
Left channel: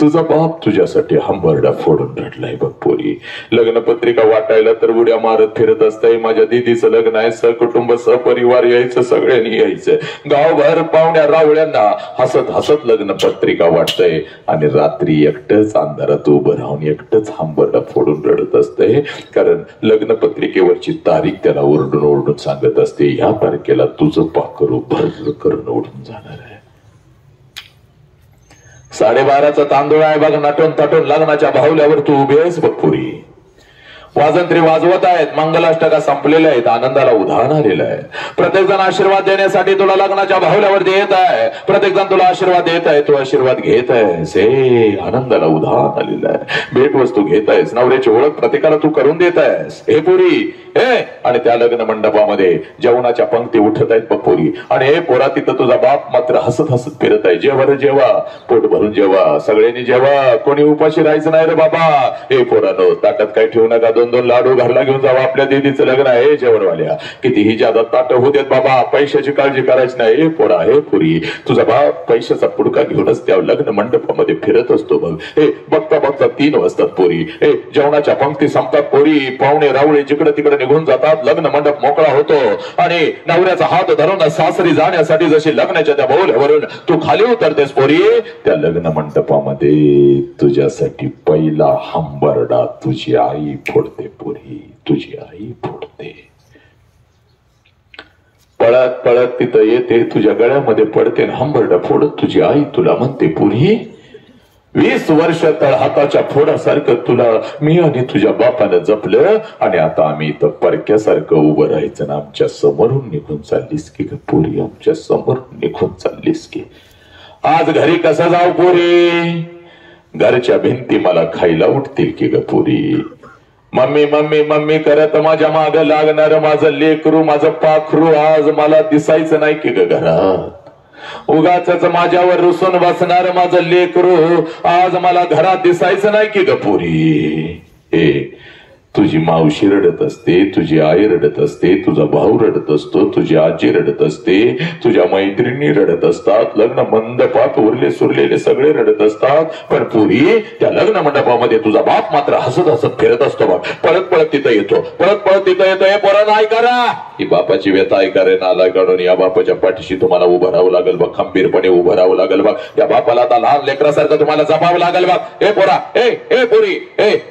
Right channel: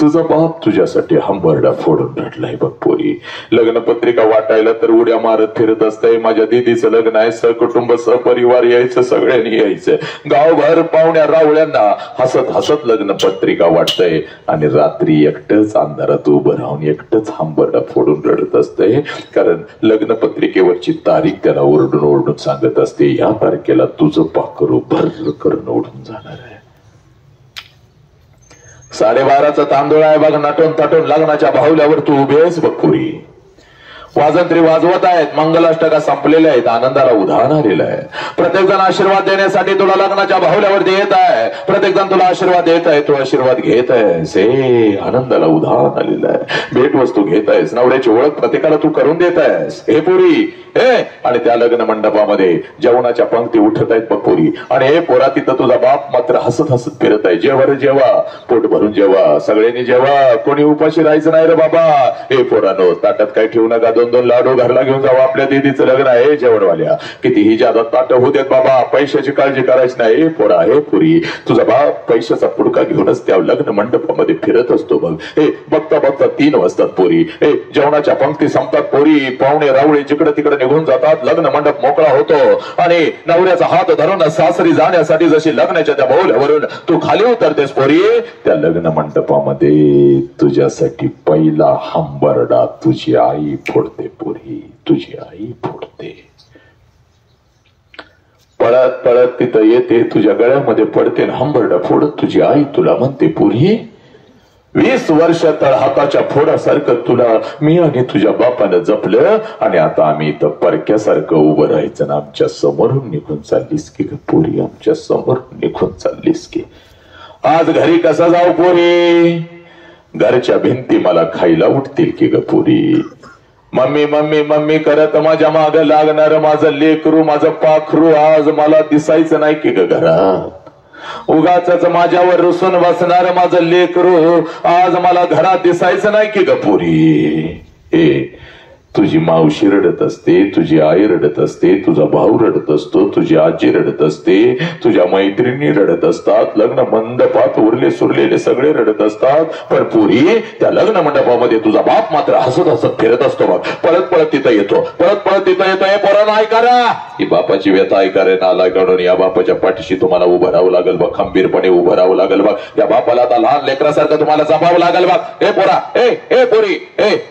तुझा बाप तुझ्यासाठी हंबरडा फोडून रडलाय बघ पोरी. लग्नपत्रिका वाटायला तर उड्या मारत फिरत असतंय. माझ्या दीदीचं लग्न आहे, सहकुटुंब सहपरिवार यायचं, सगळ्यांनी यायचं. गावभर पाहुण्या रावळ्यांना हसत हसत लग्नपत्रिका वाटतंय आणि रात्री एकटंच अंधारात उभं राहून एकटंच हंबरडा फोडून रडत असते. कारण लग्नपत्रिकेवरची तारीख त्याला ओरडून ओरडून सांगत असते या तारखेला तुझं पाखरू भर करून ओढून जाणार आहे. 12:30चा तांदूळ आहे बघ, नटून तटून लग्नाच्या बाहुल्यावर तू उभी आहेस बघ पुरी. वाजंत्री वाजवत आहेत, मंगलाष्टका संपलेल्या आहेत, आनंदाला उधाण आलेलं आहे. प्रत्येक जण आशीर्वाद देण्यासाठी तुला लग्नाच्या बाहुल्यावरती येत आहे. प्रत्येक जण तुला आशीर्वाद देत आहे, तू आशीर्वाद घेत आहेस. हे आनंदाला उधाण आलेलं आहे. भेटवस्तू घेत आहेस, नवऱ्याची ओळख प्रत्येकाला तू करून देत आहेस. हे पुरी हे आणि त्या लग्न मंडपामध्ये जेवणाच्या पंक्ती उठत आहेत बघ पोरी. आणि हे पोरा तिथं तुझा बाप मात्र हसत हसत फिरत आहे. जेव्हा जेव्हा पोट भरून जेव्हा, सगळ्यांनी जेव्हा, कोणी उपाशी राहायचं नाही रे बाबा. हे पोरानो ताटात काय ठेवू नका, 2-2 लाडू घरला घेऊन जावा. आपल्या दीदीचं लग्न आहे जेवणवाल्या, कितीही ज्यादा ताट होऊ देत बाबा, पैशाची काळजी करायची नाही. हे पोरा हे पुरी तुझा बाप पैशाचा पुडका घेऊनच त्या लग्न मंडपामध्ये फिरत असतो बघ. हे बघता बघता 3 वाजतात पोरी. हे जेवणाच्या पंक्ती संपतात पोरी. पाहुणे रावळे जिकडे तिकडे निघून जातात. लग्न मंडप मोकळा होतो आणि नवऱ्याचा हात धरून सासरी जाण्यासाठी जशी लग्नाच्या त्या बाहुल्यावरून तू खाली उतरतेस पोरी, त्या लग्न मंडपामध्ये तुझ्यासाठी पहिला हंबरडा तुझी आई फोडते पोरी, तुझी आई फोडते. पळत पळत तिथं येते, तुझ्या गळ्यामध्ये पडते, हंबरडा फोडत तुझी आई तुला म्हणते पुरी 20 वर्ष तर हाताच्या फोडासारखं तुला मी आणि तुझ्या बापानं जपलं आणि आता आम्ही इथं परक्यासारखं उभं राहायचं ना. आमच्या समोरून निघून चाललीस की ग पोरी, आमच्या समोरून निघून चाललीस की. आज घरी कसं जाऊ पोरी, घरच्या भिंती मला खायला उठतील की ग पोरी. मम्मी मम्मी मम्मी करत माझ्या माग लागणार माझं लेकरू माझं पाखरू आज मला दिसायचं नाही की ग घरात उगाच माझ्यावर रुसून बसणार माझं लेकरू आज मला घरात दिसायचं नाही की ग पोरी तुझी मावशी रडत असते तुझी आई रडत असते तुझा भाऊ रडत असतो तुझी आजी रडत असते तुझ्या मैत्रिणी रडत असतात लग्न मंडपात उरले सुरलेले सगळे रडत असतात पण पुरी त्या लग्न मंडपामध्ये तुझा बाप मात्र हसत हसत फिरत असतो बघ पळत पळत तिथं येतो हे पोरांना ऐका रा ही बापाची व्यथा ऐका रे नालाय काढून या बापाच्या पाठीशी तुम्हाला उभं राहावं लागेल बघ खंबीरपणे उभं राहावं लागेल बघ या बापाला आता लहान लेकरासारखं तुम्हाला जपावं लागेल बघ हे पोरा ए पोरी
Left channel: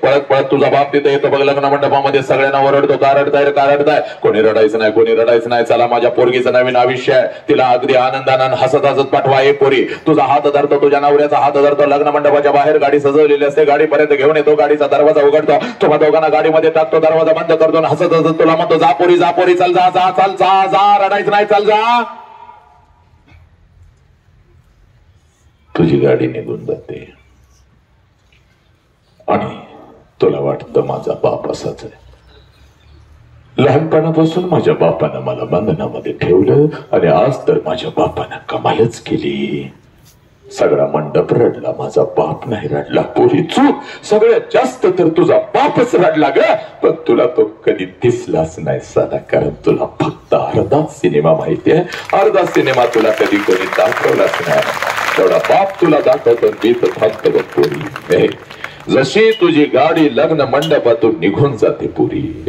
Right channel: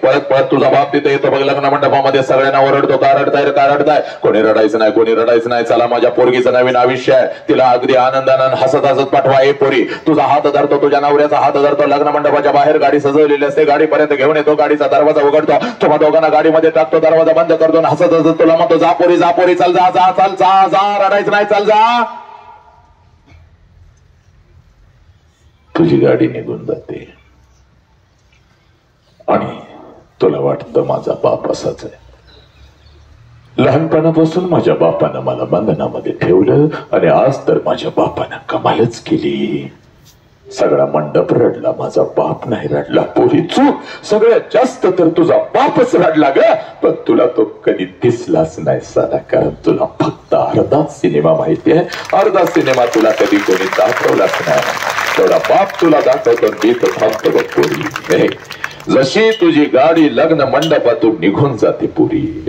पळत पळत तुझा बाप तिथे येतो बघ लग्न मंडपामध्ये सगळ्यांना ओरडतो का रडताय कोणी रडायचं नाही चला माझ्या पोरगीचं नवीन आयुष्य आहे तिला अगदी आनंदानं हसत हसत पाठवा हे पोरी तुझा हात धरतो तुझ्या नवऱ्याचा हात धरतो लग्न मंडपाच्या बाहेर गाडी सजवलेली असते गाडीपर्यंत घेऊन येतो गाडीचा दरवाजा उघडतो तुम्हा दोघांना गाडीमध्ये टाकतो दरवाजा बंद करतो हसत हसत तुला म्हणतो जा पोरी चल जा रडायचं नाही चल जा तुझी गाडी निघून जाते आणि तुला वाटतं माझा बाप असाच आहे लहानपणापासून माझ्या बापानं मला बंधनामध्ये ठेवलं आणि आज तर माझ्या बापानं कमालच केली सगळा मंडप रडला माझा बाप नाही रडला पोरी चूक सगळ्यात जास्त तर तुझा बापच रडला ग पण तुला तो कधी दिसलाच नाही साला कारण तुला फक्त अर्धा सिनेमा माहिती आहे अर्धा सिनेमा तुला कधी कोणी दाखवलाच नाही थोडा बाप तुला दाखवतो मी तर थांबतो बघ पोरी जशी तुझी गाडी लग्न मंडपातून निघून जाते पुरी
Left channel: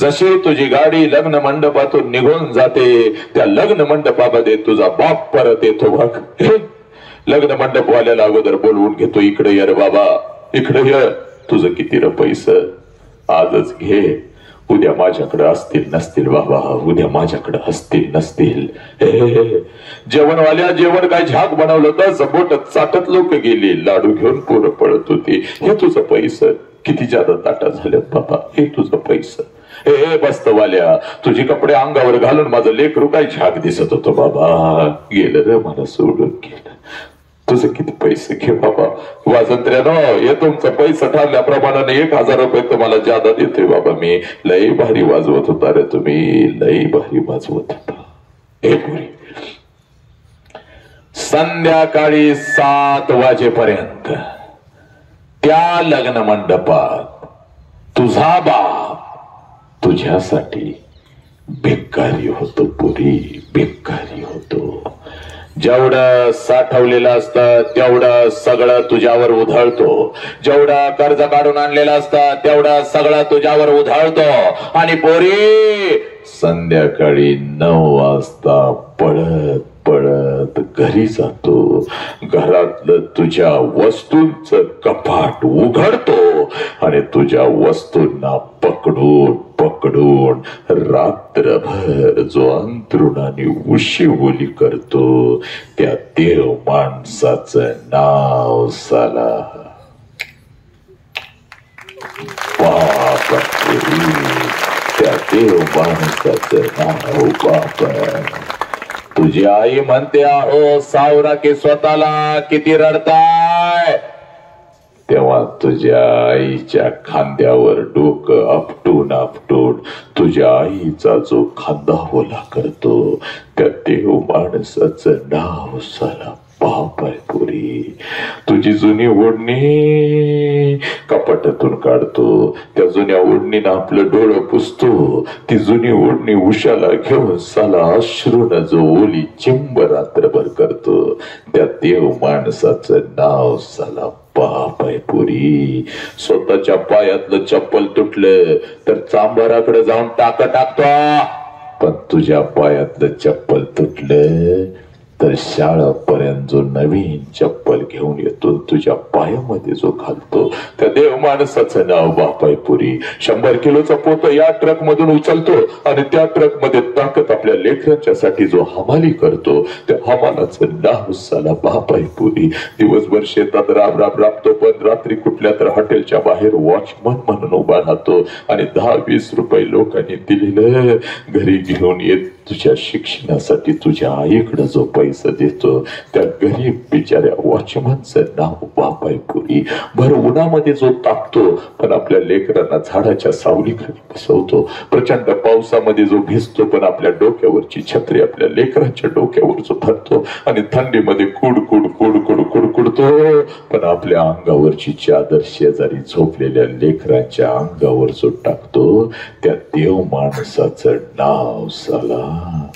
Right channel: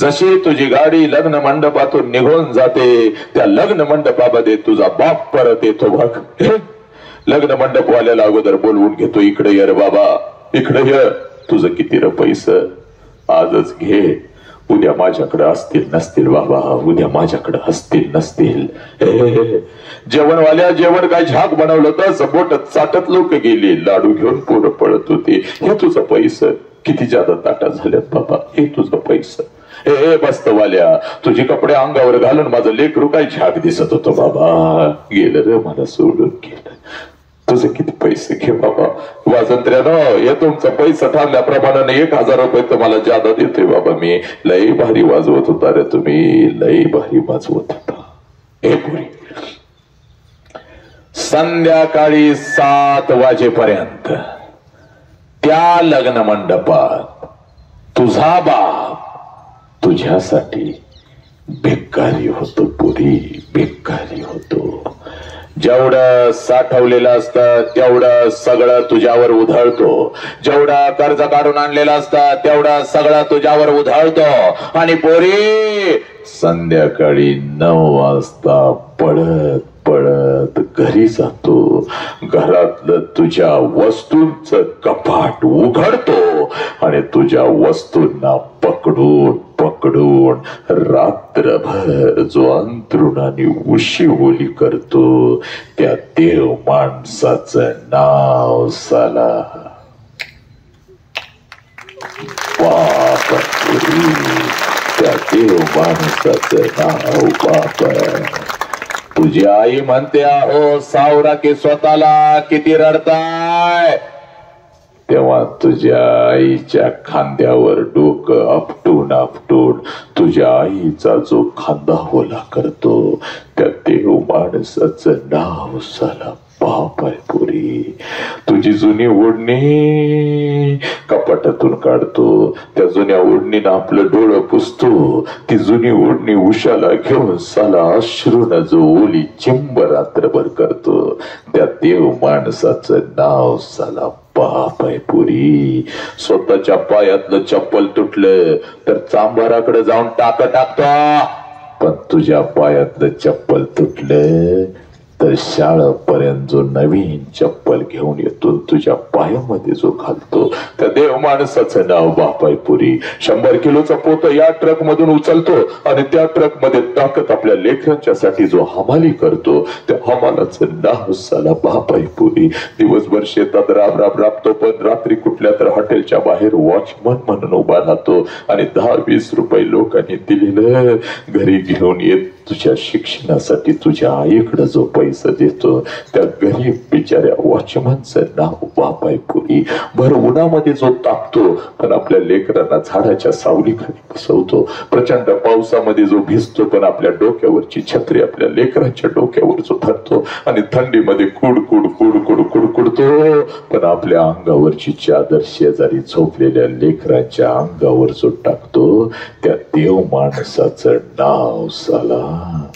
जशी तुझी गाडी लग्न मंडपातून निघून जाते त्या लग्न मंडपामध्ये तुझा बाप परत येतो बघ लग्न मंडपवाल्याला अगोदर बोलवून घेतो इकडे ये रे बाबा इकडे ये तुझं किती रे पैसे आजच घे उद्या माझ्याकडे असतील नसतील बाबा उद्या माझ्याकडे असतील नसतील जेवणवाल्या जेवण काय झाक बनवलं तर बोट चाटत लोक गेली लाडू घेऊन पोरं पळत होती हे तुझं पैसे किती जादा ताटा झाल्यात बाबा हे तुझं पैसे बस्तवाल्या तुझे कपडे अंगावर घालून माझं लेकरू काय झाक दिसत होतं बाबा गेलं रे मला सोडून गेलं तुझं किती पैसे घे बाबा वाजंत्र्यानं हे तुमचं पैसा ठरल्याप्रमाणे 1000 रुपये तुम्हाला जादा देतोय बाबा मी लई भारी वाजवत होता रे तुम्ही लई भारी वाजवत होता हे पुरी संध्याकाळी 7 वाजेपर्यंत त्या लग्न मंडपात तुझा बाप तुझ्यासाठी भिकारी होतो पुरी भिकारी होतो जेवढं साठवलेलं असतं तेवढं सगळं तुझ्यावर उधळतो जेवढं कर्ज काढून आणलेलं असतं तेवढं सगळं तुझ्यावर उधळतो आणि पोरी संध्याकाळी 9 वाजता पळत पळत घरी जातो घरातलं तुझ्या वस्तूंचं कपाट उघडतो आणि तुझ्या वस्तूंना पकडून पकडून रात्रभर जो अंतरुणाने उशीवोली करतो त्या देव माणसाचं नाव साला बाप त्या देव माणसाचं नाव बाप तुझी आई म्हणते आहो सावरा की स्वतःला किती रडताय तेव्हा तुझ्या आईच्या खांद्यावर डोकं आपटून आपटून तुझ्या आईचा जो खांदा होला करतो त्या देव माणसाचं नाव साला बाप आहे पुरी तुझी जुनी ओढणी कपाटातून काढतो त्या जुन्या ओढणीनं आपलं डोळं पुसतो ती जुनी ओढणी उशाला घेऊन साला अश्रूनं जो ओली चिंब रात्रभर करतो त्या देव माणसाचं नाव साला बाप आहे पुरी स्वतःच्या पायातलं चप्पल तुटलं तर चांबाराकडे जाऊन टाकतो पण तुझ्या पायातलं चप्पल तुटलं तर शाळेपर्यंत जो नवीन चप्पल घेऊन येतो तुझ्या पायामध्ये जो घालतो त्या देव माणसाचं नाव बाप आहे पुरी 100 किलोचा पोत या ट्रक मधून उचलतो आणि त्या ट्रक मध्ये टाकत आपल्या लेकरांच्यासाठी जो हमाली करतो त्या हमालाचं नाव साला बाप आहे पुरी दिवसभर शेतात राबतो पण रात्री कुठल्या तर हॉटेलच्या बाहेर वॉचमन म्हणून उभा राहतो आणि 10-20 रुपये लोकांनी दिलेलं घरी घेऊन येत तुझ्या शिक्षणासाठी तुझ्या आईकडे जो पैसा पैसा देतो त्या गरीब बिचाऱ्या वॉचमनचं नाव बाप आहे पुरी. भर उन्हामध्ये जो तापतो पण आपल्या लेकरांना झाडाच्या सावलीखाली बसवतो. प्रचंड पावसामध्ये जो भिजतो पण आपल्या डोक्यावरची छत्री आपल्या लेकरांच्या डोक्यावर जो धरतो आणि थंडीमध्ये कुडकुड कुडकुड कुडकुडतो पण आपल्या अंगावरची चादर शेजारी झोपलेल्या लेकरांच्या अंगावर जो टाकतो त्या देव माणसाचं नाव साला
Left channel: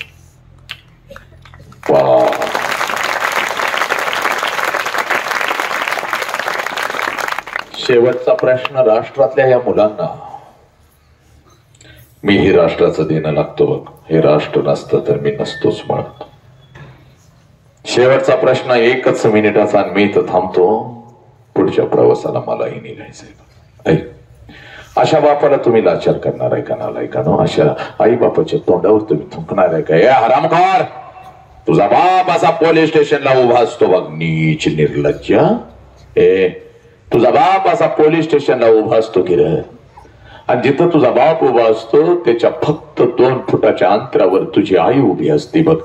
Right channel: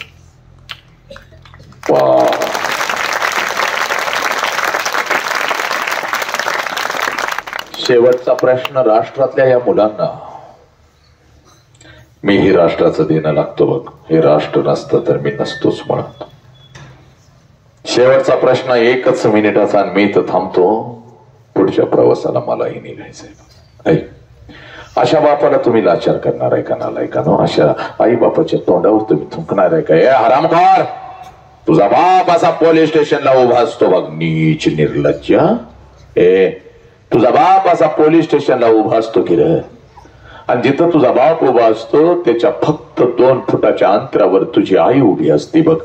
शेवटचा प्रश्न राष्ट्रातल्या या मुलांना. मी हे राष्ट्राचं देणं लागतो बघ. हे राष्ट्र नसतं तर मी नसतोच म्हणत. शेवटचा प्रश्न 1 मिनिटाचा आणि मी तर थांबतो. पुढच्या प्रवासाला मलाही निघायचंय. अशा बापाला तुम्ही लाचार करणार आहे का नालायकानो? अशा आई बापाच्या तोंडावर तुम्ही थुंकणार आहे का? ए हरामखोर, तुझा बाप असा पोलीस स्टेशनला उभा असतो बघ. नीच निर्लज्ज. तुझा बाप असा पोलीस स्टेशनला उभा असतो की रे? आणि जिथं तुझा बाप उभा असतो त्याच्या फक्त 2 फुटाच्या अंतरावर तुझी आई उभी असते बघ.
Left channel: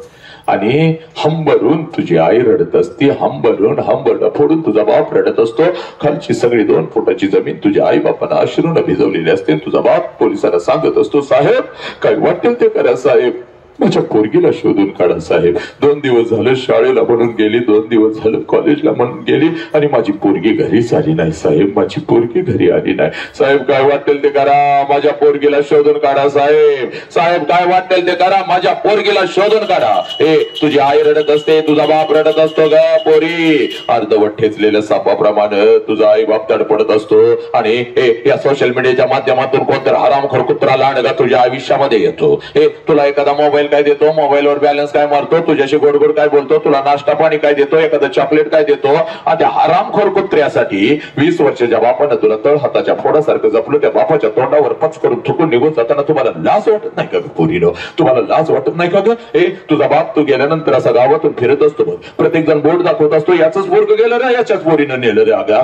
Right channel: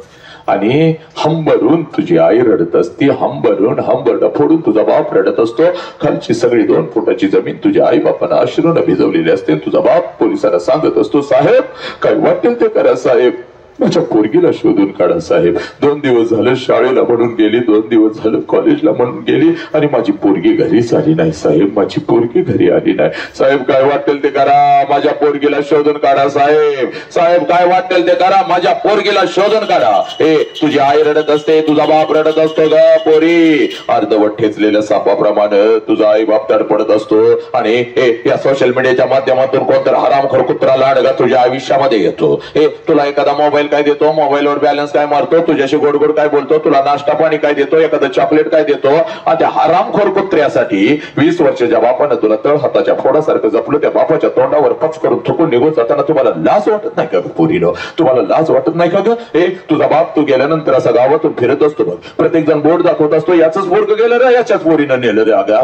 आणि हंबरून तुझी आई रडत असती. हंबरून हंबरडा फोडून तुझा बाप रडत असतो. खालची सगळी 2 फुटाची जमीन तुझ्या आई बापांना अश्रूने भिजवलेली असते. तुझा बाप पोलिसांना सांगत असतो, साहेब काय वाटेल ते करा साहेब, माझ्या पोरगीला शोधून काढा साहेब. 2 दिवस झालं शाळेला म्हणून गेली, 2 दिवस झालं कॉलेजला म्हणून गेली आणि माझी पोरगी घरीच आली नाही साहेब. माझी पोरगी घरी आली नाही साहेब. काय वाटेल ते करा, माझ्या पोरगीला शोधून काढा साहेब. साहेब काय वाटेल ते करा, माझ्या पोरगीला शोधून काढा. हे तुझी आई रडत असते, तुझा बाप रडत असतो ग पोरी. अर्धवट ठेचलेल्या सापाप्रमाणे तुझा आई बाप तडपडत असतो. आणि हे या सोशल मीडियाच्या माध्यमातून कोणतर हरामखोर कुत्रा लांडगा तुझ्या आयुष्यामध्ये येतो. हे तुला एखादा मोबाईल काय देतो, मोबाईलवर बॅलन्स काय मारतो, तुझ्याशी गोड गोड काय बोलतो, तुला नाश्ता पाणी काय देतो, एखादं चॉकलेट काय देतो. आणि त्या हरामखोर कुत्र्यासाठी 20 वर्षाच्या बापानं तुला तळ हाताच्या फोडासारखं जपलं. त्या बापाच्या तोंडावर पच करून थुकून निघून जाताना तुम्हाला लाज वाटत नाही का पोरीनो? तुम्हाला लाज वाटत नाही का ग? हे तुझा बाप तू गेल्यानंतर असा गावातून फिरत असतो बघ. प्रत्येक जण बोट दाखवत असतो, याच पोरग गेलं रे, याच्याच पोरीनं नेलं रे. अगा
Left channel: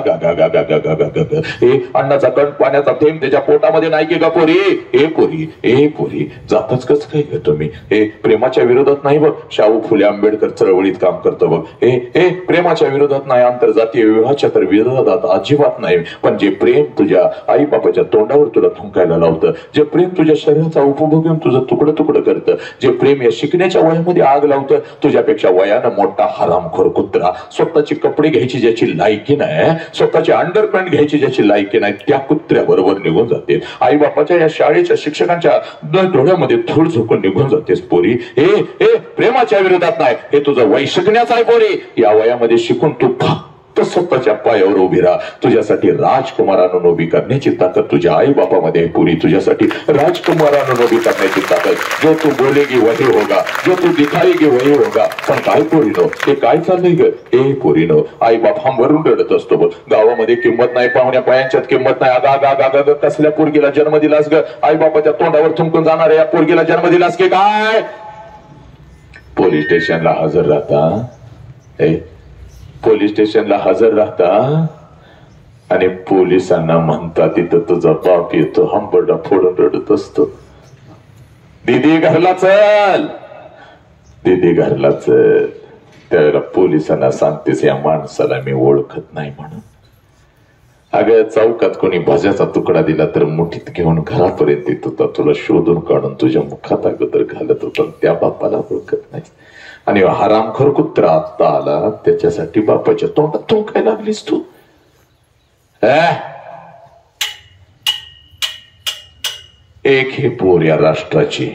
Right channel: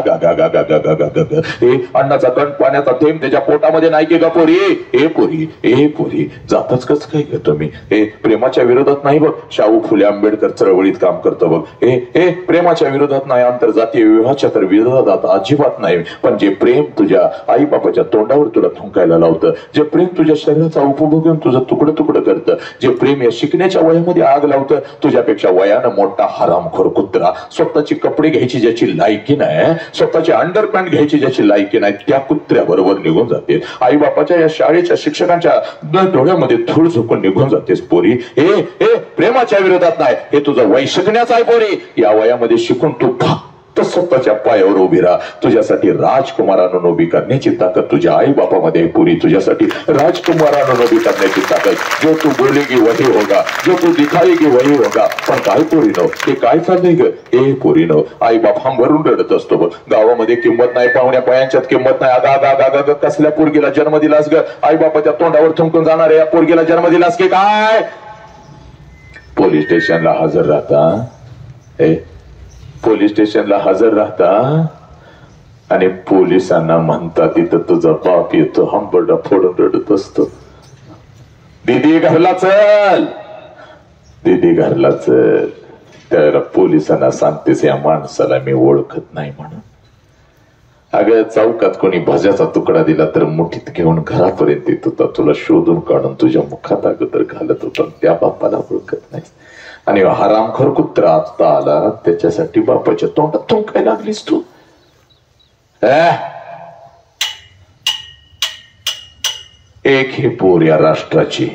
हे अन्नाचा कण पाण्याचा थेंब त्याच्या पोटामध्ये नाही की ग पोरी? ए पोरी, ए पोरी, जातच कसं काय घेतो मी? हे प्रेमाच्या विरोधात नाही बघ. शाहू फुले आंबेडकर चळवळीत काम करतो बघ. हे प्रेमाच्या विरोधात नाही, आंतरजातीय विवाहाच्या तर विरोधात अजिबात नाही. पण जे प्रेम तुझ्या आई बापाच्या तोंडावर तुला थुंकायला लावतं, जे प्रेम तुझ्या शरीराचा उपभोग घेऊन तुझं तुकडं तुकडं करतं, जे प्रेम या शिकण्याच्या वयामध्ये आग लावतं, तुझ्यापेक्षा वयानं मोठा हरामखोर कुत्रा, स्वतःची कपडे घ्यायची ज्याची लायकी नाही, स्वतःची अंडरपॅन्ट घ्यायची ज्याची लायकी नाही, त्या कुत्र्याबरोबर निघून जाते. आई बापाच्या या शाळेच्या शिक्षकांच्या डोळ्यामध्ये धूळ झोकून निघून जातेस पोरी. हे प्रेमाच्या विरोधात नाही, हे तुझं वय शिकण्याचं आहे पोरी. या वयामध्ये शिकून तू फक्त स्वतःच्या पायावर उभी राहा. तुझ्यासाठी राजकुमारांना उभी करण्याची ताकद तुझ्या आई बापामध्ये आहे पोरी. तुझ्यासाठी राजकुमारांना उभी करण्याची ताकद. जो तू बोलेगी वही होगा, जो तू दिखाएगी वही होगा. पण काय पोरीनो, हे काय चाललंय ग? हे पोरीनो, आई बाप हंबरून रडत असतो बघ. गावामध्ये किंमत नाही, पाहुण्या पायांच्यात किंमत नाही. अगा कसल्या पोरगीला जन्म दिलास ग? आई बापाच्या तोंडावर थुंकून जाणाऱ्या या पोरगीला जन्म दिलास की काय? पोलीस स्टेशनला हजर राहता, पोलीस स्टेशनला हजर राहता आणि पोलिसांना म्हणता तिथं तुझा बाप येतो हंबरडा फोडून रडत असतो. दीदी घरला चल, दीदी घरला चल. त्यावेळेला पोलिसांना सांगतेस या माणसाला मी ओळखत नाही म्हणून. अगं चौकात कोणी भाज्याचा तुकडा दिला तर मुठीत घेऊन घरापर्यंत येत होता, तुला शोधून काढून तुझ्या मुखात अगोदर घालत होता. त्या बापाला ओळखत नाही. आणि हरामखोर कुत्रा आत्ता आला, त्याच्यासाठी बापाच्या तोंडात थुंकायला लागलीस तू. एक ही पोर या राष्ट्राची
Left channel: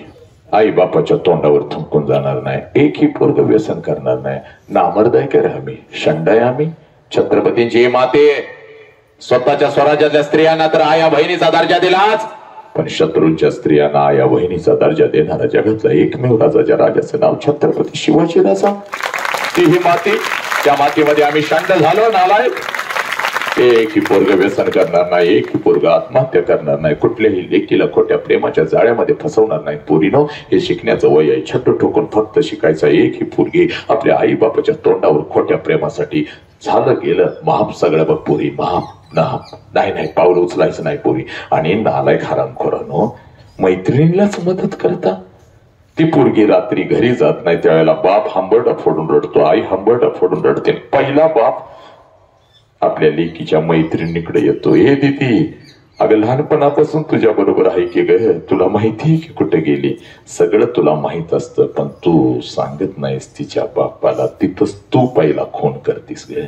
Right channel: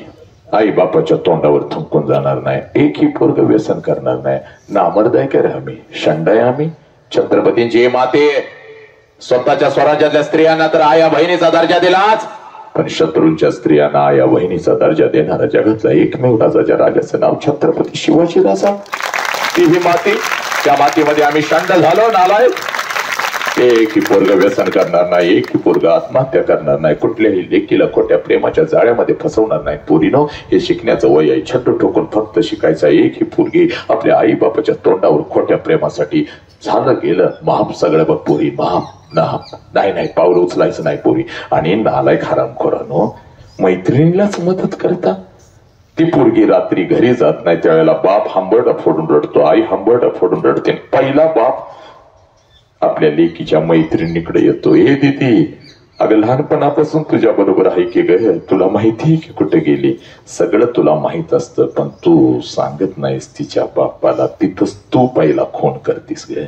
आई बापाच्या तोंडावर थुंकून जाणार नाही. एक ही पोरग व्यसन करणार नाही. नामर्दाय का रे आम्ही? शंडाय आम्ही? छत्रपतींची माते स्वतःच्या स्वराज्यातल्या स्त्रियांना तर आया बहिणीचा दर्जा दिलाच, पण शत्रूंच्या स्त्रियांना आया बहिणीचा दर्जा देणारा जगातला एकमेव राजाच्या राजाचं नाव छत्रपती शिवाजी राजा. ती ही माती, त्या मातीमध्ये आम्ही शंड झालो नालाय. एक ही पोरग व्यसन करणार नाही, एक ही पोरग आत्महत्या करणार नाही, कुठल्याही लेकीला खोट्या प्रेमाच्या जाळ्यामध्ये फसवणार नाही. पोरीनो, हे शिकण्याचं वय आहे. छट्टू ठोकून फक्त शिकायचं. एक ही पोरगी आपल्या आई बापाच्या तोंडावर खोट्या प्रेमासाठी झालं गेलं माफ सगळं बघ पोरी, माफ नाही पाऊल उचलायचं नाही पोरी. आणि नालायक हरामखोरानो, मैत्रिणीलाच मदत करता. ती पोरगी रात्री घरी जात नाही त्यावेळेला बाप हंबरडा फोडून रडतो, आई हंबरडा फोडून रडते. पहिला बाप आपल्या लेकीच्या मैत्रिणीकडे येतो, हे दीदी अगं लहानपणापासून तुझ्या बरोबर आहे की ग, तुला माहिती की कुठे गेली, सगळं तुला माहित असतं पण तू सांगत नाहीस तिच्या बापाला. तिथंच तू पहिला खून करतीस ग,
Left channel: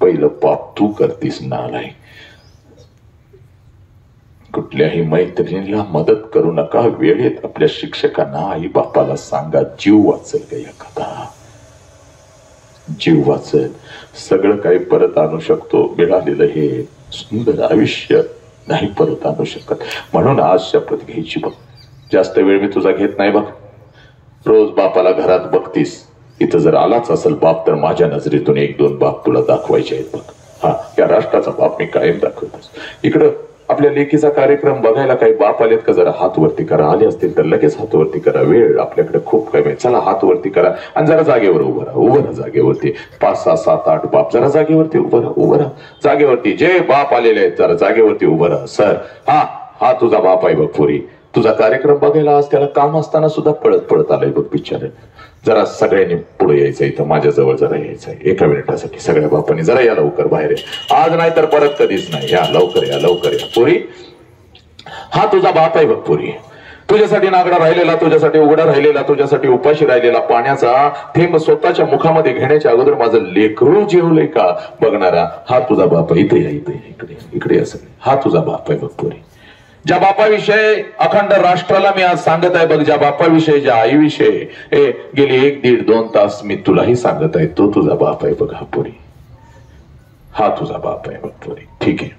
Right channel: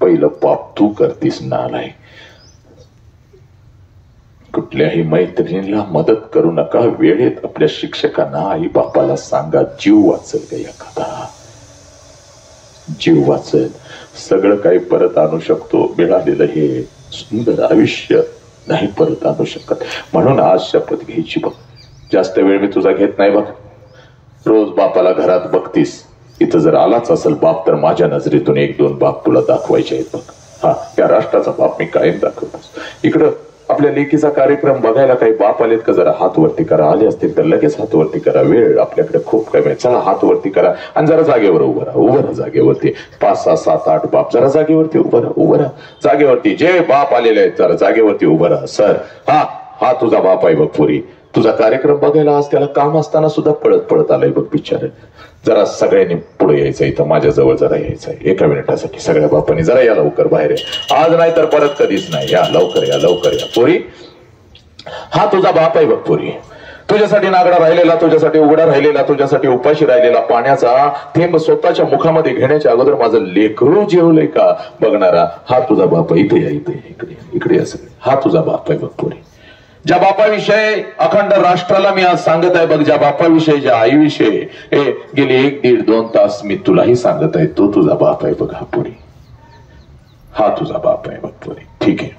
पहिलं पाप तू करतीस नालाय. कुठल्याही मैत्रिणीला मदत करू नका, वेळेत आपल्या शिक्षकांना आई बापाला सांगा, जीव वाचल का एखादा, जीव वाचल. सगळं काही परत आणू शकतो, मिळालेलं हे सुंदर आयुष्य नाही परत आणू शकत. म्हणून आज शपथ घ्यायची बघ, जास्त वेळ मी तुझा घेत नाही बघ. रोज बापाला घरात बघतीस, इथं जर आलाच असेल बाप तर माझ्या नजरेतून 1-2 बाप तुला दाखवायचे आहेत बघ. हा, या राष्ट्राचा बाप मी कायम दाखवतोस. इकडं आपल्या लेकीचा कार्यक्रम बघायला काही बाप आलेत का? जरा हात वरती करा, आले असतील तर लगेच हात वरती करा, वेळ आपल्याकडे खूप कमी आहे. चला हात वरती करा आणि जरा जागेवर उभं राहा जागेवरती. 5, 6, 7, 8 बाप जरा जागेवरती उभं राहा जागेवरती. जे बाप आलेले आहेत जरा जागेवरती उभं राहा. सर हा तुझा बाप आहे बघ पोरी, तुझा कार्यक्रम बघायला आज त्याला काम असताना सुद्धा पळत आलाय बघ बिचारे. जरा सगळ्यांनी पुढे यायचं, इथं माझ्याजवळ जरा यायचंय 1 मिनिटासाठी. सगळ्या बापांनी जरा या लवकर बाहेर, आज नाही तर परत कधीच नाही. या लवकर या पोरी. हा तुझा बाप आहे बघ पोरी, तुझ्यासाठी नागडा राहिलेला, तुझ्यासाठी उघडा राहिलेला, तुझ्यासाठी उपाशी राहिलेला, पाण्याचा थेंब स्वतःच्या मुखामध्ये घेण्याच्या अगोदर माझं लेकरू जेवलंय का बघणारा हा तुझा बाप आहे. इकडे असेल, हा तुझा बाप आहे बघ पोरी. ज्या बापाविषयी अखंड राष्ट्राला मी आज सांगत आहे बघ, ज्या बापाविषयी, ज्या आईविषयी गेले 1, 1.5, 2 तास मी तुलाही सांगत आहे, तो तुझा बाप आहे बघ हा पोरी. हा तुझा बाप आहे बघ पोरी. ठीक आहे,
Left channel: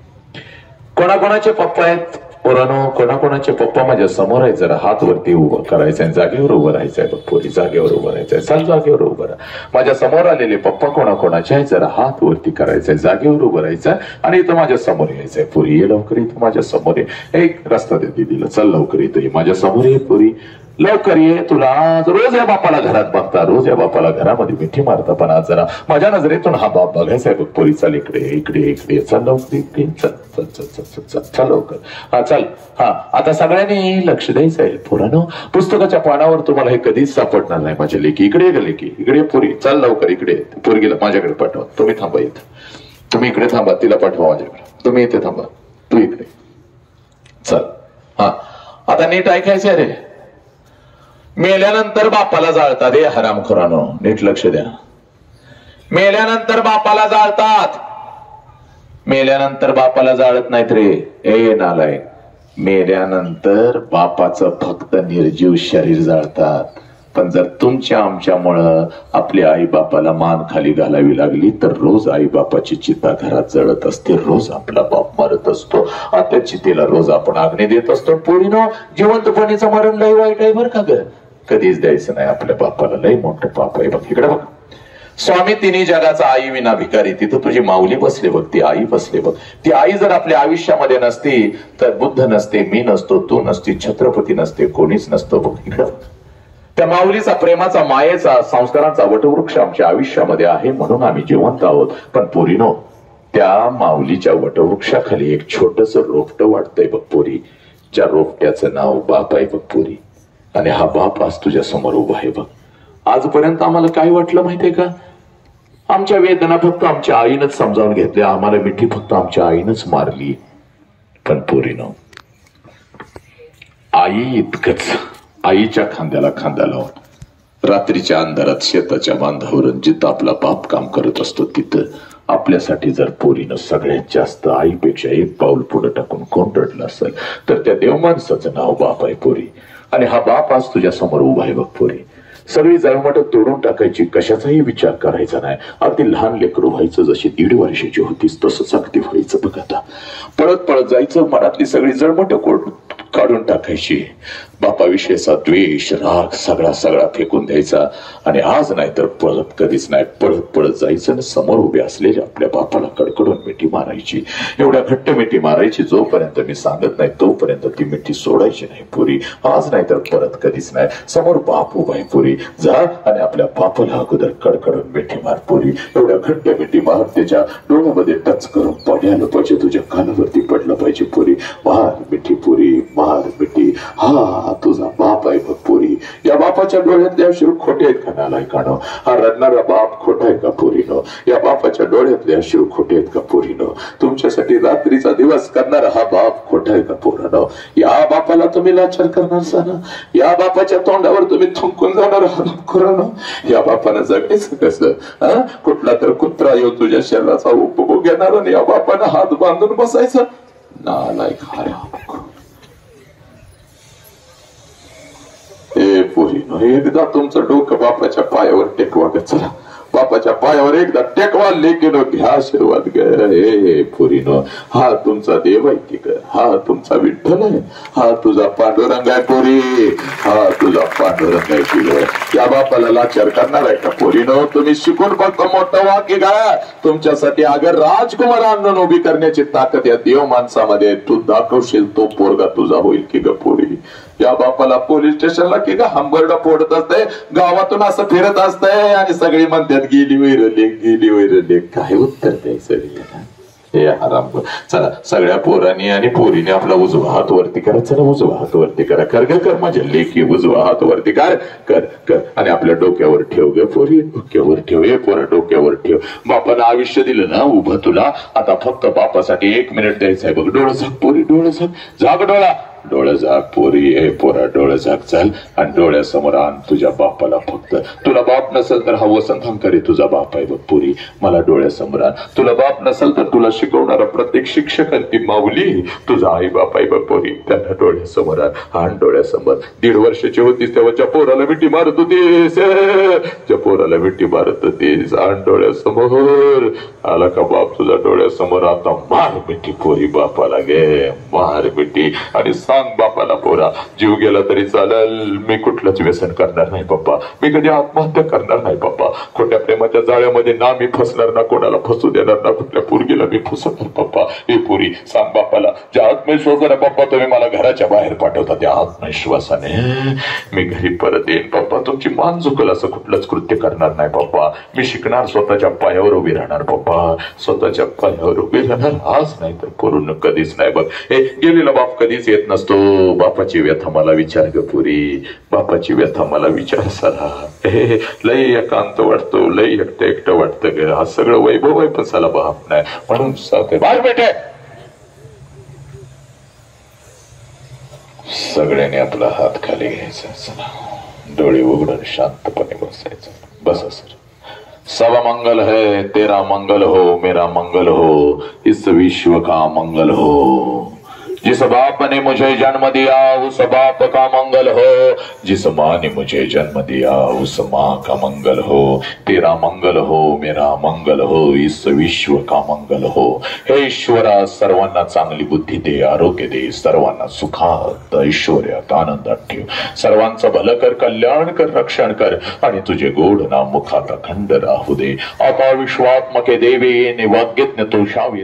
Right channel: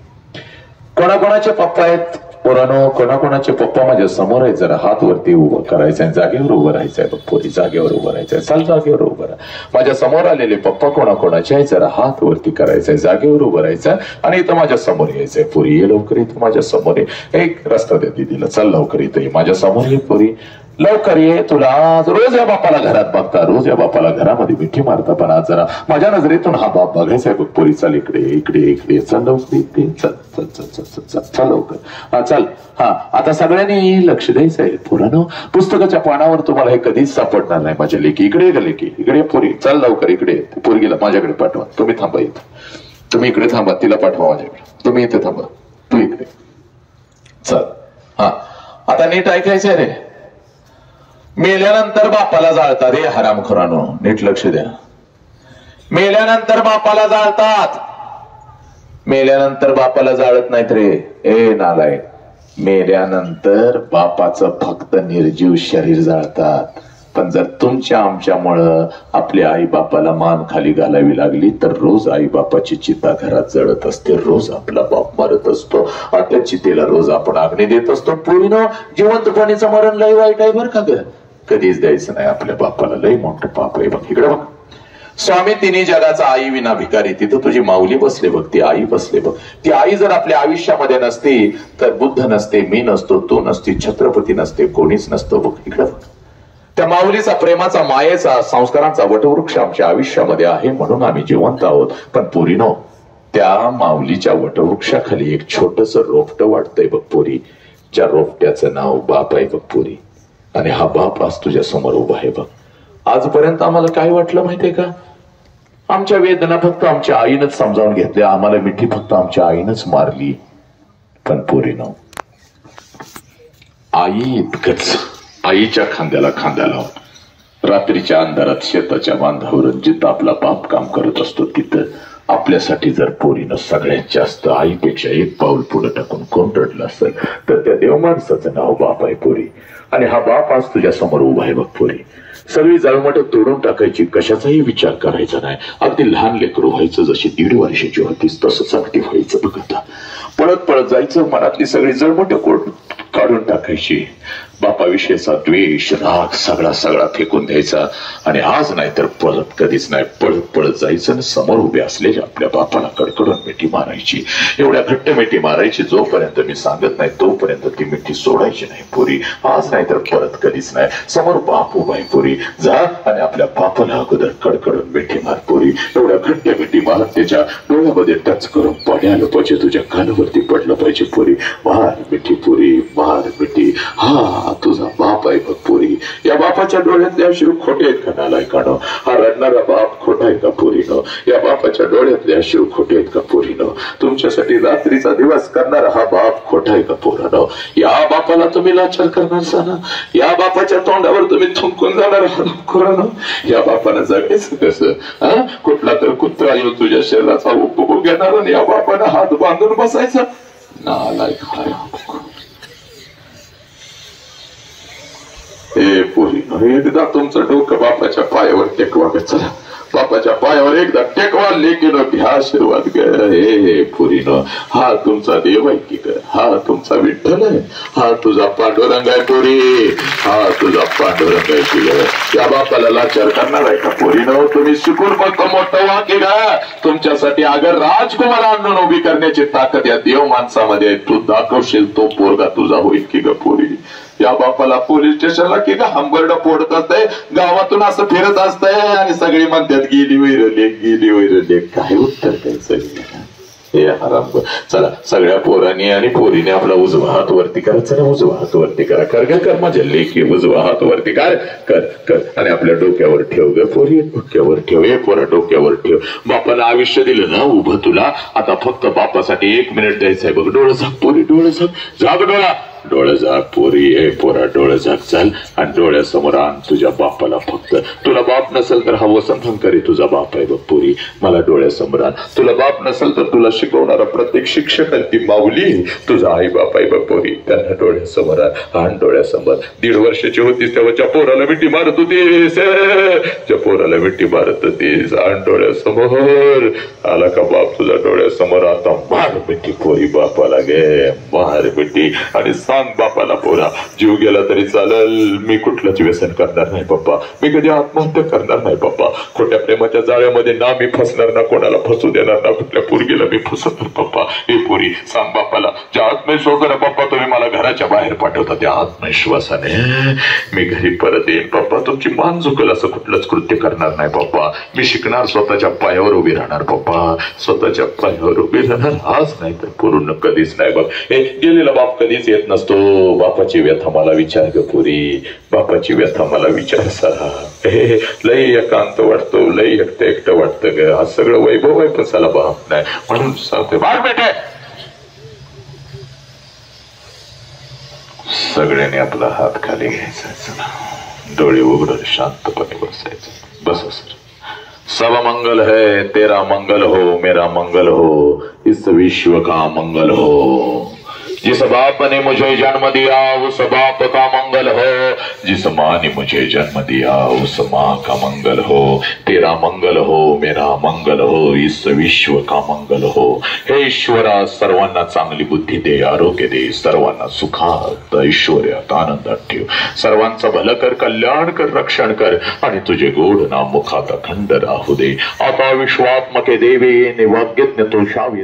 कोणाकोणाचे पप्पा आहेत पोरानो, कोणाकोणाचे पप्पा माझ्या समोर आहेत, जरा हात वरती उभं करायचंय, जागेवर उभं राहायचंय बघ पोरी, जागेवर उभं राहायचंय. चल जागेवर उभं राहा. माझ्या समोर आलेले पप्पा कोणाकोणाचे आहेत जरा हात वरती करायचंय, जागेवर उभं राहायचंय आणि इथं माझ्या समोर यायचंय. पोरी ये लवकर, इथं माझ्या समोर ये. एक रस्ता दे दीदीला, चल लवकर इथं ये, माझ्या समोर ये पोरी, लवकर ये. तुला रोज या बापाला घरात बघता, रोज या बापाला घरामध्ये मिठी मारता, पण आज जरा माझ्या नजरेतून हा बाप बघायचा आहे बघ पोरी. चल इकडे चल लवकर, इकडे चल लवकर. हा चल. हा आता सगळ्यांनी लक्ष द्यायचं आहे पोरांनो. पुस्तकाच्या पानावर तुम्हाला हे कधीच सापडणार नाही माझ्या लेकी. इकडे पोरी, चल लवकर इकडे. पोरगीला माझ्याकडे पाठवा, तुम्ही थांबा इथं, तुम्ही इकडे थांबा, तिला पाठवा माझ्याकडे, तुम्ही इथे थांबा, तू इकडे चल. हा आता नीट ऐकायचंय रे. मेल्यानंतर बापाला जाळतात हे हरामखोरानो, नीट लक्ष द्या. मेल्यानंतर बापाला जाळतात, मेल्यानंतर बापाला जाळत नाहीत रे. ए नालायक, मेल्यानंतर बापाचं फक्त निर्जीव शरीर जाळतात. पण जर तुमच्या आमच्यामुळं आपल्या आई बापाला मान खाली घालावी लागली तर रोज आई बापाची चिता घरात जळत असते, रोज आपला बाप मरत असतो, त्या चितेला रोज आपण आग्ने देत असतो. पोरीनो, जिवंतपणीचं मरण लय वाईट आहे बरं का ग, कधीच द्यायचं नाही आपल्या बापाला, लय मोठं पाप आहे बघ. इकडे बघ, स्वामी तिन्ही जगाचा आई विना भिकारी, तिथं तुझी माऊली बसले बघ, ती आई बसले बघ. ती आई जर आपल्या आयुष्यामध्ये नसती तर बुद्ध नसते, मी नसतो, तू नसती, छत्रपती नसते, कोणीच नसतो बघ. इकडे बघ, त्या माऊलीचा, प्रेमाचा, मायेचा, संस्कारांचा वटवृक्ष आमच्या आयुष्यामध्ये आहे म्हणून आम्ही जिवंत आहोत. पण पोरीनो, त्या माऊलीच्या वटवृक्षाखाली एक छोटस रोपट वाटतंय बघ पोरी, ज्या रोपट्याचं नाव बाप आहे बघ पोरी. आणि हा बाप आज तुझ्या समोर उभा आहे बघ. आजपर्यंत आम्हाला काय वाटलं माहितीये का, आमच्या वेदना फक्त आमच्या आईनच समजावून घेतल्या, आम्हाला मिठी फक्त आमच्या आईनच मारली. पण पोरीनो, आई इतकंच, आईच्या खांद्याला खांद्या लावून रात्रीच्या अंधारात शेताच्या बांधावर जिथं आपला बाप काम करत असतो तिथं आपल्यासाठी जर पोरीनं सगळ्यात जास्त आईपेक्षा 1 पाऊल पुढे टाकून कोण रडलं असेल तर त्या देवमाणसाचं नाव बाप आहे पोरी. आणि हा बाप आज तुझ्या समोर उभा आहे बघ पोरी. सगळी जळमट तोडून टाकायची, कशाचाही विचार करायचा नाही. अगदी लहान लेकरू व्हायचं, जशी 1.5 वर्षाची होतीस तसंच अगदी व्हायचं बघ. आता पळत जायचं, मनातली सगळी जळमट काढून टाकायची. बापाविषयीचा द्वेष, राग सगळा फेकून द्यायचा. आणि आज नाही तर परत कधीच नाही, पळत जायचं आणि समोर उभे असलेल्या आपल्या बापाला कडकडून मिठी मारायची. एवढ्या घट्ट मिठी मारायची जोपर्यंत मी सांगत नाही तोपर्यंत ती मिठी सोडायची नाही पोरी. आज नाही तर परत कधीच नाही. समोर बाप उभा आहे पोरी, जा आणि आपल्या बापाला अगोदर कडकडून मिठी मार पोरी. एवढ्या घट्ट मिठी मार, त्याच्या डोळ्यामध्ये टच करून पडायला पाहिजे, तुझ्या कानावरती पडलं पाहिजे पोरी. मार मिठी पोरी, मार मिठी. हा हा तुझा बाप आहे बघ पोरी. या बापाच्या डोळ्यातले अश्रू खोटे आहेत का नालायकानं? हा रडणारा बाप खोटा आहे का पोरीनं? या बापाच्या डोळ्यातले अश्रू खोटे आहेत का पोरीनं? तुमच्यासाठी रात्रीचा दिवस करणारा हा बाप खोटा आहे का पोरानं? या बापाला तुम्ही लाचार करणार ना? या बापाच्या तोंडावर तुम्ही थुंकून जाणार आहात? या बापानं जगायचं कसं? कुठला तर कुत्रा येऊ तुझ्या शरीराचा उपभोग घेणार आणि या बापानं हात बांधून बसायचं? नालायक हाय. हे पोरी एकदा तुमचं डोकं बापाच्या पायावर टेकवा ग. चला बापाच्या पायावर एकदा टेकवा. लेकीनं घ्या आशीर्वाद ग. हे पोरीनं हा तुमचा देव आहे की ग? हा तुमचा विठ्ठल आहे? हा तुझा पांडुरंग आहे पोरी? हा तुझा पांडुरंग आहे की ग? या बापाला लाचार करणार आहे का पोरीनं? तुम्ही शिकून फक्त मोठं व्हा की ग? तुमच्यासाठी अगर राजकुमार आणून उभी करण्याची ताकद या देव माणसामध्ये तू दाखवशील तो पोरगा तुझा होईल की ग पोरी? या बापाला पोलीस स्टेशनला की ग हंबरडा फोडत असते, गावातून असं फिरत असतंय आणि सगळी म्हणतात गेली वैरले. काय उत्तर द्यायचं? हे हराम. चला सगळ्या पोरांनी आणि पोरीने आपला उजवा हात वरती करा. चला उजवा हात वरती करा. कर माझ्या लेकी उजवा हात वरती कर आणि आपल्या डोक्यावर ठेव ग पोरी. डोक्यावर ठेव. हे पोरा डोक्यावर ठेव. बापाला आयुष्य दिलं ना उभं तुला. आता फक्त बापासाठी 1 मिनिट द्यायचंय बघ. डोळं झाक पोरी, डोळं झाक. झाक डोळा. डोळे झाक पोरी. हे पोरा डोळे झाक. चल आणि डोळ्यासमोर आण तुझ्या बापाला. फक्त तुला बाप नसेल तर हा वसंत हंकारी तुझा बाप आहे बघ पोरी. मला डोळ्यासमोर आण. तुला बाप नसेल तर तुला शिकवणारा प्रत्येक शिक्षक ती माऊली तुझा आई बाप आहे बघ पोरी. त्यांना डोळ्यासमोर आण. डोळ्यासमोर 1.5 वर्षाची होतीस तेव्हा ज्या पोराला मिठी मारत होतीस, ज्या पोराला मिठी मारत होतीस, आण डोळ्यासमोर. आला का बाप तुझा डोळ्यासमोर? आता मार मिठी पोरी बापाला गे. मार मिठी आणि सांग बापाला पोरा जीव गेला तरी चालेल, मी कुठलंच व्यसन करणार नाही पप्पा. मी कधी आत्महत्या करणार नाही पप्पा. खोट्या प्रेमाच्या जाळ्यामध्ये ना मी फसणार, ना कोणाला फसू देणार, ना कुठल्या पोरगीला मी फसवणार पप्पा. हे पोरी सांग बापाला. ज्या आत्मविश्वासाने पप्पा तुम्ही मला घराच्या बाहेर पाठवता त्या आत्मविश्वासाने मी घरी परत येईन पप्पा. तुमची मान झुकल असं कुठलंच कृत्य करणार नाही पप्पा. मी शिकणार, स्वतःच्या पायावर उभी राहणार पप्पा. स्वतःच्या पायावर उभी राहणार. आज नाही तर पूर्ण कधीच नाही बघ. हे गेलेला बाप कधीच येत नसतो. बापाची व्यथा मला विचार ग पुरी. बापाची व्यथा मला विचार सारा. लय एकांत वाटतो, लय एकटं वाटतं ग. हा सगळं वैभव आहे पण साला बाप नाही म्हणून सांगते बाळ बेटे. सगळ्यांनी आपला हात खाली घ्यायचा. डोळे उघडून शांतपणे बसायचं. बसा सर. सब मंगल है तेरा मंगल हो, मेरा मंगल हो, इस विश्व का मंगल हो. जिस बाप ने मुझे जन्म दिया उस बाप का मंगल हो. जिस माँ ने मुझे जन्म दिया उस माँ का मंगल हो. तेरा मंगल हो, मेरा मंगल हो, इस विश्व का मंगल हो. हे ईश्वरा सर्वांना चांगली बुद्धी दे, आरोग्य दे. सर्वांना सुखात ऐश्वर्यात आनंदात ठेव. सर्वांचं भलं कर, कल्याण कर, रक्षण कर आणि तुझे गोड नाम मुखात अखंड राहू दे. आता विश्वात्मके देवे निवाग्यज्ञ तो शावे.